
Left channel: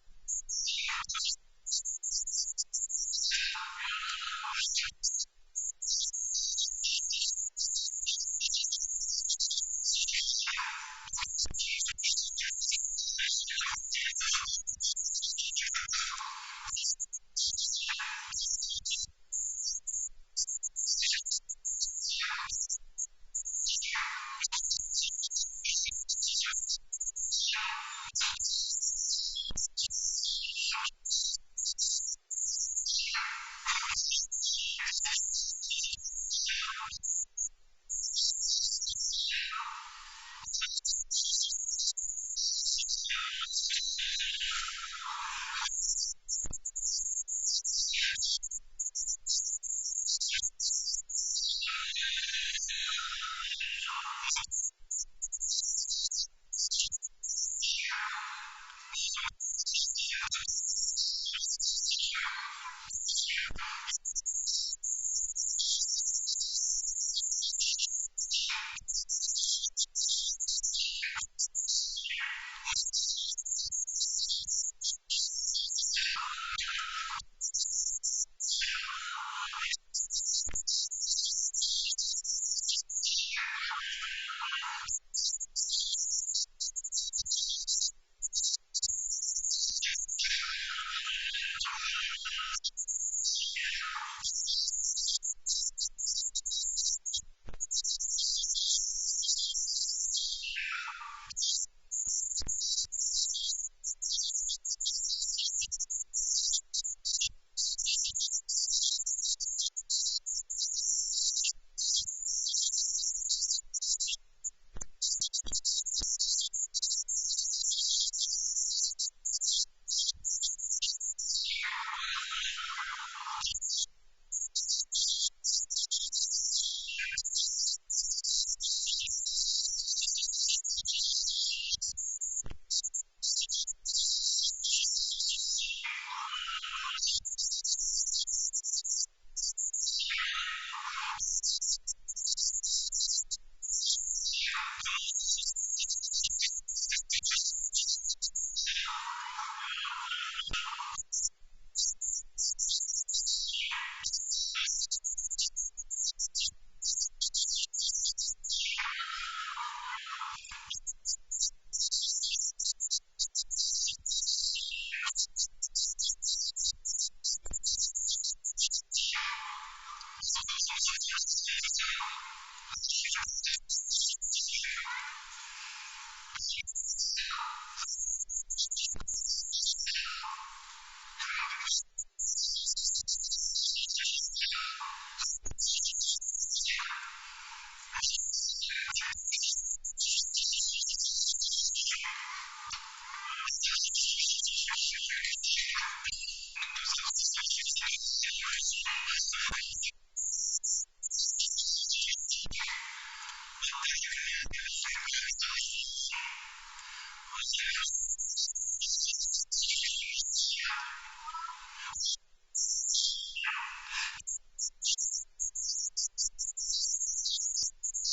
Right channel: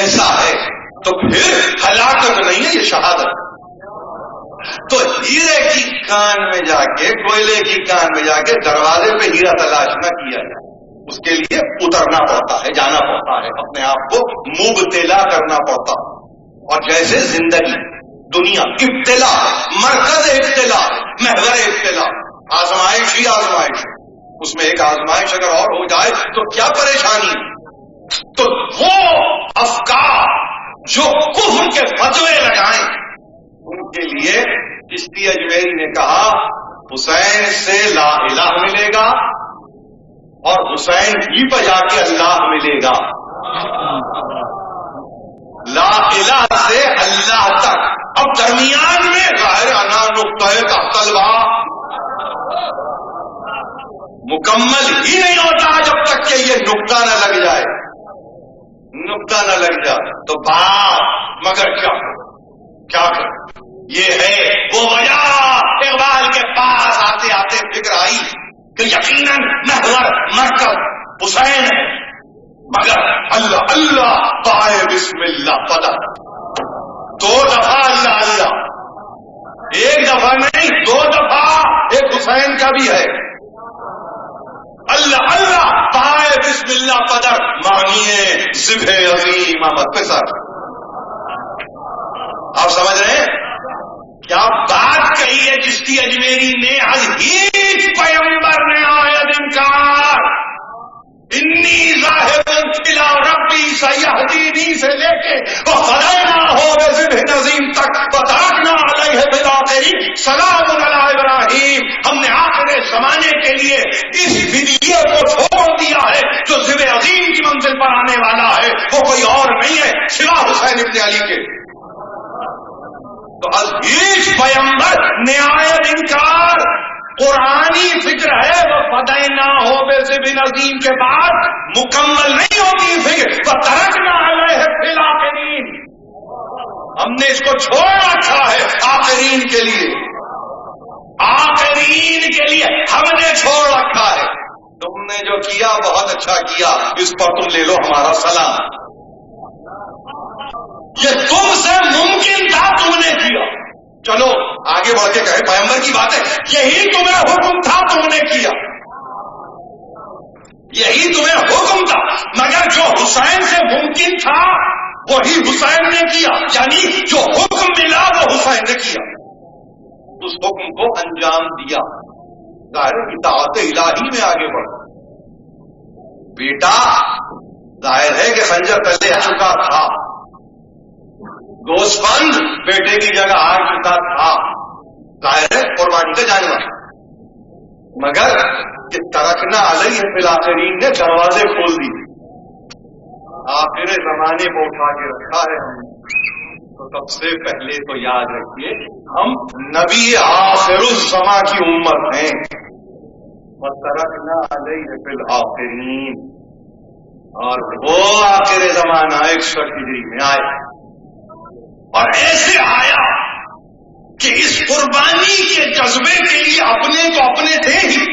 ایسا ہے. تو پھر ہلاکت نہیں ہے، یہ شہادت. تو ہیرے کی کان میں جا کے، کوئلے کی کان میں جا کے دروازے پہ ہیرا تلاش نہ کیا جائے. اس کے لیے اترنا پڑتا ہے، جانا پڑتا ہے، اپنے آپ کو مبتلا کرنا پڑتا ہے. اور جیسے زندگی، دنیا ابتلا ہے، مرکز ابتلا ہے، محور ابتلا، آزمائش ہی آزمائش ہے. اس میں ایک آزمائش اگر اور ہو جائے تو کیا پریشانی ہے. تو وہ افکار جو کفر کے فتوے لگائیں، ان کے لیے چشتی اجمیری نے کہا حسین سے لا الہ ملے گا اور حسین ہی پہ جا کے اللہ ملے گا. لا الہ سے اللہ تک. اب درمیان میں ظاہر انا نقطہ تحت الباب مکمل ہی نہیں ہوتا جب تک کہ یہ نقطہ نہ لگ جائے. نقطہ نہ لگ جائے تو بات مگر کیا کرے. یہ ہے وہ وجہ اقبال کے پاس آتے آتے فکر آئی کہ یقیناً محور مرکز حسین ہے، مگر اللہ اللہ پائے بسم اللہ پدا. 2 دفعہ اللہ اللہ، 1 دفعہ نہیں 2 دفعہ. ایک حسین کا بھی ہے، اللہ اللہ پائے بسم اللہ پدر مانیے ذبح عظیم احمد پہ سر. آپ سمجھ رہے ہیں کیا بات کہی ہے چشتی اجمیری نے؟ از ہیچ پیغمبر نے آید انکار انی ذاہب الی ربی سیہدینی سے لے کے وفدیناہ بذبح نظیم تک وترکنا علیہ فی الآخرین سلام علی ابراہیم. ہم نے آخر زمانے کے لیے اس ویڈیو کو چھوڑ دیا ہے جو ذبح عظیم کی منزل پر آنے والا ہے، وہ کوئی اور نہیں ہے سوا حسین ابن علی کے. تو از ہیچ پیغمبر نہایت انکار قرآنی فکر ہے. وہ فدیناہ بذبح نظیم کے بعد مکمل نہیں ہوتی فکر. وترکنا علیہ فی الآخرین، ہم نے اس کو چھوڑ رکھا ہے آخرین کے لیے. آخرین کے لیے ہم نے چھوڑ رکھا ہے. تم نے جو کیا بہت اچھا کیا، اس پر تم لے لو ہمارا سلام. یہ تم سے ممکن تھا، تم نے کیا. چلو آگے بڑھ کے کہے پیغمبر کی بات ہے، یہی تمہیں حکم تھا تم نے کیا، یہی تمہیں حکم تھا. مگر جو حسین سے ممکن تھا وہی حسین نے کیا، یعنی جو حکم ملا وہ حسین نے کیا، اس حکم کو انجام دیا. ظاہر اطاعت الہی میں آگے بڑھ گئے. بیٹا ظاہر ہے کہ خنجر تلے آ چکا تھا، گوسفند بیٹے کی جگہ آ چکا تھا، ظاہر ہے قربانی کا جانور. مگر یہ ترکنا علیہ فی الآخرین نے دروازے کھول دیے، آخر زمانے کو اٹھا کے رکھا ہے ہم نے. تو سب سے پہلے تو یاد رکھیے ہم نبی آخر الزماں کی امت ہیں. وَتَرَكْنَا عَلَيْهِ فِي الْآخِرِينَ، اور وہ آخر زمانہ 61 ہجری میں آیا اور ایسے آیا کہ اس قربانی کے جذبے کے لیے اپنے تو اپنے تھے ہی،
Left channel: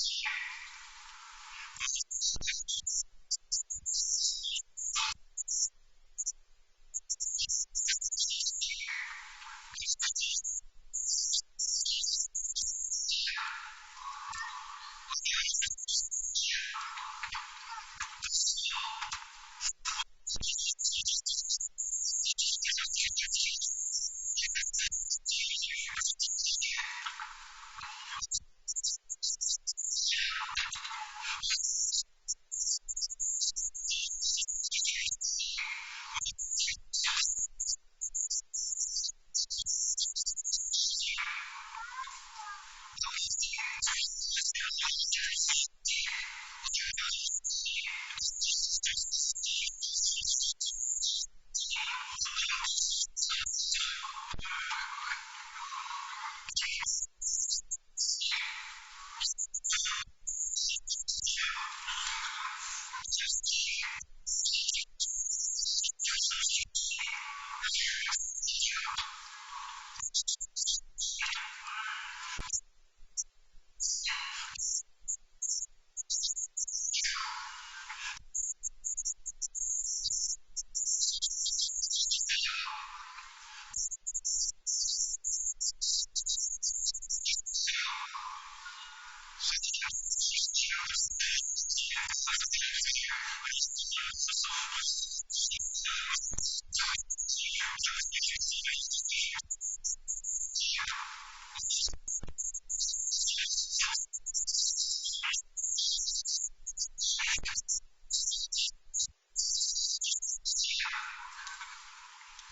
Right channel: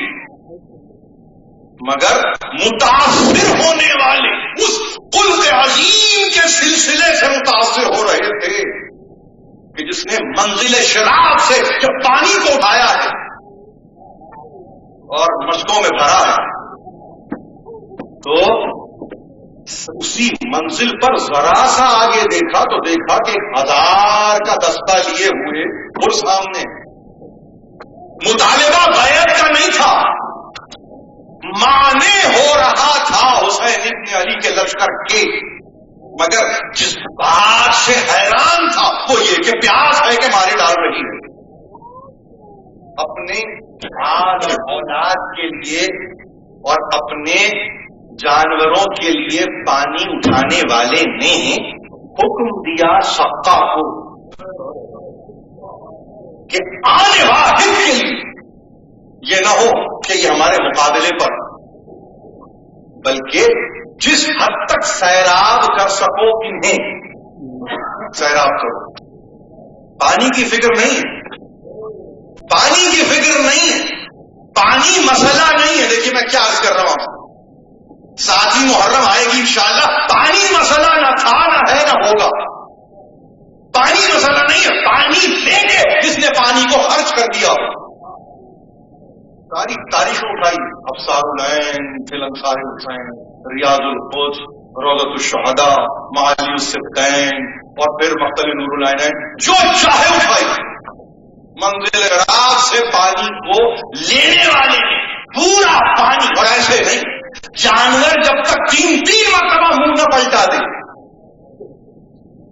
مگر متاثر ہونے والے اس خلق عظیم کے سلسلے سے متاثر ہو رہے تھے کہ جس نے منزل شراب سے جب پانی کو اٹھایا ہے اور مشکوں میں بھرا ہے تو اسی منزل پر ذرا سا آگے دیکھا تو دیکھا کہ 1000 کا دستہ لیے ہوئے اور سامنے مطالبہ بیعت کا نہیں تھا، مانے ہو رہا تھا حسین ابن علی کے لشکر کے، مگر جس بات سے حیران تھا وہ یہ کہ پیاس ہے کہ مارے ڈال رہی ہے۔ اپنے آل اولاد کے لیے اور اپنے جانوروں کے لیے پانی اٹھانے والے نے حکم دیا سقا کو کہ آنے واحد کے لیے یہ نہ ہو کہ یہ ہمارے مقابلے پر، بلکہ جس حد تک سیراب کر سکو انہیں سیراب کرو۔ پانی کی فکر نہیں ہے، پانی کی فکر نہیں ہے، پانی مسئلہ نہیں ہے۔ دیکھیے میں کیا عرض کر رہا ہوں، ساتھی محرم آئے گی انشاءاللہ، پانی مسئلہ نہ تھا نہ ہے نہ ہوگا، پانی مسئلہ نہیں ہے، پانی لے کے جس نے پانی کو خرچ کر دیا ہو۔ ساری تاریخ اٹھائی، ابصار العین فی الانصار الحسین، ریاض القدس، روضۃ الشہداء، معالی السبتین، اور پھر مقتل نور العینین، جو چاہے اٹھائی، منزل شراب سے پانی کو لینے والے نے پورا پانی، اور ایسے نہیں جانور جب تک 3 مرتبہ منہ نہ پلٹا دے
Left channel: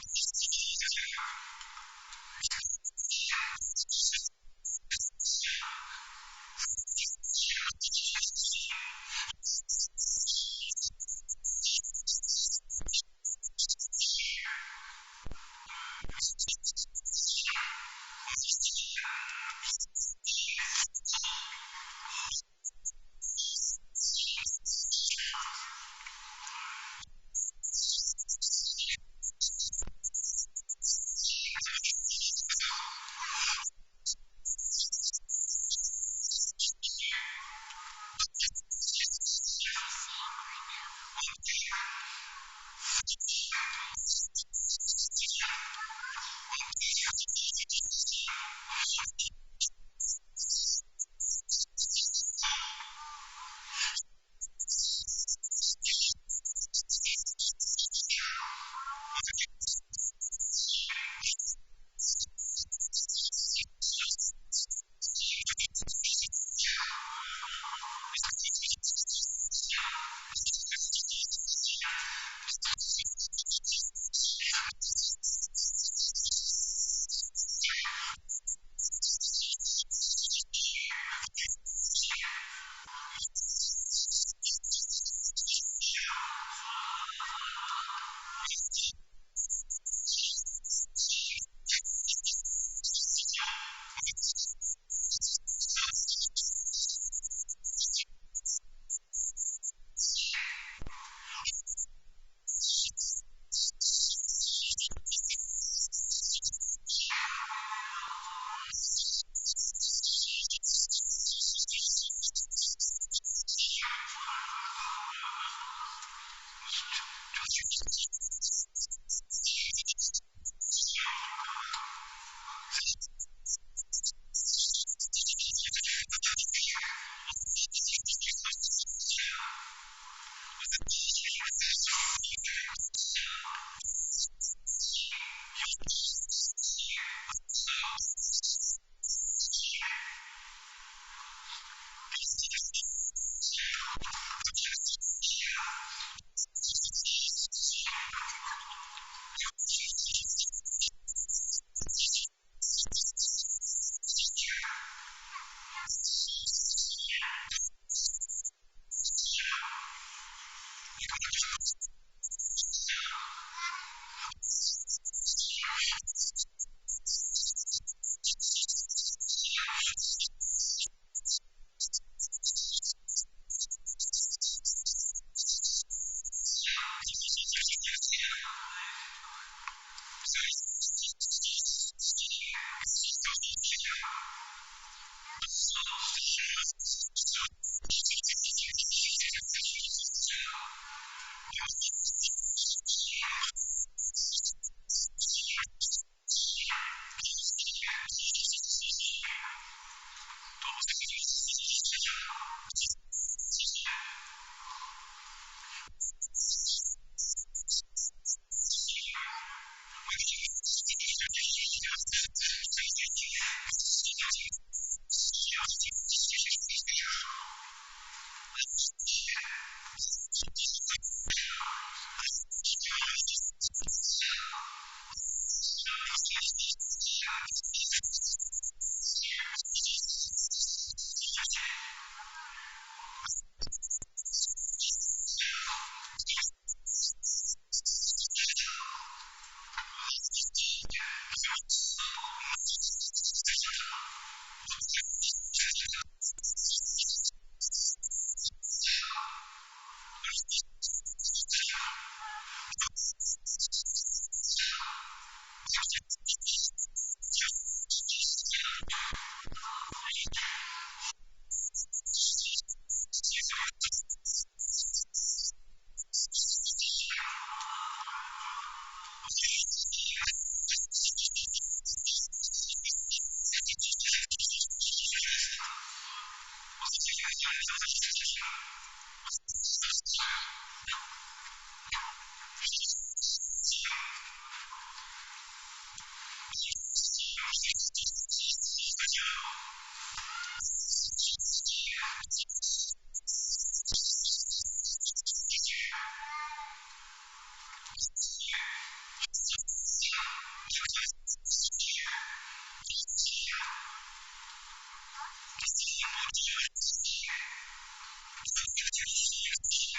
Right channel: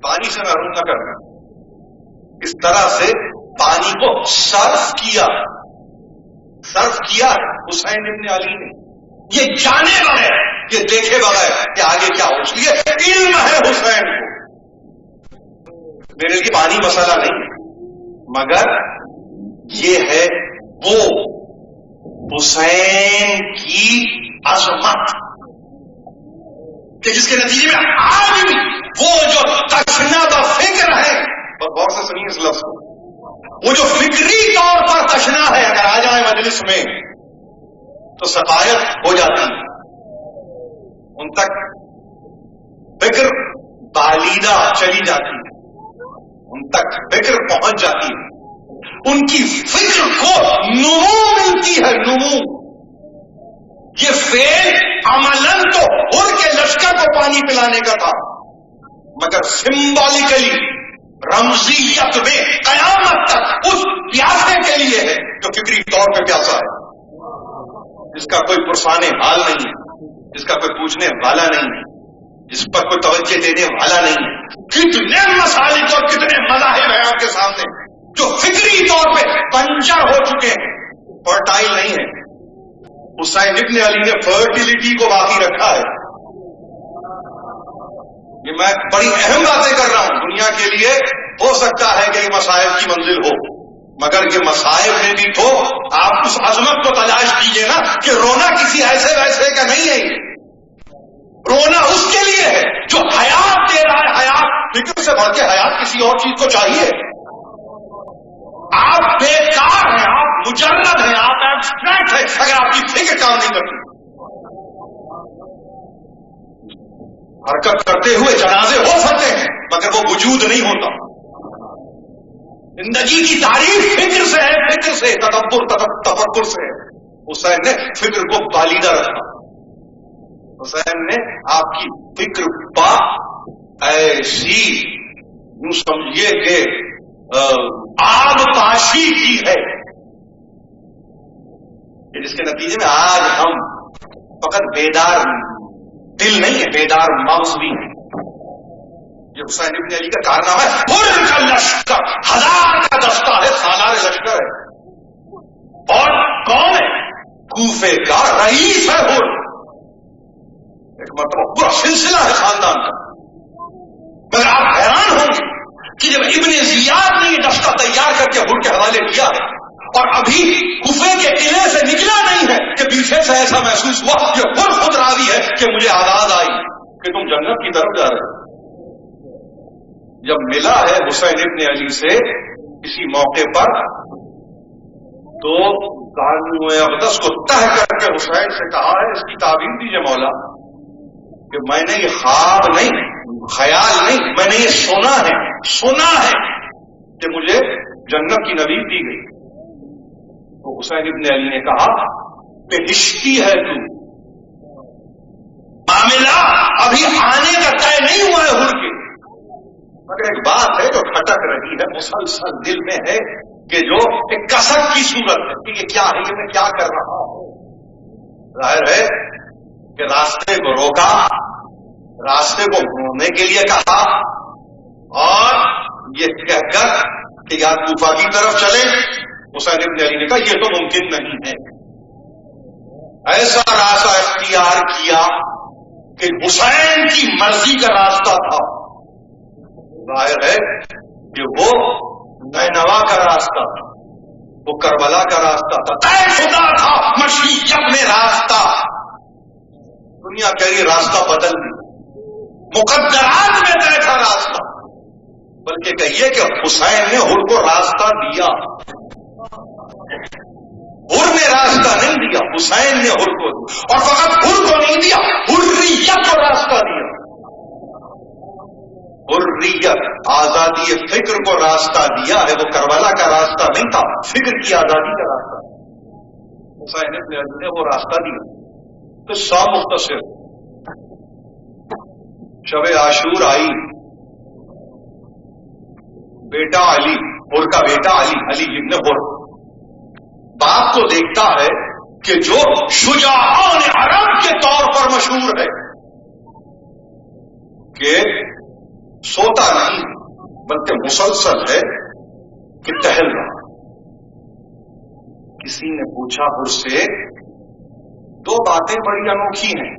پانی سے محروم نہ کرنا، اس طرح سے پانی کو صرف کیا حسین ابن علی نے، یہ جانے بغیر، یہ دیکھے بغیر کہ آگے کیا ہو، اس لیے علم ہے حسین کو، میرے لیے پانی مسئلہ نہیں ہے، مگر یہ ہے وہ حسین کی عظمت کہ جس کے نتیجے میں آدمی وہ جو تشنہ فکر ہے، اور غور سے سنیے اس لفظ کو، وہ جو فکری طور پر تشنہ ہے اگر آ جائے مجلس میں تو سقائیت ہو جاتی ہے، ان تک فکر بالیدہ چلی جاتی ہے، ان تک فکر پہنچ جاتی ہے، ان کی فکر کو نمو ملتی ہے، نمو۔ یہ فعل عملاً تو ہر کے لشکر کو پانی پلانے کا تھا، مگر سمبولیکلی رمزیت میں قیامت تک اس پیاسے کے لیے ہے جو فکری طور پہ پیاسا ہے، جس کا کوئی پرسان حال نہیں ہے، جس کا کوئی پوچھنے والا نہیں ہے، جس پر کوئی توجہ دینے والا نہیں ہے۔ کتنے مسالک اور کتنے مذاہب ہیں آپ کے سامنے جو فکری طور پہ پنچر ہو چکے ہیں، فرٹائل نہیں ہے۔ حسین ابن علی نے فرٹیلیٹی کو باقی رکھا ہے۔ یہ میں بڑی اہم باتیں کر رہا ہوں، دنیا کے لیے ہو سکتا ہے کہ یہ مصائب کی منزل ہو، مگر یہ مصائب میں بھی تو آپ اس عظمت کو تلاش کیجئے نا کہ رونا کسی ایسے ویسے کا نہیں ہے، رونا اس کے لیے ہے جو حیات دے رہا ہے، حیات فکر سے بڑھ کے حیات کسی اور چیز کو چاہیے۔ آپ بیکار ہیں، آپ مجرد ہیں، آپ ایبسٹریکٹ ہیں اگر آپ کی فکر کام نہیں کرتی۔ حرکت کرتے ہوئے جنازے ہو سکتے ہیں مگر وہ وجود نہیں ہوتا۔ زندگی کی تعریف فکر سے ہے، فکر سے، تدبر تفکر سے ہے۔ حسین نے فکر کو بالیدہ رکھا، حسین نے آپ کی فکر پا ایسی یوں سمجھیے کہ آگ پاشی کی ہے کہ جس کے نتیجے میں آج ہم فقط بیدار دل نہیں ہے، بیدار مغز بھی ہے۔ یہ حسین ابن علی کا کارنامہ ہے۔ ہر کا لشکر 1000 کا دستہ ہے، سالار لشکر ہے، اور کون ہے؟ کوفے کا رئیس ہے ہر۔ ایک مرتبہ پورا سلسلہ ہے خاندان کا، مگر آپ حیران ہوں گے کہ جب ابن زیاد نے یہ دستہ تیار کر کے ہر کے حوالے کیا ہے اور ابھی کفے کے قلعے سے نکلا نہیں ہے کہ پیچھے سے ایسا محسوس ہوا یہ خود راضی ہے کہ مجھے آواز آئی کہ تم جنت کی طرف جا رہے ہو. جب ملا ہے حسین ابن علی سے کسی موقع پر تو زانو اقدس کو تہ کر کے حسین سے کہا ہے اس کی تعبیر دیجئے مولا کہ میں نے یہ خواب نہیں خیال نہیں میں نے یہ سنا ہے کہ مجھے جنت کی نوید دی گئی. تو حسین ابن علی نے کہا بہشتی ہے تو معاملہ ابھی آنے کا طے نہیں ہوا ہے حر کے مگر ایک بات ہے جو کھٹک رہی ہے مسلسل دل میں ہے کہ جو ایک کسک کی صورت ہے کہ یہ کیا ہے یہ میں کیا کر رہا ہوں. ظاہر ہے کہ راستے کو روکا راستے کو موڑنے کے لیے کہا اور یہ کہہ کر کہ یا کوفہ کی طرف چلے. حسین ابن علی نے کہا یہ تو ممکن نہیں ہے. ایسا راستہ اختیار کیا کہ حسین کی مرضی کا راستہ تھا. ظاہر ہے کہ وہ نینوا کا راستہ تھا وہ کربلا کا راستہ تھا طے شدہ تھا مشیت میں راستہ. دنیا کہہ رہی راستہ بدل دیا مقدرات میں طے تھا راستہ بلکہ کہیے کہ حسین نے حر کو راستہ دیا. حر نے راستہ نہیں دیا حسین نے حر کو دیا اور فقط حر کو نہیں دیا حریت کو راستہ دیا. حریت آزادی فکر کو راستہ دیا ہے وہ کربلا کا راستہ نہیں تھا فکر کی آزادی کا راستہ تھا. حسین ابن علی نے وہ راستہ دیا. قصہ مختصر شب عاشور آئی بیٹا علی حر کا بیٹا علی ابن حر باپ کو دیکھتا ہے کہ جو شجاعان عرب کے طور پر مشہور ہے کہ سوتا نہیں بلکہ مسلسل ہے کہ ٹہل رہا. کسی نے پوچھا حر سے دو باتیں بڑی انوکھی ہیں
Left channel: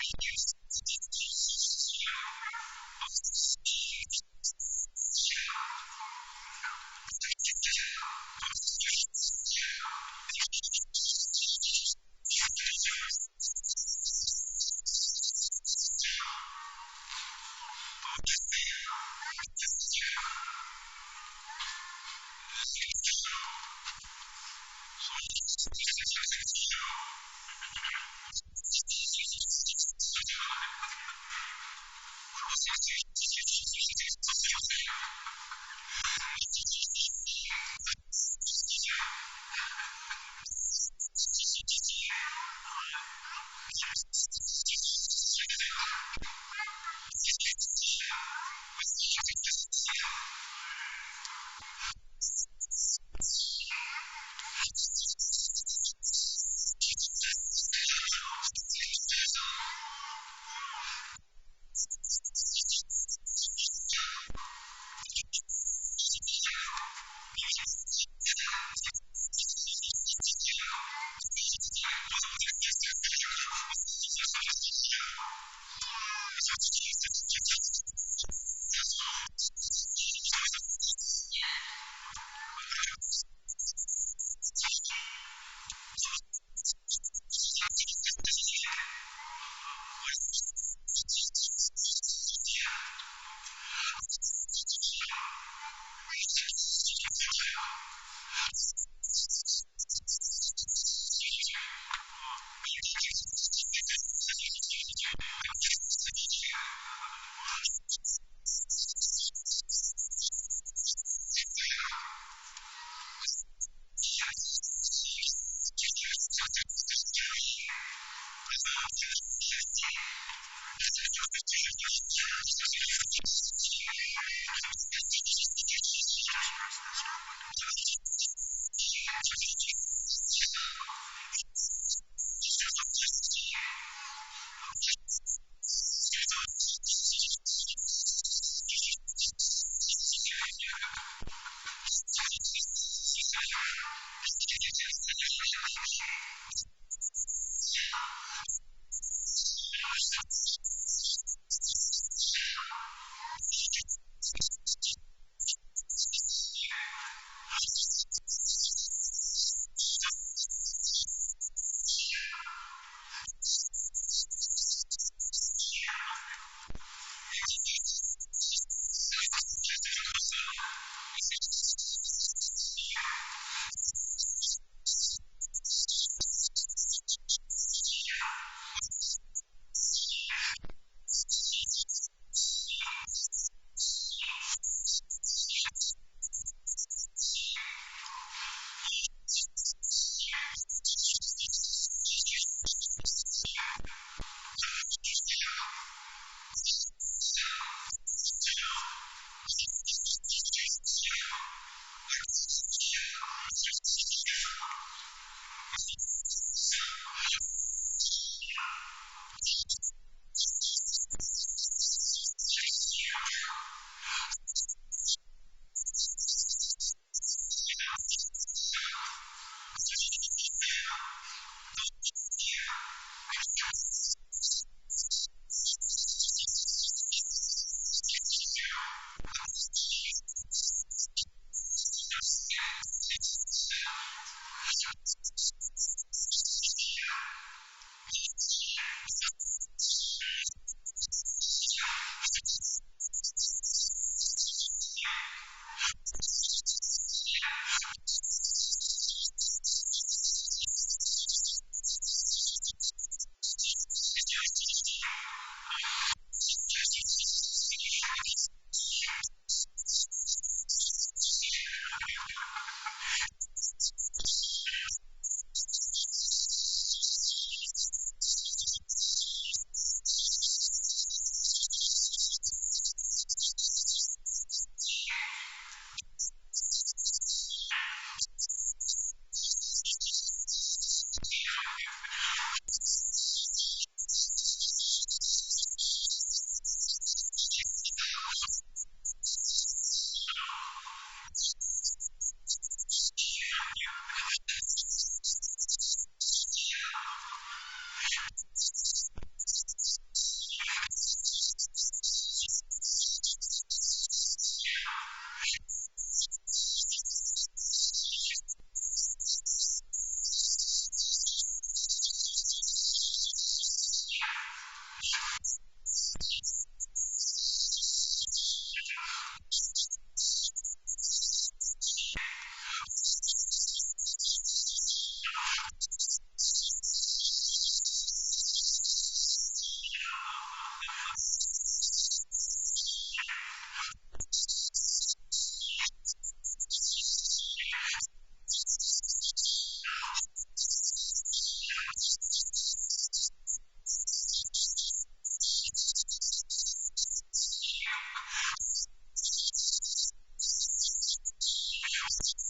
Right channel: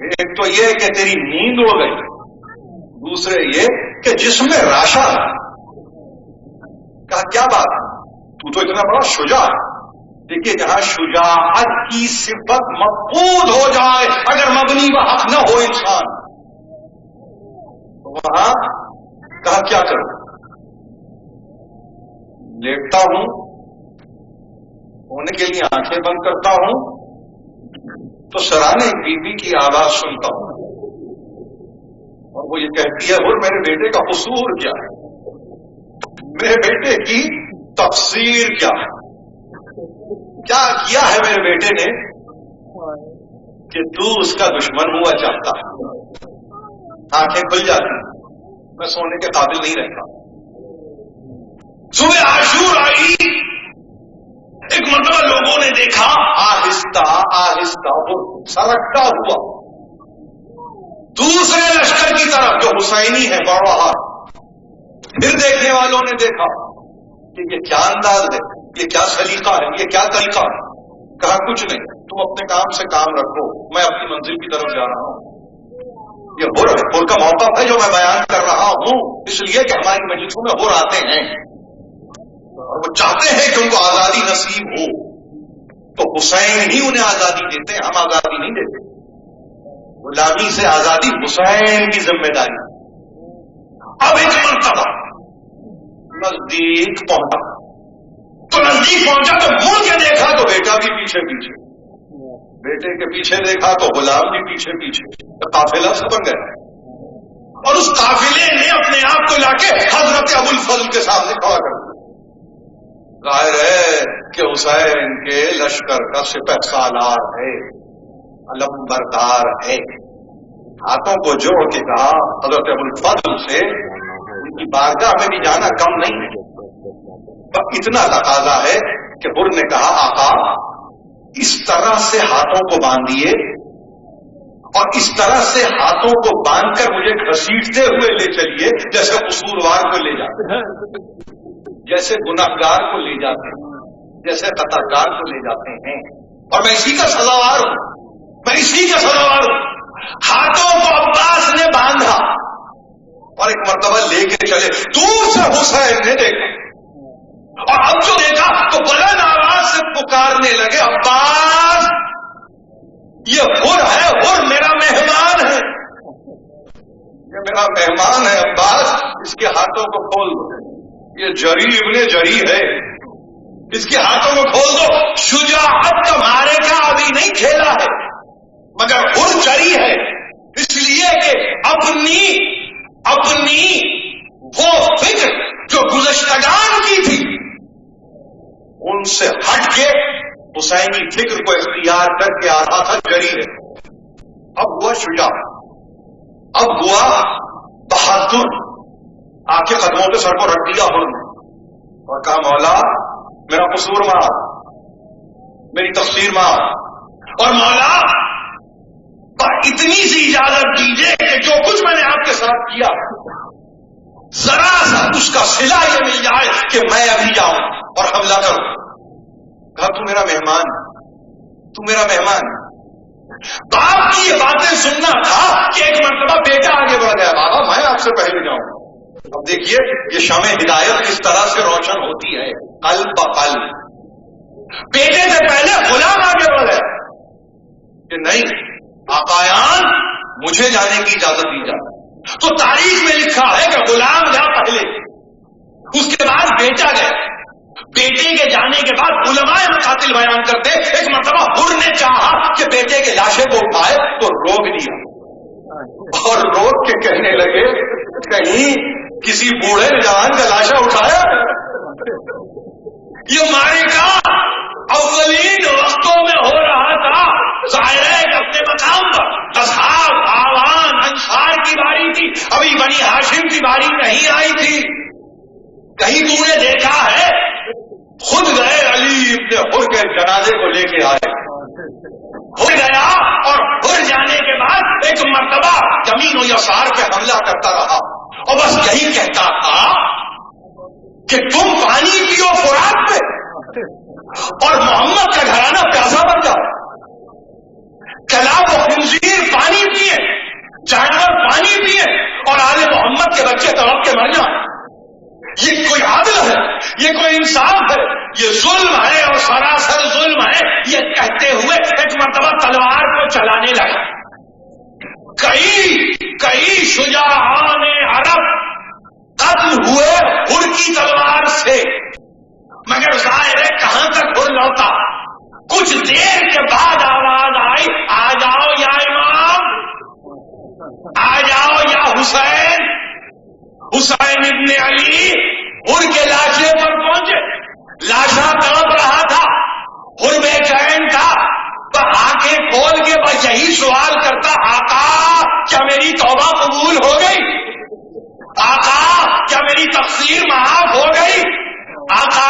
ایک تو یہ کہ تیری نیند ہو گئی دوسرے یہ کہ جسم میں راشا ہے. کہا کیا بات ہے تو اتنا بڑا شجاع ہے. دیکھیے جہاں شجاعت کی صفت مفقود ہو جائے اگر مبنی و حق نہ ہو انسان تو وہاں کہا کیا کروں لیٹتا ہوں سونے کے لیے آنکھیں بند کرتا ہوں تو سرانے بی بی کی آواز سنتا ہوں اور وہ یہ کہتی ہے اور میرے بیٹے کا قصور کیا ہے میرے بیٹے کی تقصیر کیا ہے کیا کیا ہے میرے بیٹے نے کہ تو اس کا دشمن ہوا چاہتا ہے. آنکھیں کھل جاتی میں سونے کے قابل نہیں رہتا. صبح عاشور آئی ایک مرتبہ لوگوں نے دیکھا آہستہ آہستہ اور سرکتا ہوا دوسرے لشکر کی طرف جو حسینی ہے بڑوہار. پھر دیکھنے والوں نے دیکھا کہ یہ کیا انداز ہے یہ کیا سلیقہ ہے یہ کیا طریقہ ہے. کہا کچھ نہیں تم اپنے کام سے کام رکھو میں اپنی منزل کی طرف جا رہا ہوں. یہ ہو رہا ہے حر کا موقف ہے جو میں بیان کر رہا ہوں اس لیے کہ ہماری مجلسوں میں حر آتے ہیں اور وہ چاہتے ہیں کہ ان کو آزادی نصیب ہو تو حسین ہی انہیں آزادی دیتے ہیں ہم آزادی نہیں دیتے. غلامی سے آزادی حسین کی ذمہ داری. اب ایک مرتبہ نزدیک پہنچا تو نزدیک پہنچا تو مڑ کے دیکھا تو بیٹا بھی پیچھے پیچھے بیٹے کے پیچھے دیکھا تو غلام بھی پیچھے پیچھے قافلہ سے بن گیا اور اس قافلے نے اپنے آپ کو لا کے حضرت ابو الفضل کے سامنے کھڑا کر دیا. ظاہر ہے کہ حسین کے لشکر کا سپہ سالار ہے علم بردار ہے. ہاتھوں کو جوڑ کے کہا حضرت ابو الفضل سے ان کی بارگاہ میں بھی جانا کم نہیں ہے. اتنا تقاضا ہے کہ حر نے کہا آقا اس طرح سے ہاتھوں کو باندھیے اور اس طرح سے ہاتھوں کو باندھ کر مجھے گھسیٹتے ہوئے لے چلیے جیسے قصوروار کو لے جاتے ہیں جیسے گناہگار کو لے جاتے ہیں جیسے قطعکار کو لے جاتے ہیں اور میں اسی کا سزاوار ہوں. ہاتھوں کو عباس نے باندھا اور ایک مرتبہ لے کے چلے. دور سے حسین نے دیکھا اور اب جو دیکھا تو بلند جری ابن جری ہے، اس کے ہاتھوں کو کھول دو. شجاعت کا مارے کا ابھی نہیں کھیلا ہے، مگر حر جری ہے، اس لیے کہ اپنی وہ فکر جو گزشتگان کی تھی ان سے ہٹ کے حسینی فکر کو اختیار کر کے آ رہا تھا. جری ہے. اب ہوا شجاع، اب ہوا بہادر. آ کے قدموں پہ سر کو رکھ دیا حر نے اور کہا مولا میرا قصور معاف، میری تقصیر معاف، اور مولا اتنی سی اجازت دیجیے کہ جو کچھ میں نے آپ کے ساتھ کیا ذرا سا اس کا صلہ یہ مل جائے کہ میں ابھی جاؤں اور حملہ کروں. کہا تو میرا مہمان ہے، تو میرا مہمان ہے. باپ کی یہ باتیں سننا تھا کہ ایک مرتبہ بیٹا آگے بڑھ گیا، بابا میں آپ سے پہلے جاؤں. اب دیکھیے یہ شمع ہدایت کس طرح سے روشن ہوتی ہے قلب بقلب. بیٹے سے پہلے غلام آگے بڑھ گیا کہ نہیں آقایان مجھے جانے کی اجازت دی جائے. تو تاریخ میں لکھا ہے کہ غلام گیا پہلے، اس کے بعد بیٹا گیا. بیٹے کے جانے کے بعد علماء مقاتل بیان کرتے ایک مرتبہ حر نے چاہا کہ بیٹے کے لاشے کو اٹھائے تو روک دیا اور روک کے کہنے لگے کہیں کسی بوڑھے جوان کا لاشا اٹھایا. یہ معرکہ اولین وقتوں میں ہو رہا تھا. ظاہر ہے کہ اپنے مقام پر اصحاب آوان انصار کی باری تھی، ابھی بنی ہاشم کی باری نہیں آئی تھی. کہیں تو نے دیکھا ہے خود گئے علی ابن حر کے جنازے کو لے کے آئے. حر گیا اور حر جانے کے بعد ایک مرتبہ یمین و یسار پہ حملہ کرتا رہا اور بس یہی کہتا تھا کہ تم پانی پیو فرات پہ اور محمد کا گھرانہ پیاسا بن جاؤ. کلاب و خنزیر پانی پیے، جانور پانی پیے اور آل محمد کے بچے تڑپ کے مر جائیں. یہ کوئی عادل ہے؟ یہ کوئی انصاف ہے؟ یہ ظلم ہے اور سراسر ظلم ہے. یہ کہتے ہوئے ایک مرتبہ تلوار کو چلانے لگا. کئی شجاعان عرب قتل ہوئے حر کی تلوار سے، مگر ظاہر ہے کہاں تک حر لوٹا. کچھ دیر کے بعد آواز آئی آ جاؤ یا امام، آ جاؤ یا حسین. حسین ابن علی حر کے لاشے پر پہنچے. لاشا تڑپ رہا تھا، حر بے چین تھا. آنکھیں کھول کے بس یہی سوال کرتا آقا کیا میری توبہ قبول ہو گئی؟ آقا کیا میری تقصیر معاف ہو گئی؟ آقا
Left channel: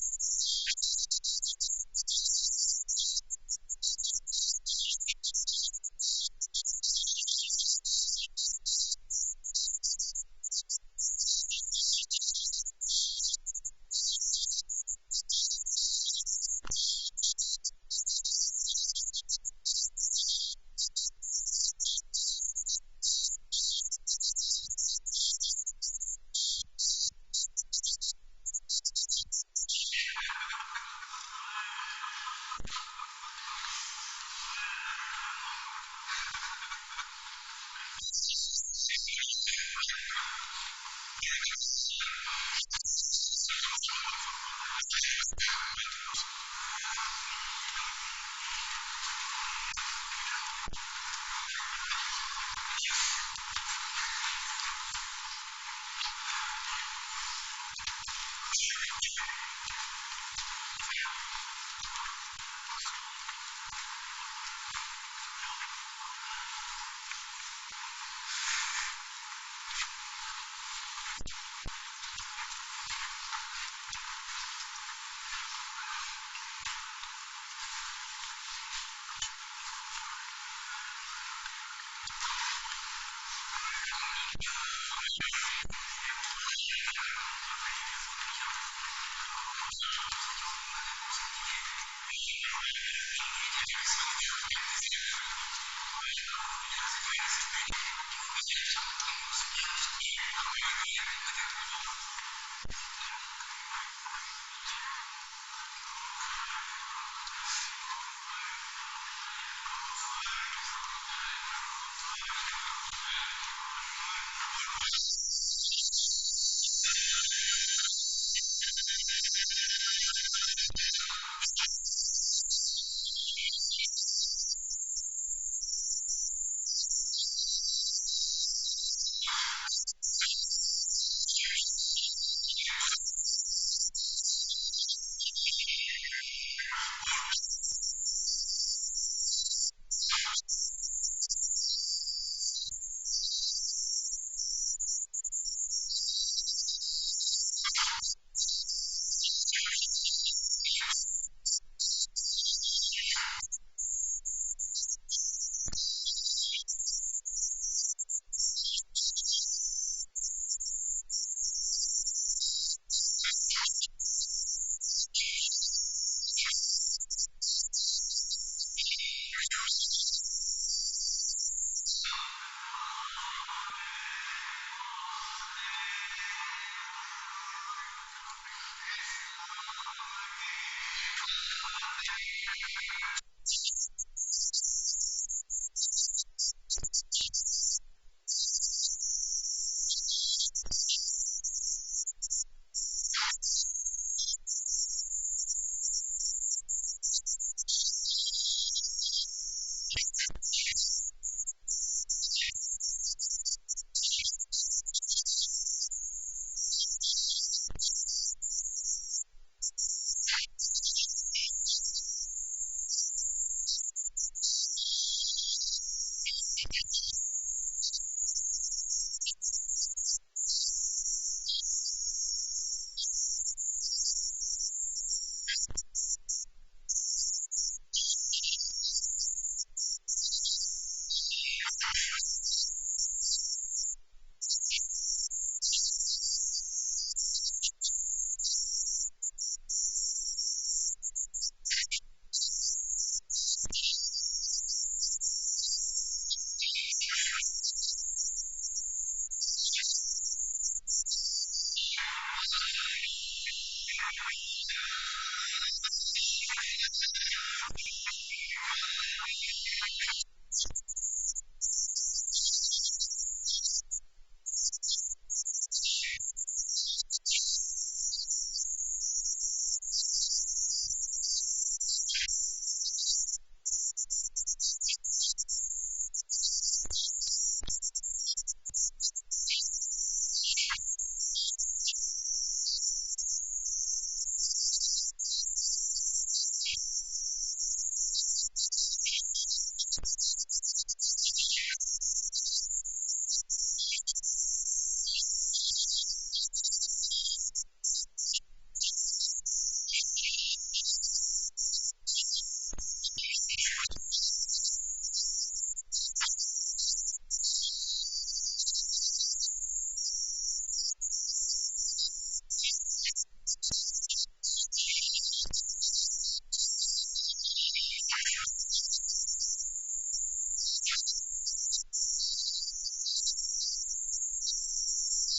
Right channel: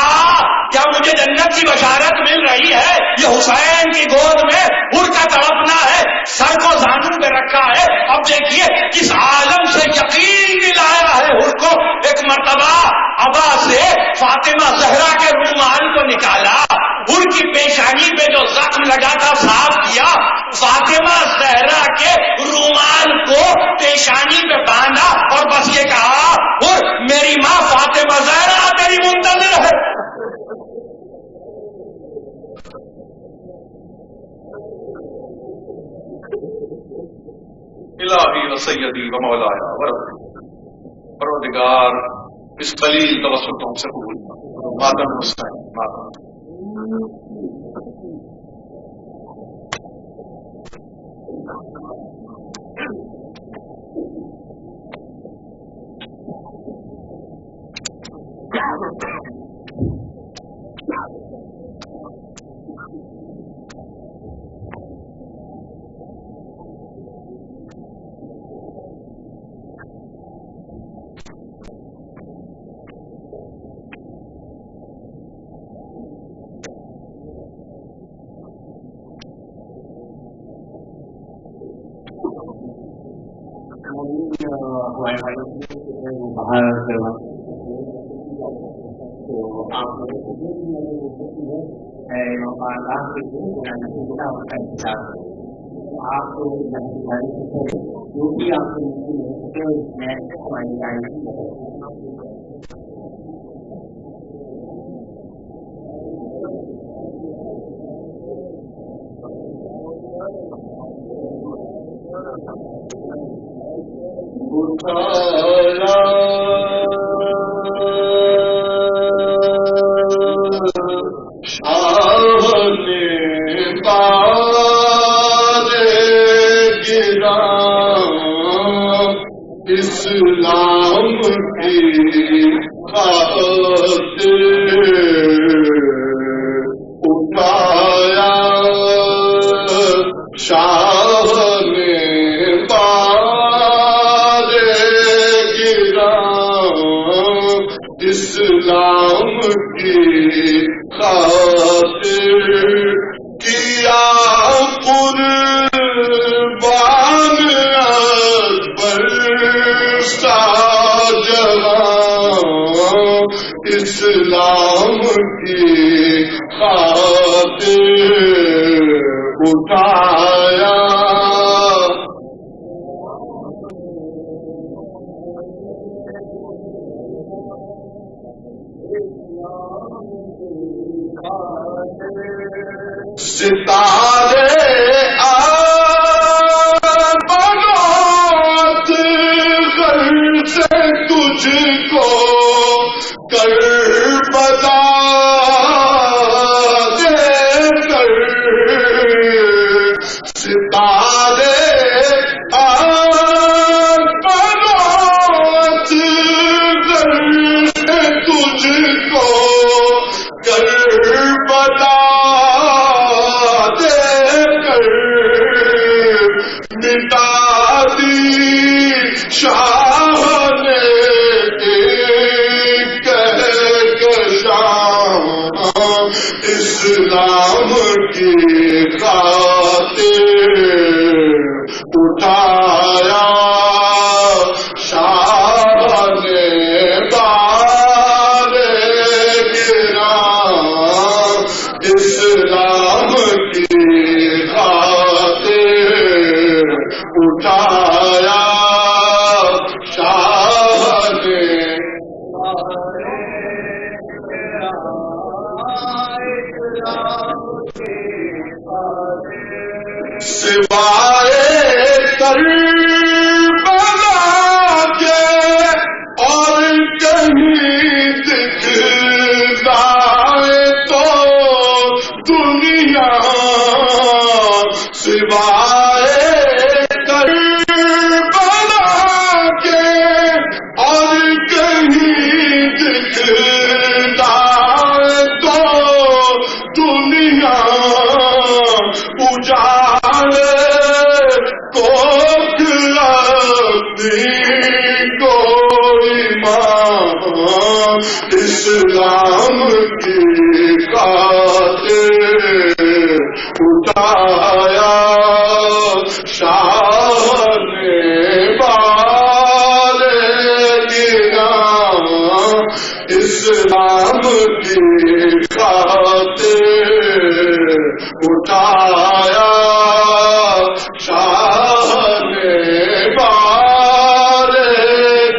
کیا مجھے جنت کی بشارت مل رہی ہے؟ یہ حسین کی گود میں حر کا تڑپنا ہے، سر کو زانوں پہ رکھا ہے. اب دیکھیے کس عالم سے یقین دلایا ہے حر کو. ایک مرتبہ ابا سے فاطمہ زہرا کے رومال کو نکالا، حر کی پیشانی پہ جو زخم لگا تھا صاف کیا. فاطمہ زہرا کے رومال کو پیشانی پہ باندھا اور بس یہ کہا حر میری ماں فاطمہ زہرا تیری منتظر ہے. الہی و سیدی و مولایا و ربی، پروردگار اس قلیل توسل کو ہم سے قبول فرما. ماتم حسین، ماتم حسین. ہمارے والے وہ باہر کروا تو آپ لوگوں سے جو بھی مدد ہو سکتی ہے امام بارگاہ کے لیے جناب سیدہ اس کا انتظار کریں. تو آپ یہاں سے جانے سے پہلے جو بھی آپ سے ممکن ہو سکے اس میں ہماری ادارے کی مدد کریں. خاطر کیا قربان اکبر شاہجہاں اسلام کی خاطر اٹھایا ستارے آباد گھر سے تجھ کو کربلا دے کر ستارے آباد گھر سے تجھ کو کربلا اسلام کی خاطر اٹھایا شاہ نے بار گراں اسلام کی خاطر اٹھایا شاہ نے سوائے کربلا کے اور کہیں دکھلائے تو دنیا سوائے کربلا کے اور کہیں دکھلائے تو دنیا اسلام کی خاطر اٹھایا شاہ نے بار گراں اسلام کی خاطر اٹھایا شاہ نے بار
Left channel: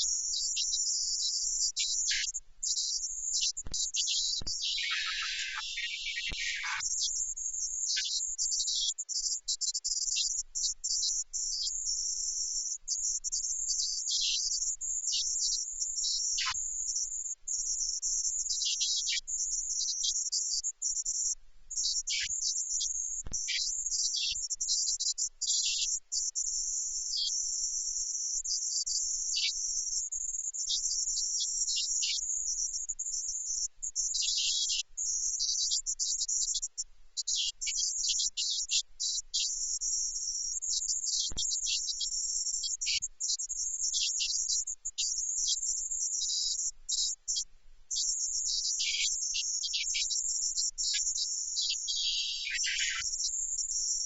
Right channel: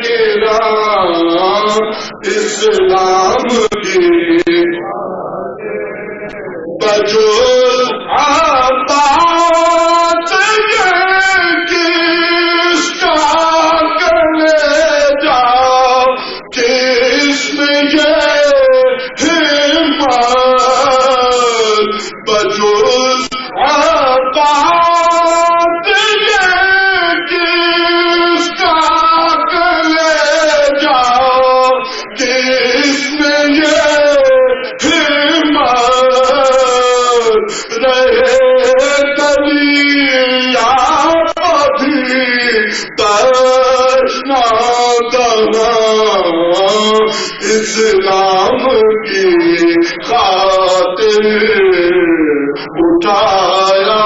گراں اسلام کی بجوز عباس یہ کس کا کلے جاؤ کس میں یہ ہمت بجوز عباس یہ کس کا کلے جاؤ کس میں یہ ہمت رہے دریا بھی تشنا دہاں اسلام کی خاطر اٹھایا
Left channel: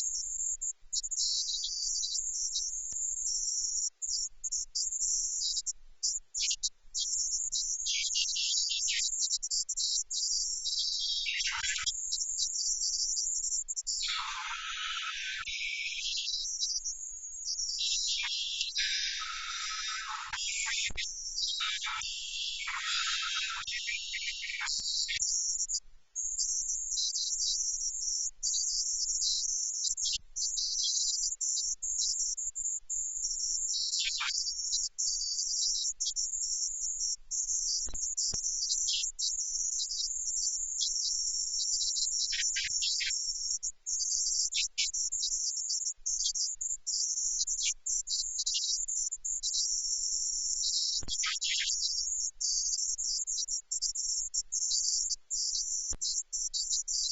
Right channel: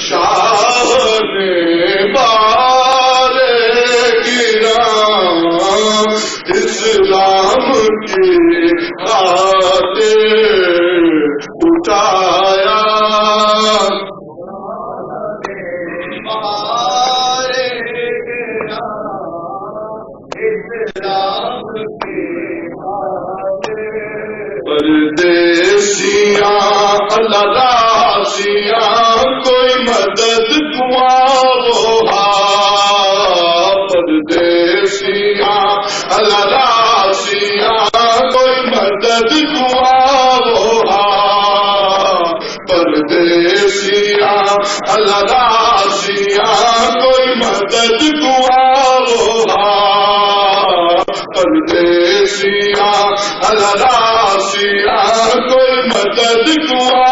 شاہ نے بار گراں اسلام کی خاطر اٹھایا بار گراں اسلام کی خاطر پردیسیاں اللہ راسیاں کوئی مدد دعا پردیسیاں اللہ راسیاں کوئی مدد دعا پردیسیاں اللہ راسیاں کوئی مدد دعا پردیسیاں اللہ راسیاں کوئی مدد دعا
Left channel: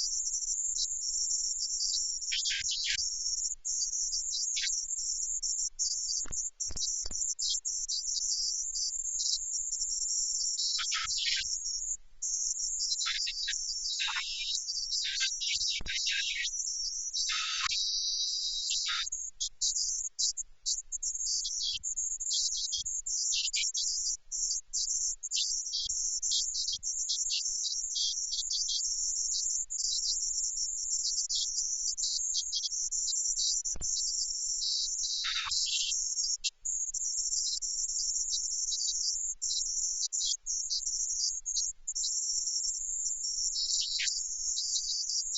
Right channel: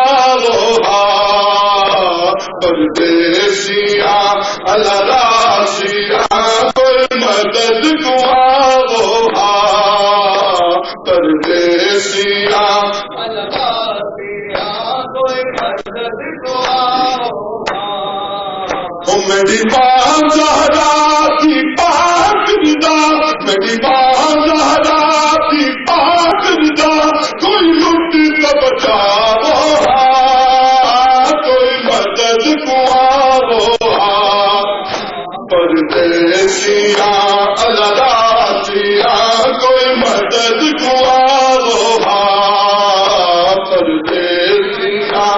پردیسیاں اللہ راسیاں کوئی مدد دعا پردیسی میری ماں زہرا کی پاک رضا، میری ماں زہرا کی پاک رضا، کوئی لٹ تو بچاؤ کوئی مدد کو آؤ پردیسیاں الراسیاں کوئی مدد کو آؤ پردیسیاں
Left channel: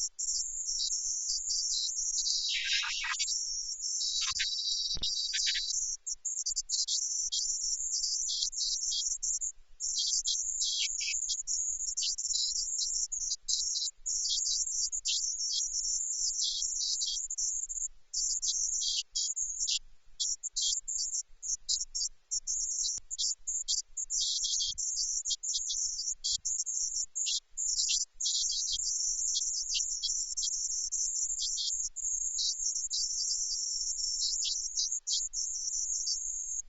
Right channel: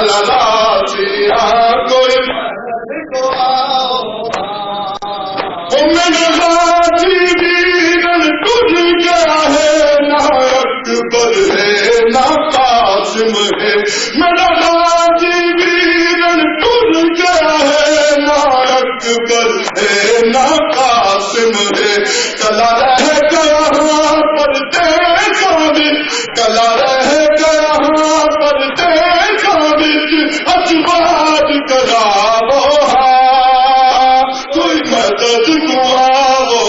الراسیاں کوئی مدد کو آؤ میرے غازی ویرن ٹر گیا ہے، نہ اکبر ہے نہ قاسم ہے، میرا غازی ویرن ٹر گیا ہے، نہ اکبر ہے نہ قاسم ہے، کلا رہ گیا پردیساں وچ، کلا رہ گیا پردیساں وچ، اجواد کراو کوئی مدد کو آو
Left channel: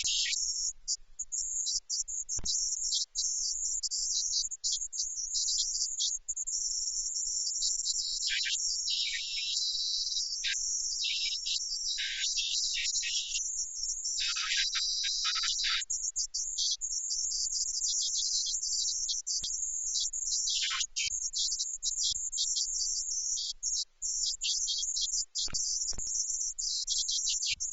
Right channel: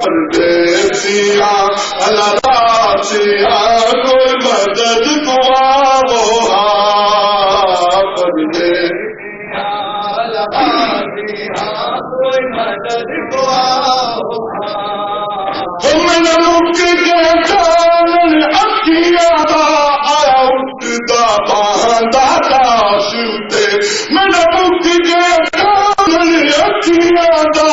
پردیسیاں الراسیاں کوئی مدد کو آو پردیسیاں الراسیاں کوئی مدد کو آو میرے مک کے چانن اکھیاں دا آیا اٹھدا باہندا داش اتے، میرے مک کے چانن اکھیاں دا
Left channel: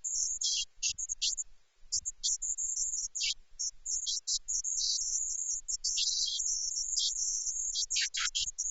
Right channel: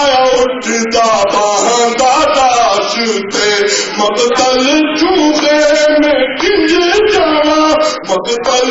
آیا اٹھدا باہندا داش اتے، مقتل چوخے میں کنج جاواں مقتل